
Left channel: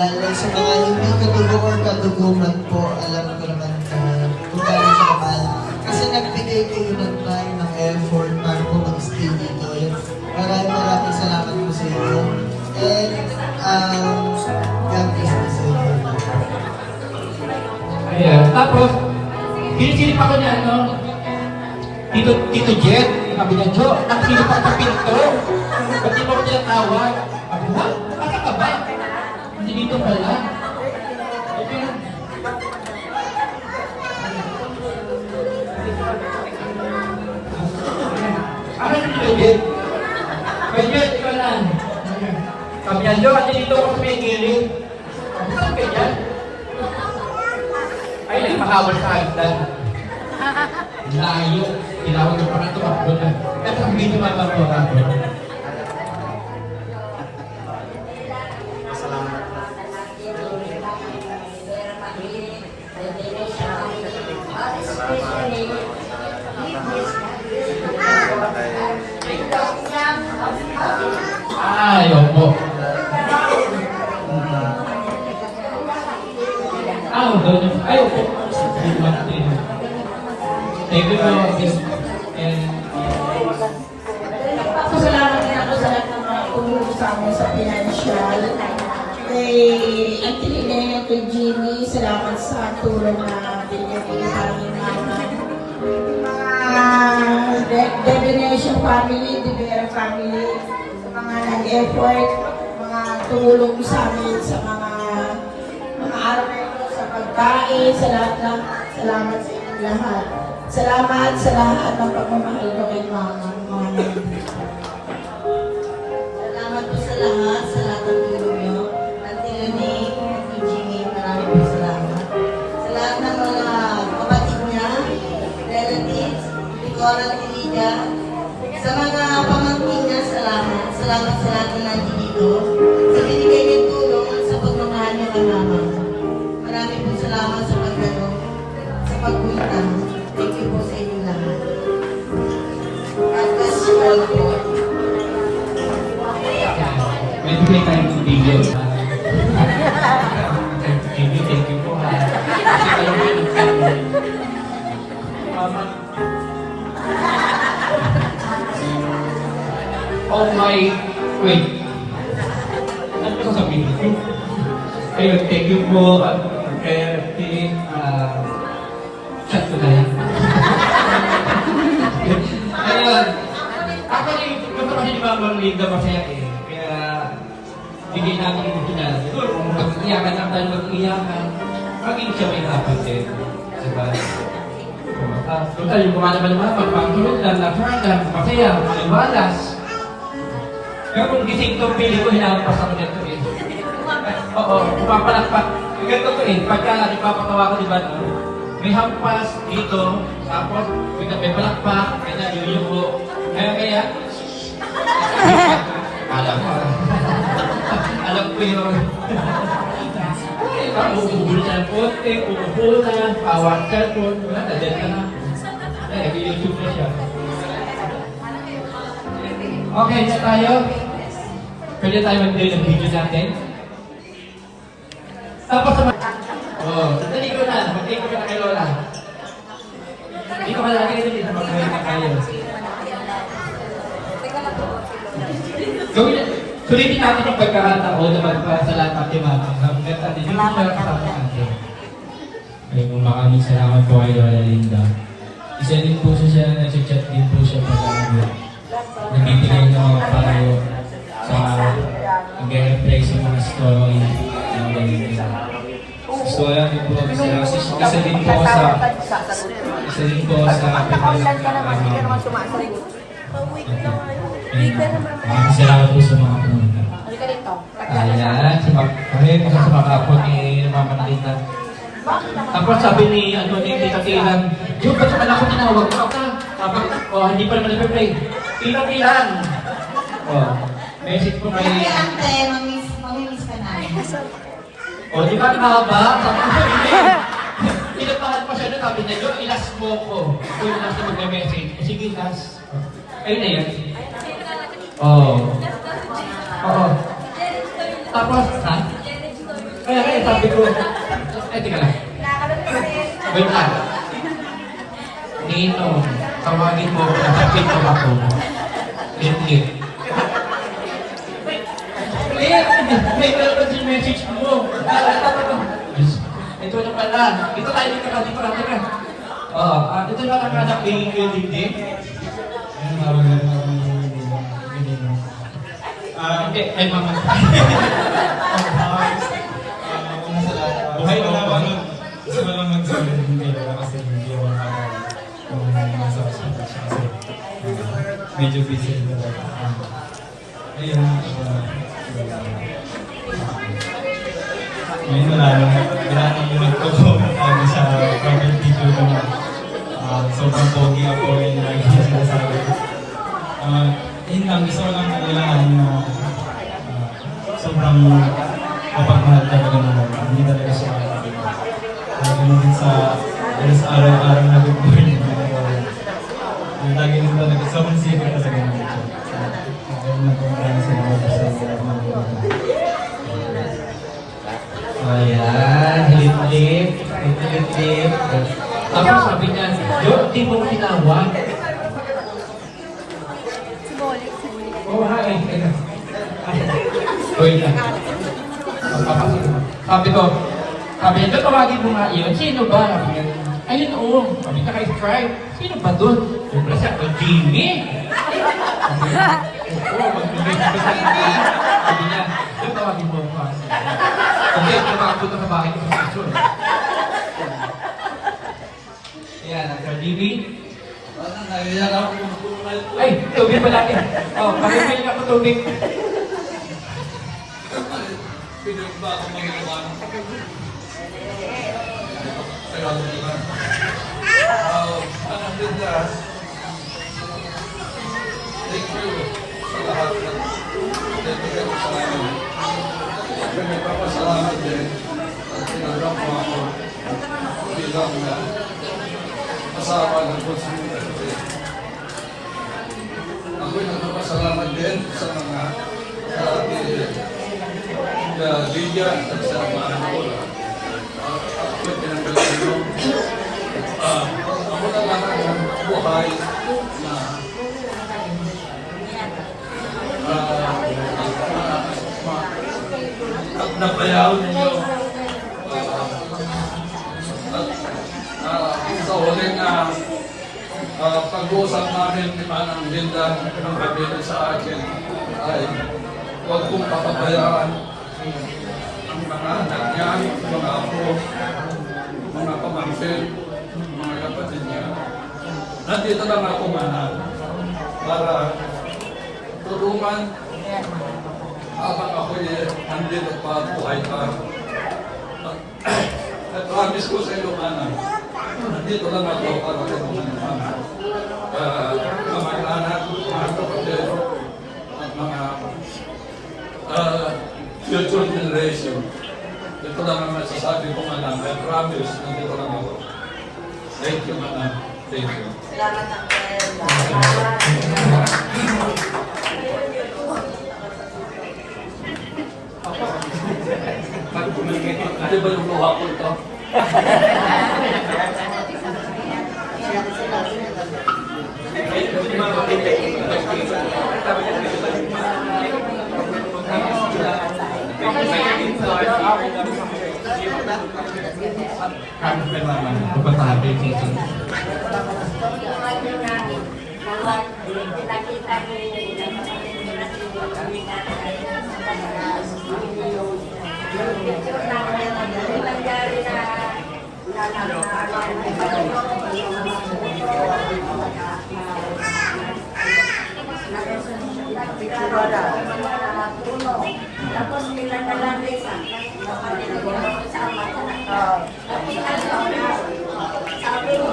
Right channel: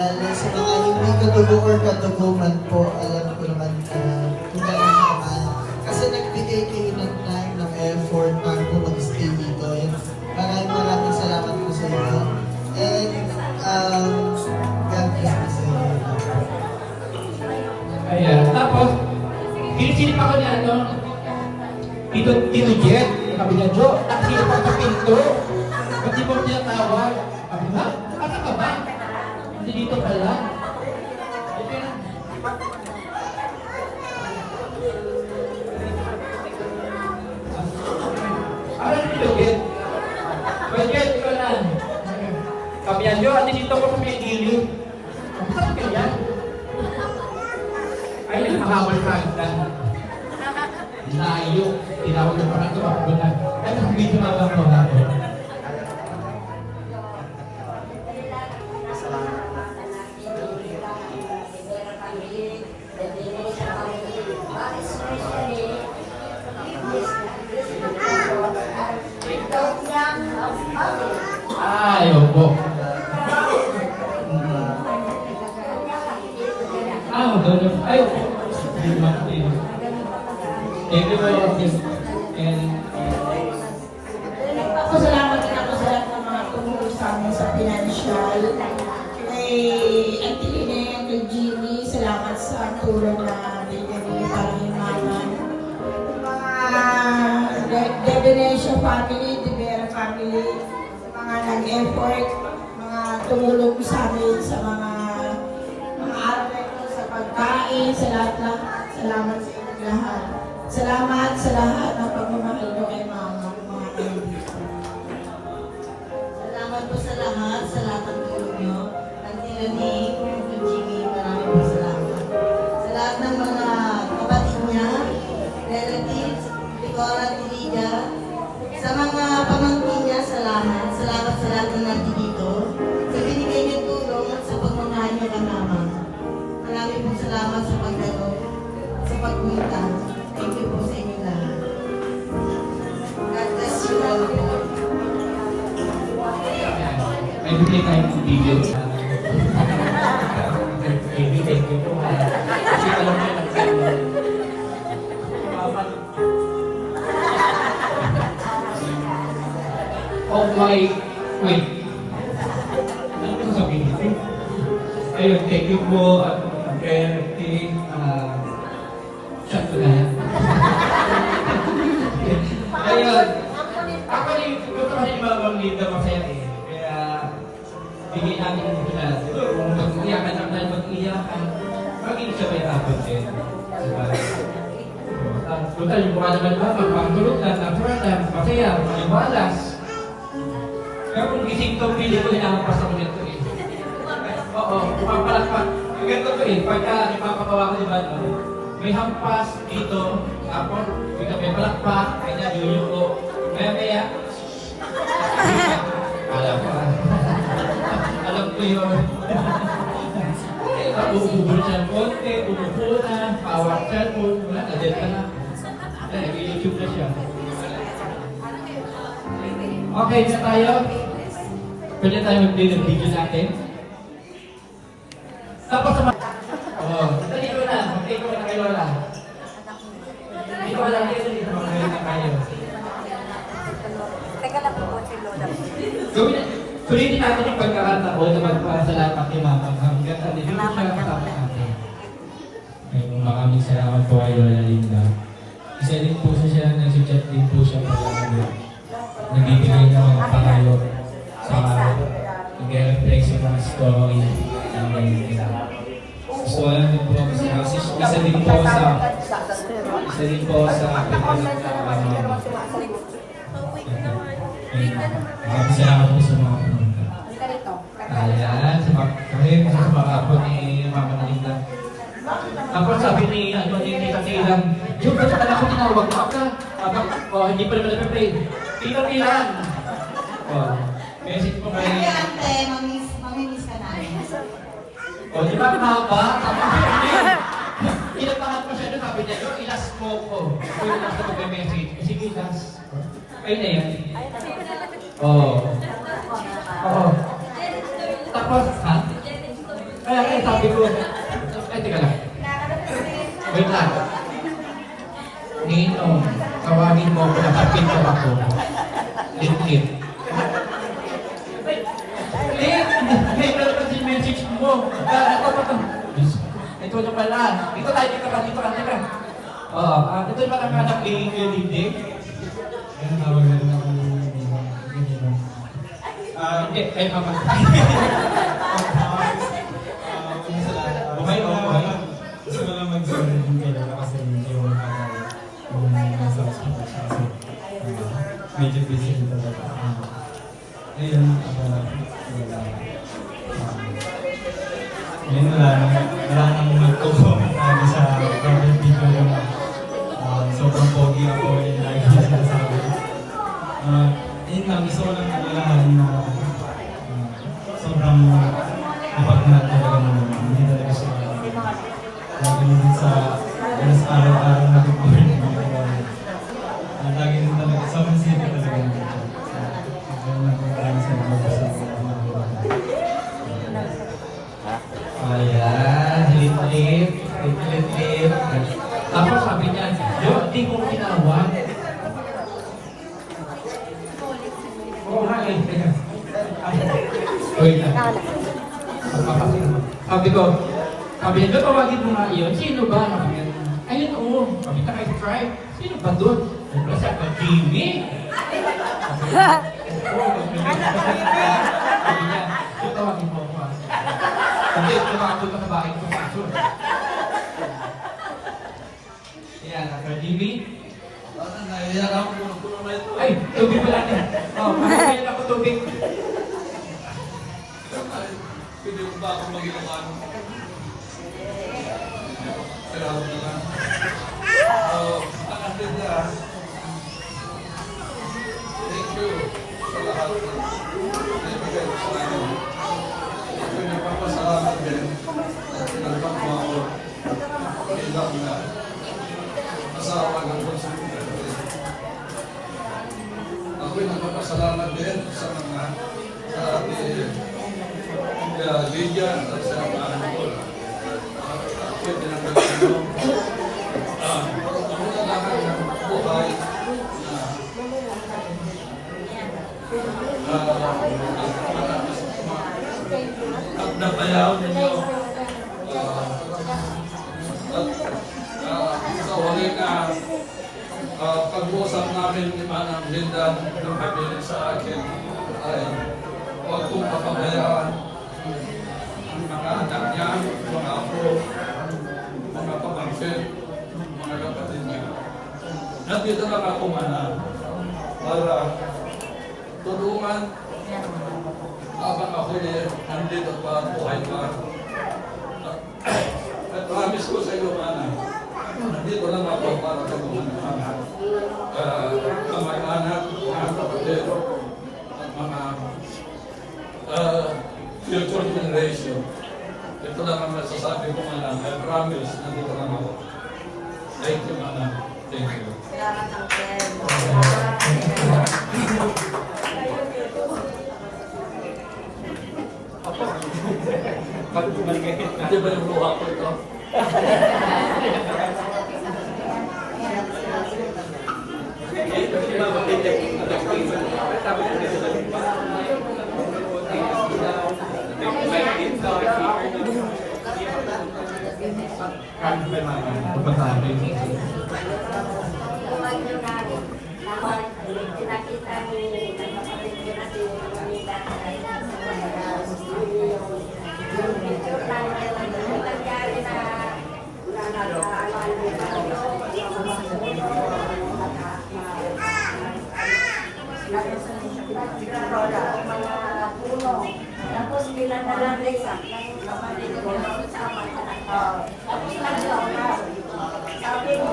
Lalo sa mga hindi kadugo or kaduguman po, alam ko naman kung gaano siya kamahal. Kasi nagbigay kayo ng time, ng effort, para po mag-stay dito. Maraming salamat po sa inyo. And, God bless me sa inyo. Ayan. Tapos, pinisilip ako niya, no? Tito Jet, sabi niya, Jo, nakasilip ako sa pinto. Ba't di mo ko tinatawag? Sabi mo, asa ka ba? Hindi dito pala. Okay. Ano yung Tito Jet? Yan yun, at dito ko sa may gilid. Saan kanya? Ay, nakahawal sa hagdan. Layo. Tinawag ko pa ito, kaplo na. Ito ang video mababa ko. Ay, opo. Doon. Ay, opo. Thank you for this. And Salamat din ako sa lahat ng mga tumulong sa amin sa financial. Kay Auntie Lene at kay Jimmy, salamat sa tulong na binigay para kay Mama. The Venetia family, the Vera family, sa mga nag-effort, mga tumulong sa amin sa mga araw na ito, sa pagkain, sa lahat. Salamat sa inyong lahat. Salamat sa lahat ng pagmamahal ko kay Mama. Salamat po sa lahat ng tulong nyo. Auntie Lene, Auntie Jimmy, marami po salamat. Sa lahat ng mga kapatid niya, relatives, Nicola, Tirida, sa mga pamangkin niya, salamat. Salamat sa lahat ng nandito. Sa binigay niyo tulong at sa pagmamahal niyo kay Mama. Marami po salamat sa pagdalo, sa pagwita. Thank you po sa inyo lahat. God bless you all po. may bigay tayong video. Thank you po. Kasi kayo po yung nagsabi. Oh my, wait. Ano ko sabihin? Ayun, thank you po. Chat ko na yan. Ayun. Actually, kapatid ni Mama Linda masaya eh. Kaya, bigay namin yung kinala. Siguro, kung mag-iyakan lang tayo mag-iyakan, maging siya may dapat din. Diba? Total, yung mga naman pagpagsulot na, na-turn masaya, malimalas. Kaya kung gising ko, pili ko hinahampas ako nito eh. Oo, pumapalakpak. Yung ganito ko eh, pagka ipapatawa ko, diba, may hampas dito, tapos may palakpak, kaya yuyuko. Kaya, alam ko yun. Uubo na ng konti, uubo na, pawak cellphone, wala na, dead ka na. Nag-YouTube na siya. Okay, na tayo. Pwede tayo mag-play ng video natin. Tapos sa dali ko na, mag-take ko na kay Lola. Hindi ko malagay dito, mag-play na kayo. Sulitin natin yung pagkakataon na magpasalamat kay Mama. Hanggang natin yung pagkakataon natin. Ay, maraming salamat po kay Lola Linda. Isa din po siya, nag-chat din po siya pag nagbibigay ng mga pangayo sa nag-reflect sa mga story ng Lola Linda. Gusto ko lang din po kami sa isa din po sa maraming salamat po sa mga pumunta. Ayan, sa mga kapo ni Mama Linda. Tapos sabi ni Tita Tilan, yung ba't pala ako tinawag mo ka? Tapos, hindi pa naman na-play. Tita Tilan! Message ko kay... Kaya ante, mamimiss ka namin. Di ba mahaba? Tapos, pinapahan pa siya na sabi niya, yung ilas mo ko. Yung ilas na mag-message. Sige, ilas. Ayun na yan. Oo. Tapos, ha? Kaya sabi ko, ay, tika lang. Wait lang. Nino, tawagin mo ako, napapito ako. Liit. May kalabas yung message mo. Ito na pala. Dito tayo dito ka. Ito na lang ka ng Lindi. Ayun, mawala na ako Hindi, Mama. Okay lang naman. Gusto ko lang magsabi ng kailangan kasi hindi mo kung nasa hospital siya kasi medyo busy na talaga. Ayun, sa araw-araw na bubuhay ng mga Lola. Yung lagi rin talaga, sobrang sipin talaga naman siya. Kaya maraming salamat po sa mga Lola. Ayan, hilip-hilip. Hilip-hilip. Tapos sabi niya, yung tipong tinawag. Oh, hi. Wait lang. Sabi niya, tawagin mo nga yun. Sino ba? Sabi niya, ayun oo. Sabi niya, kay Stripe. Sino ba doon? Yung siya, Jimmy. Sabi niya, yung tawagin mo ako. Hindi, tumakot ka bakit mo sa sunod. Yan, Sir Jimmy. Ay, tubig pala yan. Oh, pagkakain ako tubig. Pwede mo ba akong maging umano? Kaya di ba? Ang atin niya, thank you sa lahat ng nagbigay mo sa amin. Kaya nagpapasalamat din at tinanggap mo ako bilang asawa ng konsumo. Ako'y nagpapasalamat din sa mga Lydia at sa mga ko. Ako'y pinanggalan mo. Ako na lang ang buhay na napayaw ninyo. At sa huling pag-uusap namin ni Manang Linda ng kabilin sa akin ay huwag kong papabayaan ang mga anak niya, mga apo, mga pamangkin, mga kapatid niya. Nandito lang ako Manang para tulungan habang ako'y nandito pa buhay pa. At promise ko sa iyo Manang, nandito lang ako para tulungan ng mga kamag-anak, mga kapatid, at mga future generation. Ito lang ang masasabi ko Manang. I promise, nandito lang ako. Thank you Manang. Thank you. Hindi ba yung luha ko ito? Tapos pinagalan din sa kapatid ko sa ama. At pinagalan sabi mo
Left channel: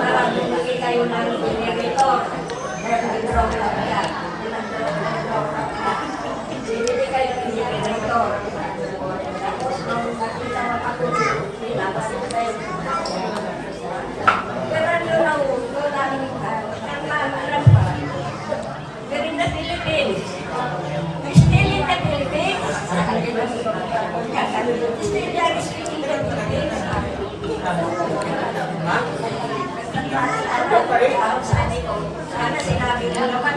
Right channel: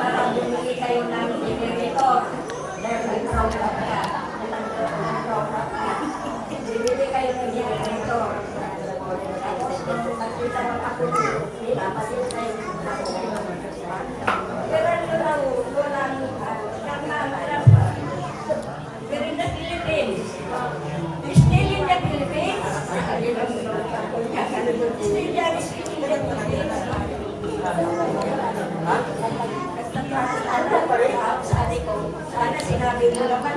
para bumili kayo ng generator dahil nag-drop ka. Bibili kayo ng generator. Tapos nung nakita mo ako, pinapasin tayo. Pero yun ang ulo ng nagmamaran pa. Pero in the Philippines, still in the Philippines, still there is in the Philippines. Sana sinabi mo naman,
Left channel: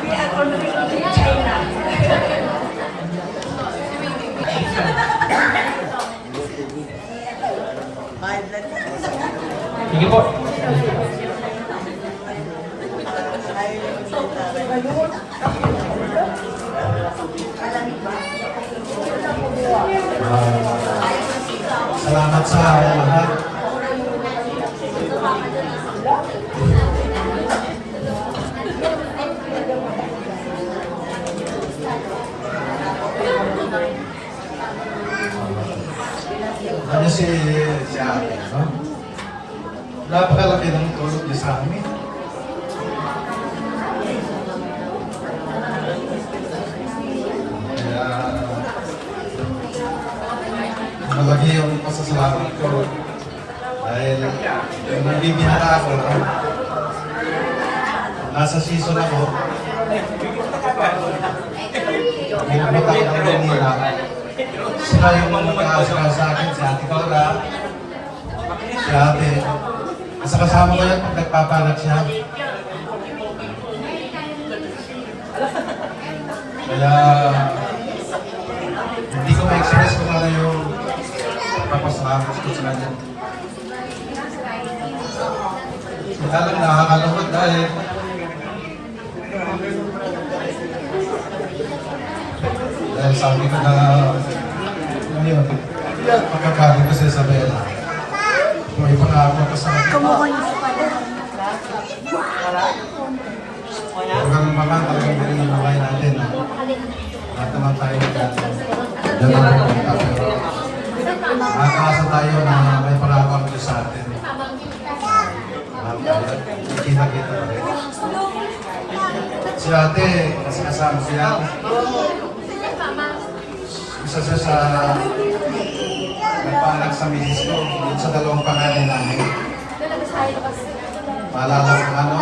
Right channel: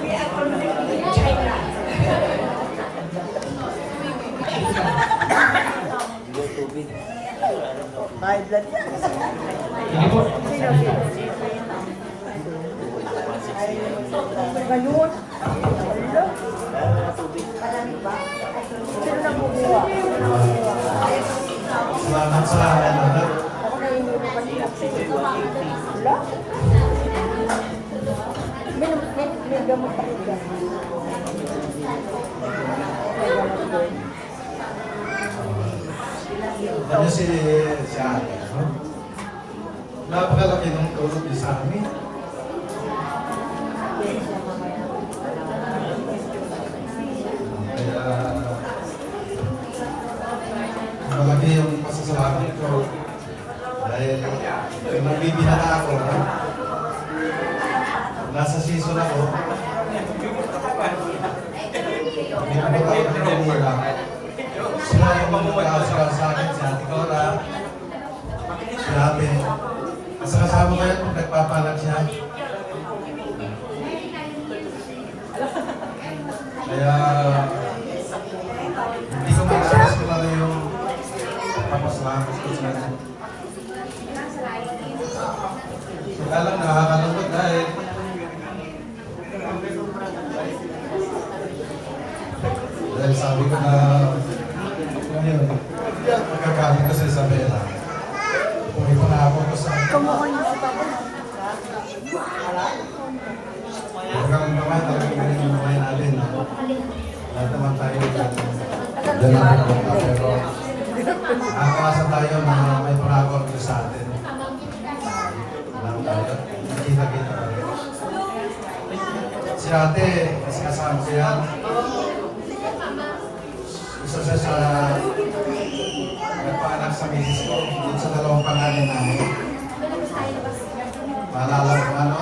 we are already in China. Sige po. Salamat sa lahat. Ano si ate, no? Napakalaki ng tulog niya sa amin. nagbibihara ako. Nasa season ako. Hindi ko makakita nila. Sila yung mag-aasara sa akin, si Ate Cora, si Ate. Sa kasama ko yan pag nagpapalag siya. Kaya hindi ko ma-express ko na yung papasalamat ko sa kanya. Kaya lang nakakalungkot dahil sabi ko na alam yun, pagkakalit ko sa Isabela. Kung ipangako ko sa akin. Kamukha niya sa papa. Huwag kang mga talagang galing ang buhay natin. Lahat naman tayo dyan ang pupunta. Pero nakakasa tayo na may pangako ang Diyos sa atin. Kita-kita na rin. Si ate, mas kasama ko yan. Isa siya sa nagpaanak sa misis ko sa dalawang pangalan namin. Maalala ko ano,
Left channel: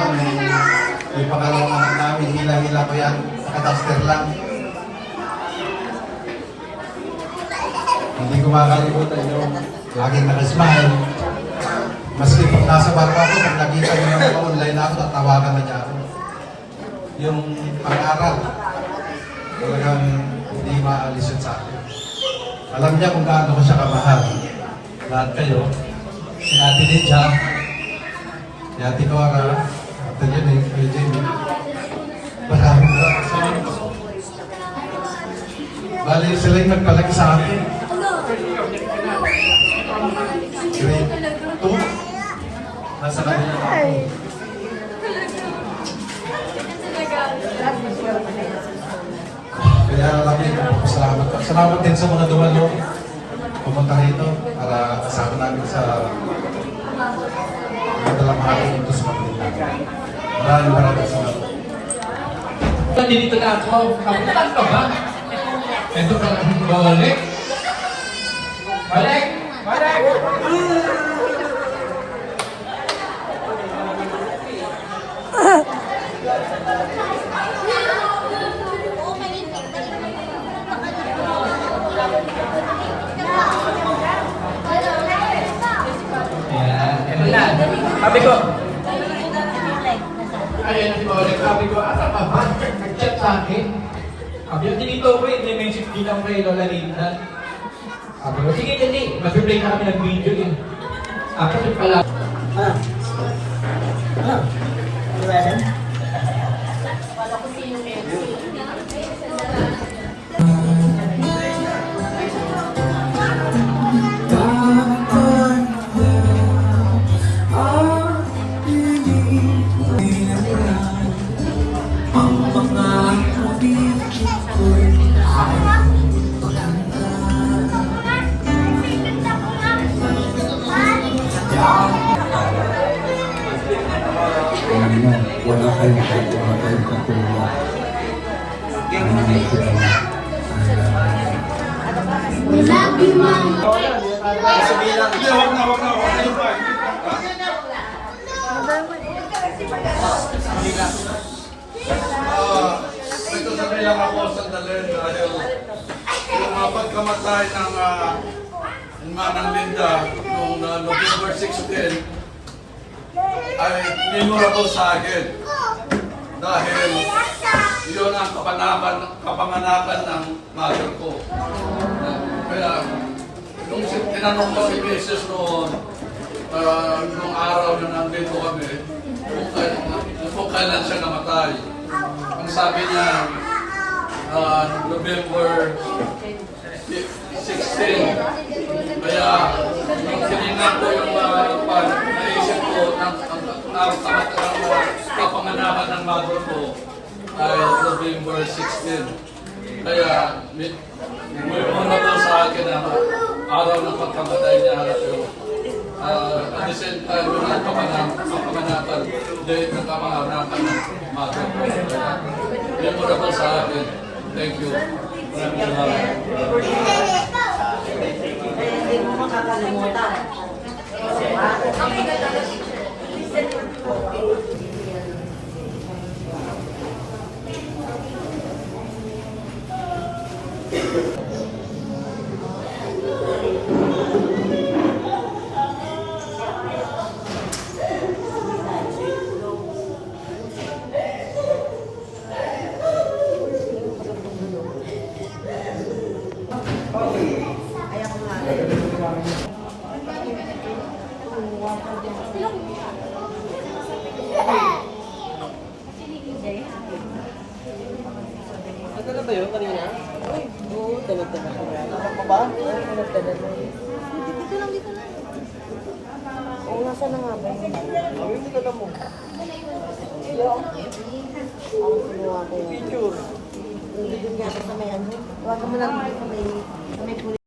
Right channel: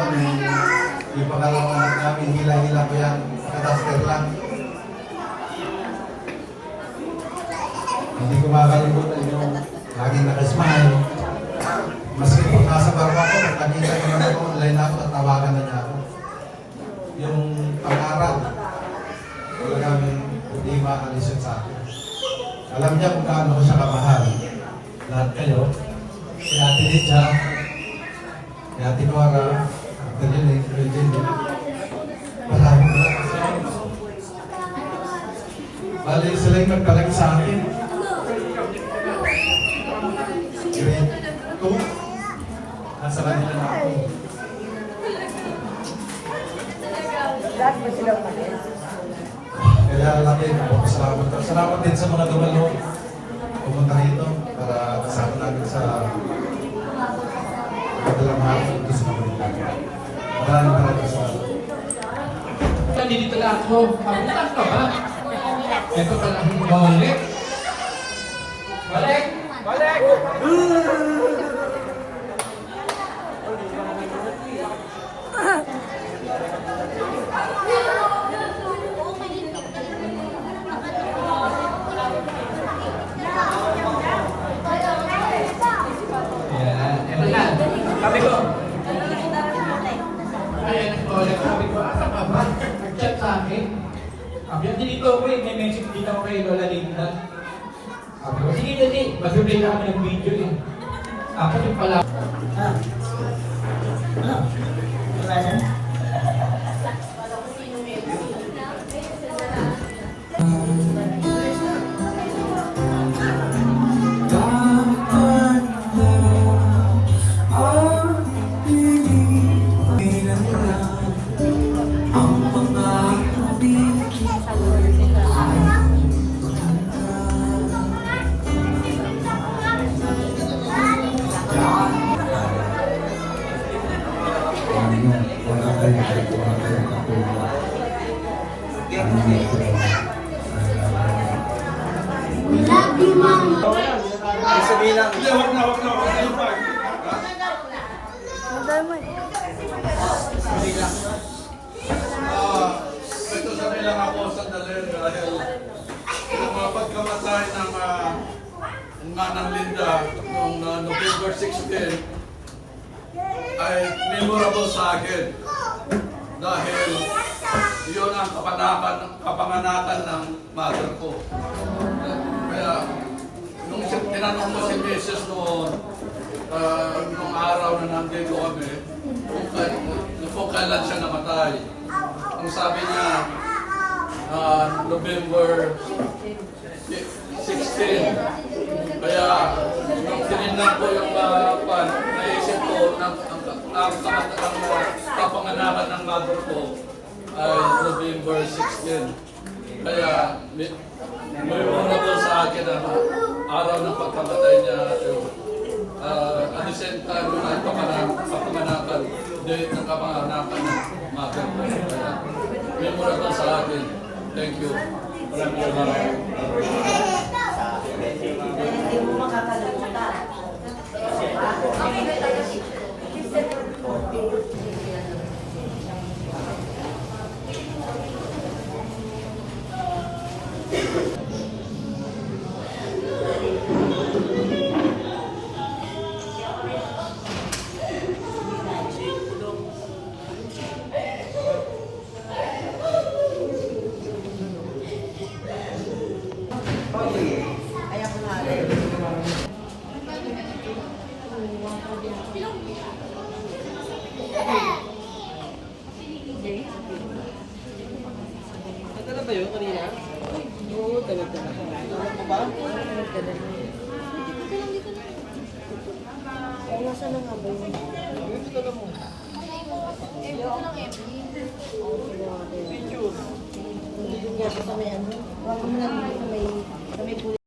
yung pangalawang anak namin, hila-hila ko yan, kataster lang. Hindi ko makakalimutan yung laging nakasmile. Maski kung nasa barko ako, pag nakita ko naman ako, online ako at tawagan na niya ako. Yung pangarap, talagang hindi maalis yun sa akin. Alam niya kung gaano ko siya kamahal. Lahat kayo, si Ate Litcha, si Ate Cora, Ate Jenny, Ate Jenny, maraming sa inyo. Bali sila yung nagpalag sa akin. Grade 2, nasa kanila na ako. Kaya laki po, salamat. Salamat din sa mga dumalo. Pumunta rito para kasama namin sa madalamahal ito sa Manila. Maraming salamat. Dito na ako. Kamutan ka ba? Ito ka lang balik. Balik! Balik! Sabi ko, ayun ang balik. Sabi ko, asa ka ba? Nag-chat sa akin. Sabi ko, dito ko eh. May message din ako kay Lola Linda. Sabi ko, sige dali. Mag-replay na kami ng video eh. Tapos yung pala. Wala kayong katulad. Ito sabi lang ako sandali dahil yung pagkamatay ng Manang Linda noong November 16 ay memorable sa akin dahil yun ang kapanganakan ng mother ko. Kaya nung tinanong ko si Mrs. noon, nung araw na nandito kami, kung kailan siya namatay. Ang sabi niya, November 16. Kaya tinignan ko yung naisip ko ang kapanganakan ng mother ko ay November 16. Kaya may memorable sa akin na araw ng pagkamatay niya at the same time yun ang kapanganakan, date ng kapanganakan ng mother ko. Kaya memorable sa akin. Thank you. Maraming salamat. Hindi mo makakalimutan. Ano ba yun kanina? Oo, tawag-tawag ka ba? Ano ba? Tawag-tawag na yun. Dito lang. Oo, nasa na nga ba yun? Dito lang mo. Hello? Ang ginawa ko yun. Picture. Hindi din nga sa may ano. Huwag mo lang sa may